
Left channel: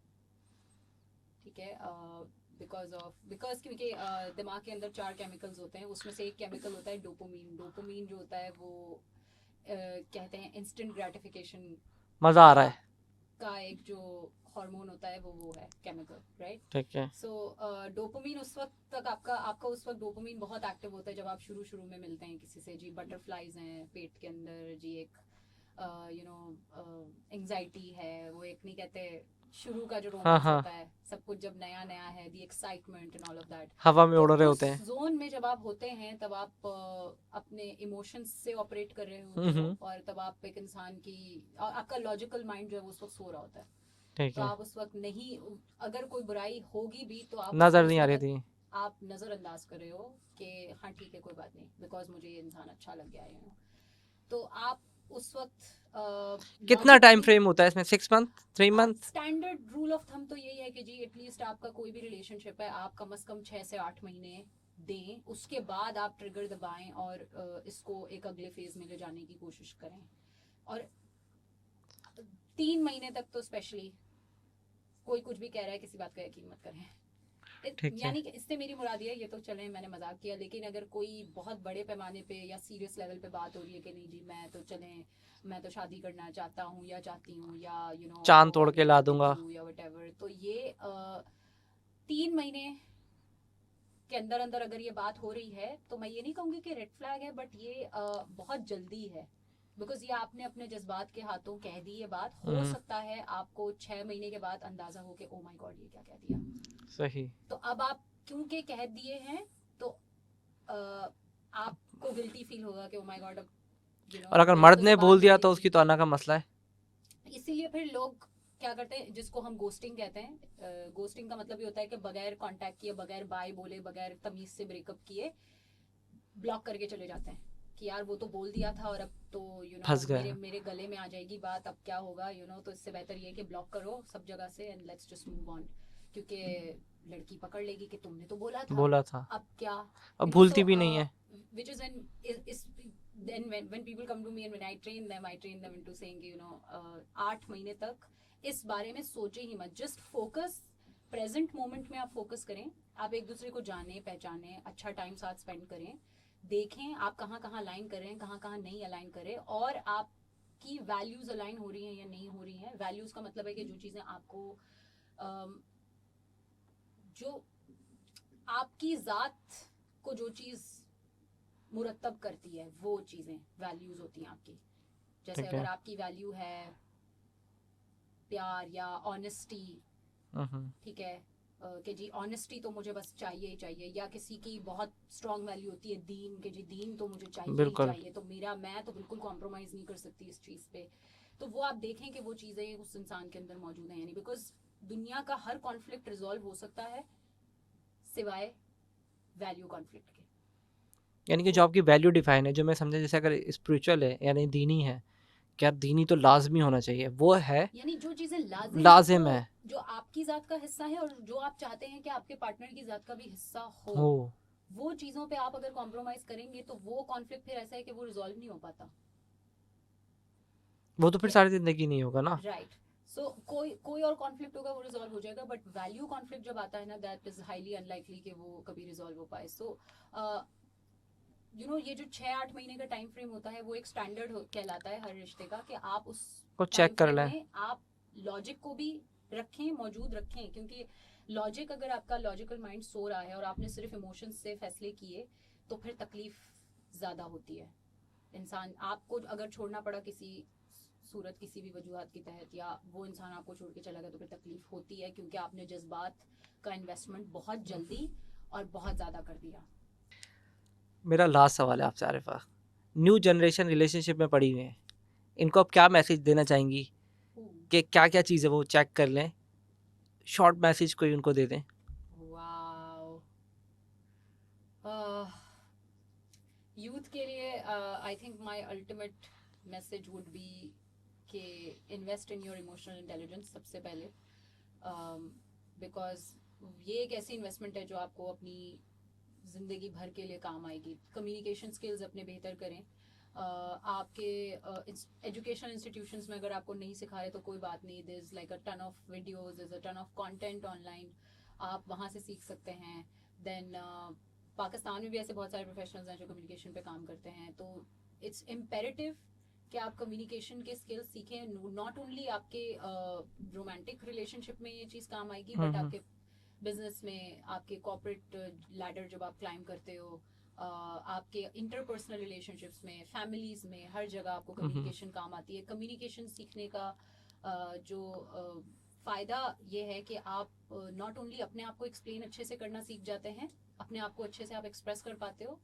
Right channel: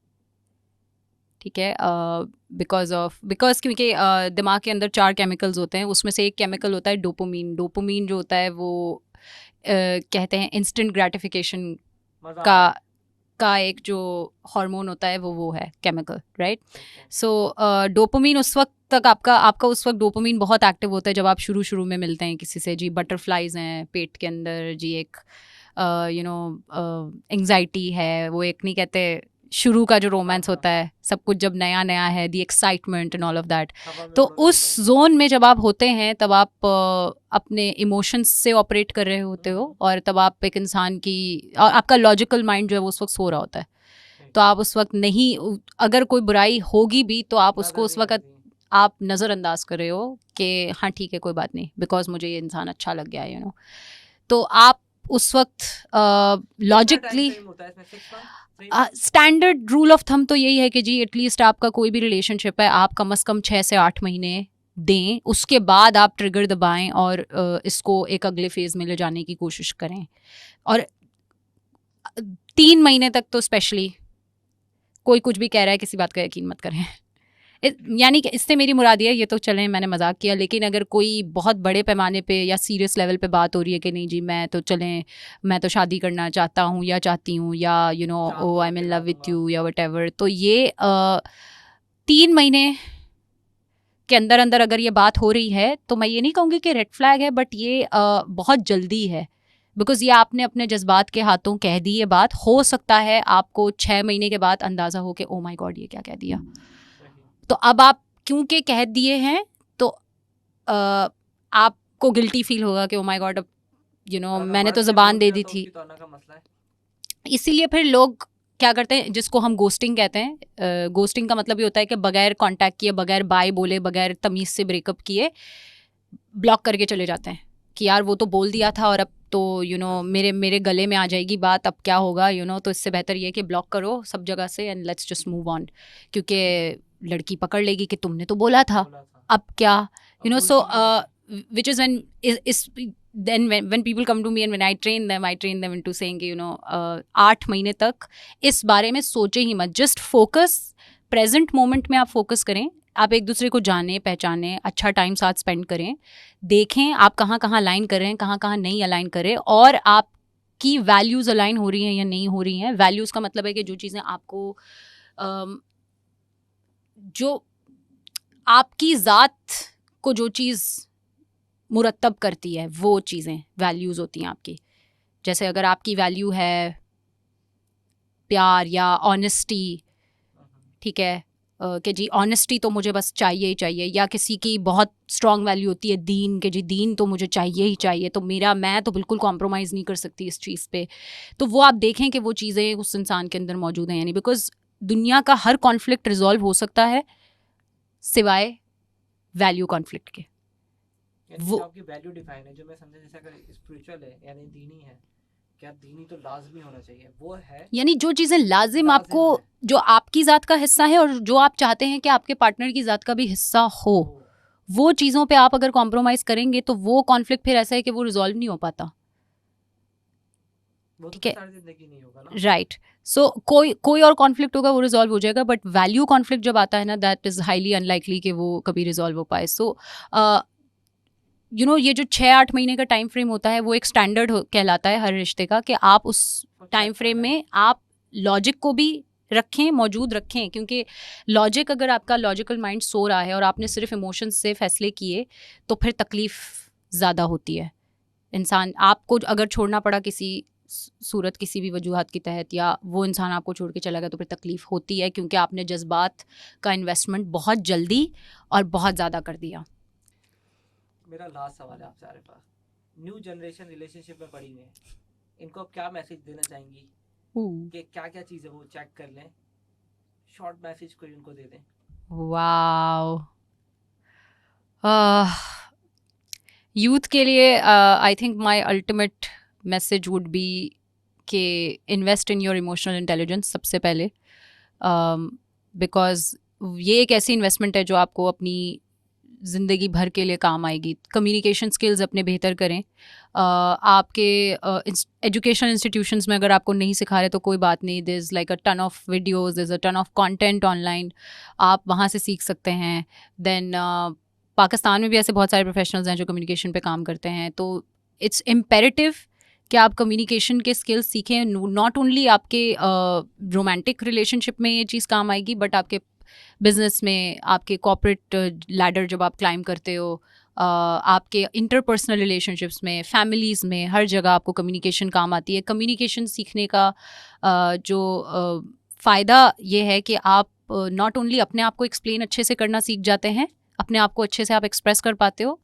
ठीक है, बिकॉज क्योंकि दिमाग के अंदर 4 केमिकल्स होते हैं, उसमें से एक केमिकल होता है डोपामीन। डोपामीन जो होता है वो कहते हैं इंस्टेंट ग्रेटिफिकेशन मजा आ रहा है। का एक जो हार्मोन होता है वो है केमिकल, राइट? ठीक है। सो डोपामीन उस वक्त तक आपका उस वक्त डोपामीन बहुत एक्टिव होता है जब आप शुरू में मिलते हैं किसी से, जी बटरफ्लाइज हैं पेट के अंदर, जी एक एंग्जाइटी है, वो एक नहीं कहते शुरू का जो रोमांस हाँ। होता है, सब कुछ जब नया नया है, the excitement and all of that. हवा में तो उड़ रहे उस होते हैं। जोन में जब आप होते हैं तब आप अपने इमोशंस से ऑपरेट कर रहे होते हो, और तब आप एक इंसान की, और आपका लॉजिकल माइंड जो है वो उस वक्त सो रहा होता है, ठीक तो है। आप उस वक्त नहीं, अगर कोई बुराई होगी भी तो आप उसको नजर उस नहीं आ रही वक्त थी। आप नज़रअंदाज कर रहे हो कि हाँ ठीक है कोई बात नहीं, बिकॉज मुझे ये इंसान अच्छा लग गया, यू नो। तो आप उस वक्त कितना टाइम लॉजिकली, फ्रेम होता है इसमें? 6 month, 3 month? Standard rule of thumb तो यही है कि जी एटलीस्ट आपका कोई भी रिलेशनशिप है आप कम से कम 6 से 8 महीने दें, उसके बाद आप ट्रिगर दबाएं और इसको एक अगले फेज में ले जाने की कोशिश करें। और 3 महीने तक तो स्पेशली कोई कुछ भी कह रहा है, किसी बात का यकीन मत करें। ठीक है। यानी कि इससे मेरी मुराद ये है, ये तो चलें मैंने मजाक किया, लेकिन अगर कोई बहुत बड़े पैमाने पे या सीरियस लेवल पे बात हो रही है कि नहीं जी मैं तो शादी करना चाहता हूँ या चाहती हूँ, या यू नो चांद ओ तोड़ आई एम के इन ला लव विथ दूंगा। यू या व्हाटएवर, तो ये 3 महीने के अंदर अंदर अगर ये बात हो रही है तो मैं ये नहीं कहूँगी कि रेड फ्लैग है, बट ये बहुत जल्दी है, बिकॉज ये आपने अपने जज्बात के हाथों कह दी ये बात। हो सकता है आपको 6 महीने के बाद अंदाजा हो कि ओ माय गॉड ये क्या कह दिया। सही। तो अब आप क्योंकि कह दिए हैं तो आपको गिल्टी फील होगा कि ओ माय गॉड, अब यू नो और अगर मैंने मर्द तो ने ज़बान बोल दे दिया दी तो थी। उसकी तो आना का मसला है। इसीलिए फिर लोग क्या करते हैं, जिसको हम गोस्टिंग कहते हैं। गोस्टिंग का मतलब ये होता है कि बगैर कांटेक्ट किए, बगैर बाय बोले, बगैर तमीज़ से ब्रेकअप किए ब्लॉक करके चले जाते हैं कि यार वो तो बोल दिया था और अब तो यू नो फंस गए। मेरे गले में आ जाएगी बात, अब क्या होगा यू नो। तो इससे बेहतर ये है कि ब्लॉक करो सब जगह से and let's just move on, क्योंकि लड़की पकड़ लेगी कि तुमने तो बोला था, बोला था, अब क्या, अब you know. भूलती So भी नहीं है। which is then when people come to me and when I train them into saying कि, you know 8 महीने तक इस बारे में सोचे ही मत, जस्ट फोकस प्रेजेंट मोमेंट में। आप फोकस करें, आप एक दूसरे को जाने पहचाने, अच्छा टाइम साथ स्पेंड करें, देखें आप कहाँ कहाँ अलाइन कर रहे हैं, कहाँ कहाँ नहीं अलाइन कर रहे, और आपकी वैल्यूज़ अलाइन हो रही हैं या नहीं हो रही हैं। वैल्यूज़ का मतलब है कि जो चीज़ें आपको जो आपकी ज़ात को जो चीज़ मुरतब करती है वो चीज़ें वैल्यूज़ होती हैं आपकी। जैसे ठीक है। अगर आपकी वैल्यू है प्यार या ऑनेस्टी, ठीक है, कि जी ऑनेस्टी तो मुझे बस चाहिए ही चाहिए, या किसी की बहुत स्ट्रॉन्ग वैल्यू होती है दीन, के जी दीन तो मुझे चाहिए ही बिल्कुल। चाहिए, तो मैं तो बिल्कुल कॉम्प्रोमाइज़ नहीं कर सकती इस चीज़ पे। तो वो आप देखें कि वो चीज़ें उस इंसान के अंदर मौजूद हैं, यानी बिकॉज दुनिया का हर कॉन्फ्लिक्ट रिजॉल्व हो सकता है सिवाय वैल्यू कॉन्फ्लिक्ट के। यानी कि वो- जो आपकी वैल्यू डिफाइन है, जो मैं समझा, जैसे अगर स्पिरिचुअल है यानी दीनी है, क्या दीनी तो लाजमी होना चाहिए, वो है यानी जो चीज़ें लाजिम लाजिम आपको, है। जो आपकी ज़ात का हिस्सा है और जो आप चाहते हैं कि आपके पार्टनर की ज़ात का भी हिस्सा हो, हो। वो चीज़ों पे आप अगर कॉम्प्रोमाइज़ करेंगे तो वो कॉन्फ्लिक्ट फिर ऐसा है कि वो रिजॉल्व नहीं हो पाता। वो तो फिर के- सारी जिंदगी नहीं होगा ना। राइट। सो कोई और कॉन्फ्लिक्ट होगा वो रिजॉल्व हो जाएगा, बट वैल्यू कॉन्फ्लिक्ट जब आता है ना, दैट इज़ हाईली अनलाइकली कि वो कभी रिजॉल्व हो पाए। सो यू नो ये जो 6-8 महीने का टाइम फ्रेम होता है वो एक स्टैंडर्ड कहलाता है हर रिश्ते का, कि आप उस को टाइम चेक कर फ्रेम लें। में आप लॉजिक को भी रखें, मौजूद रखें, क्योंकि लॉजिक, अगर आपका लॉजिकल माइंड सो रहा है और आपने सिर्फ इमोशंस से फैसले किए तो फिर तकलीफ ज़्यादा होती है। इंसान आपको अगर छोड़ना पड़ा किसी सूरत, किसी भी वजूहत की तहत, या वो इंसान आपको छोड़ के चला गया, तो फिर तकलीफ होती है, क्योंकि आपने जज्बात का इन्वेस्टमेंट बहुत जल्दी और बहुत ज़्यादा कर दिया। मेरा लास्ट सवाल है आपसे आरिफा, न्यू जनरेशन रिलेशनशिप में पड़ी हुई है, इनको आप क्या मैसेज देना चाहेंगी कि क्या क्या चीज़ें वो चेक कर लें? शॉर्ट मैसेज कोई उनको दे दें। वाओ, यूथ के लिए I think my ultimate message would be कि invest in your emotional intelligence सबसे पहले, बिकॉज ये एक ऐसी इन्वेस्टमेंट है जो आपको अपनी ज़िंदगी भर के लिए काम आएगी। कम्युनिकेशन स्किल्स अपने बेहतर करें। आपके एजुकेशन इंस्टीट्यूशंस में अगर आपको नहीं सिखा रहे तो कोई बात नहीं, there is like a ton of videos, there is a ton of content online, आप वहाँ से सीख सकते हैं। देन पाकिस्तान में भी ऐसे बहुत सारे प्रोफेशनल्स हैं जो कम्युनिकेशन पे काम करते हैं, तो इट्स इम्पेरेटिव कि आप कम्युनिकेशन के स्किल्स सीखें। नॉट ओनली आपके रोमांटिक रिलेशनशिप में ये चीज़ काम आएगी, बट आपके बिजनेस में, आपके कॉर्पोरेट लैडर जब आप क्लाइंब करते हो, आपके इंटरपर्सनल रिलेशनशिप्स में, फैमिलीज़ में, हर जगह आपको कम्युनिकेशन काम आती है। कम्युनिकेशन सीखने का जो फ़ायदा ये है कि आप नॉट ओनली अपने आप को एक्सप्लेन अच्छे से करना सीख जाते हैं, अपने आप को अच्छे से आप एक्सप्रेस कर पाते हो,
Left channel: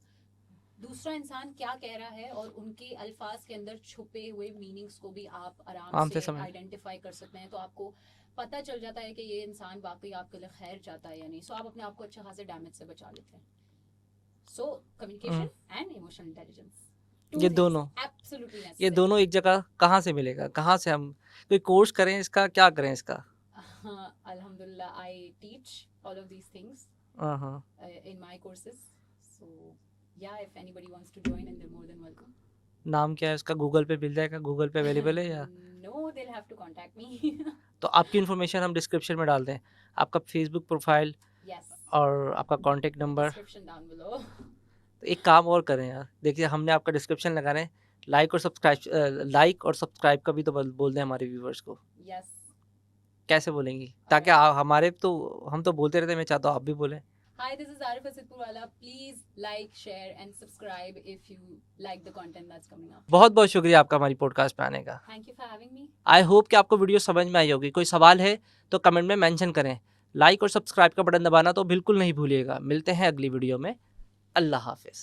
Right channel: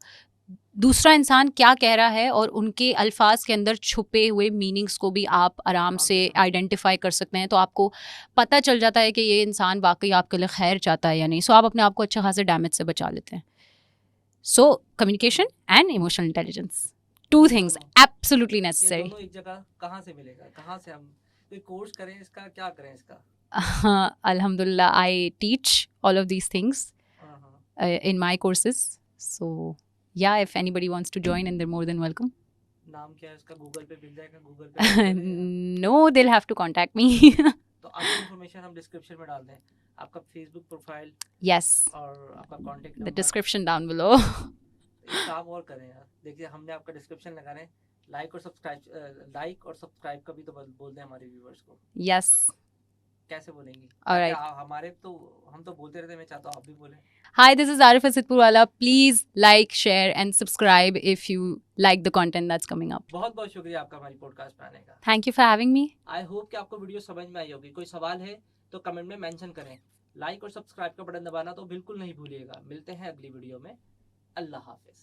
दूसरा इंसान क्या कह रहा है और उनके अल्फाज के अंदर छुपे हुए मीनिंग्स को भी आप आराम से आइडेंटिफाई कर सकते हैं। तो आपको पता चल जाता है कि ये इंसान वाकई आपके लिए खैर चाहता है या नहीं। सो आप अपने आप को अच्छा खासा डैमेज से बचा लेते हैं। So communication and emotional intelligence, two ये थिंग्स दोनों, एब्सोल्युटली ये नेसेसरी। दोनों एक जगह कहाँ से मिलेगा? कहाँ से हम कोई कोर्स करें इसका? क्या करें इसका? अल्हम्दुलिल्लाह, I teach all of these things हाँ, in my courses. So yeah, if anybody wants to join, and they're more than welcome. नाम क्या है उसका? गूगल पे मिल जाएगा? गूगल पे अवेलेबल है या? No, they'll have to contact me. तो आपकी इन्फॉर्मेशन हम डिस्क्रिप्शन में डाल दें, आपका फेसबुक प्रोफाइल Yes, और आपका contact the number. description down below. तो एक काम और करें यार, देखिए हमने आपका डिस्क्रिप्शन लगा रहे हैं, लाइक और सब्सक्राइब का भी तो बोल दें हमारे व्यूवर्स को। Yes. कैसे बोलेंगी? ताकि Alright. हमारे तो हम तो बोलते रहते हैं, मैं चाहता हूँ आप भी बोलें। Hi, this is Arifa Sitpurwala. Please like, share, and subscribe if you like the content that's coming up. बहुत बहुत शुक्रिया आपका हमारी पॉडकास्ट पे आने का। Thank you for having me. I hope कि आपको वीडियो समझ में आई होगी। कोई सवाल है तो कमेंट में मेंशन करें। लाइक और सब्सक्राइब का बटन दबाना तो बिल्कुल नहीं भूलिएगा। मिलते हैं अगली वीडियो में। अल्लाह हाफिज़।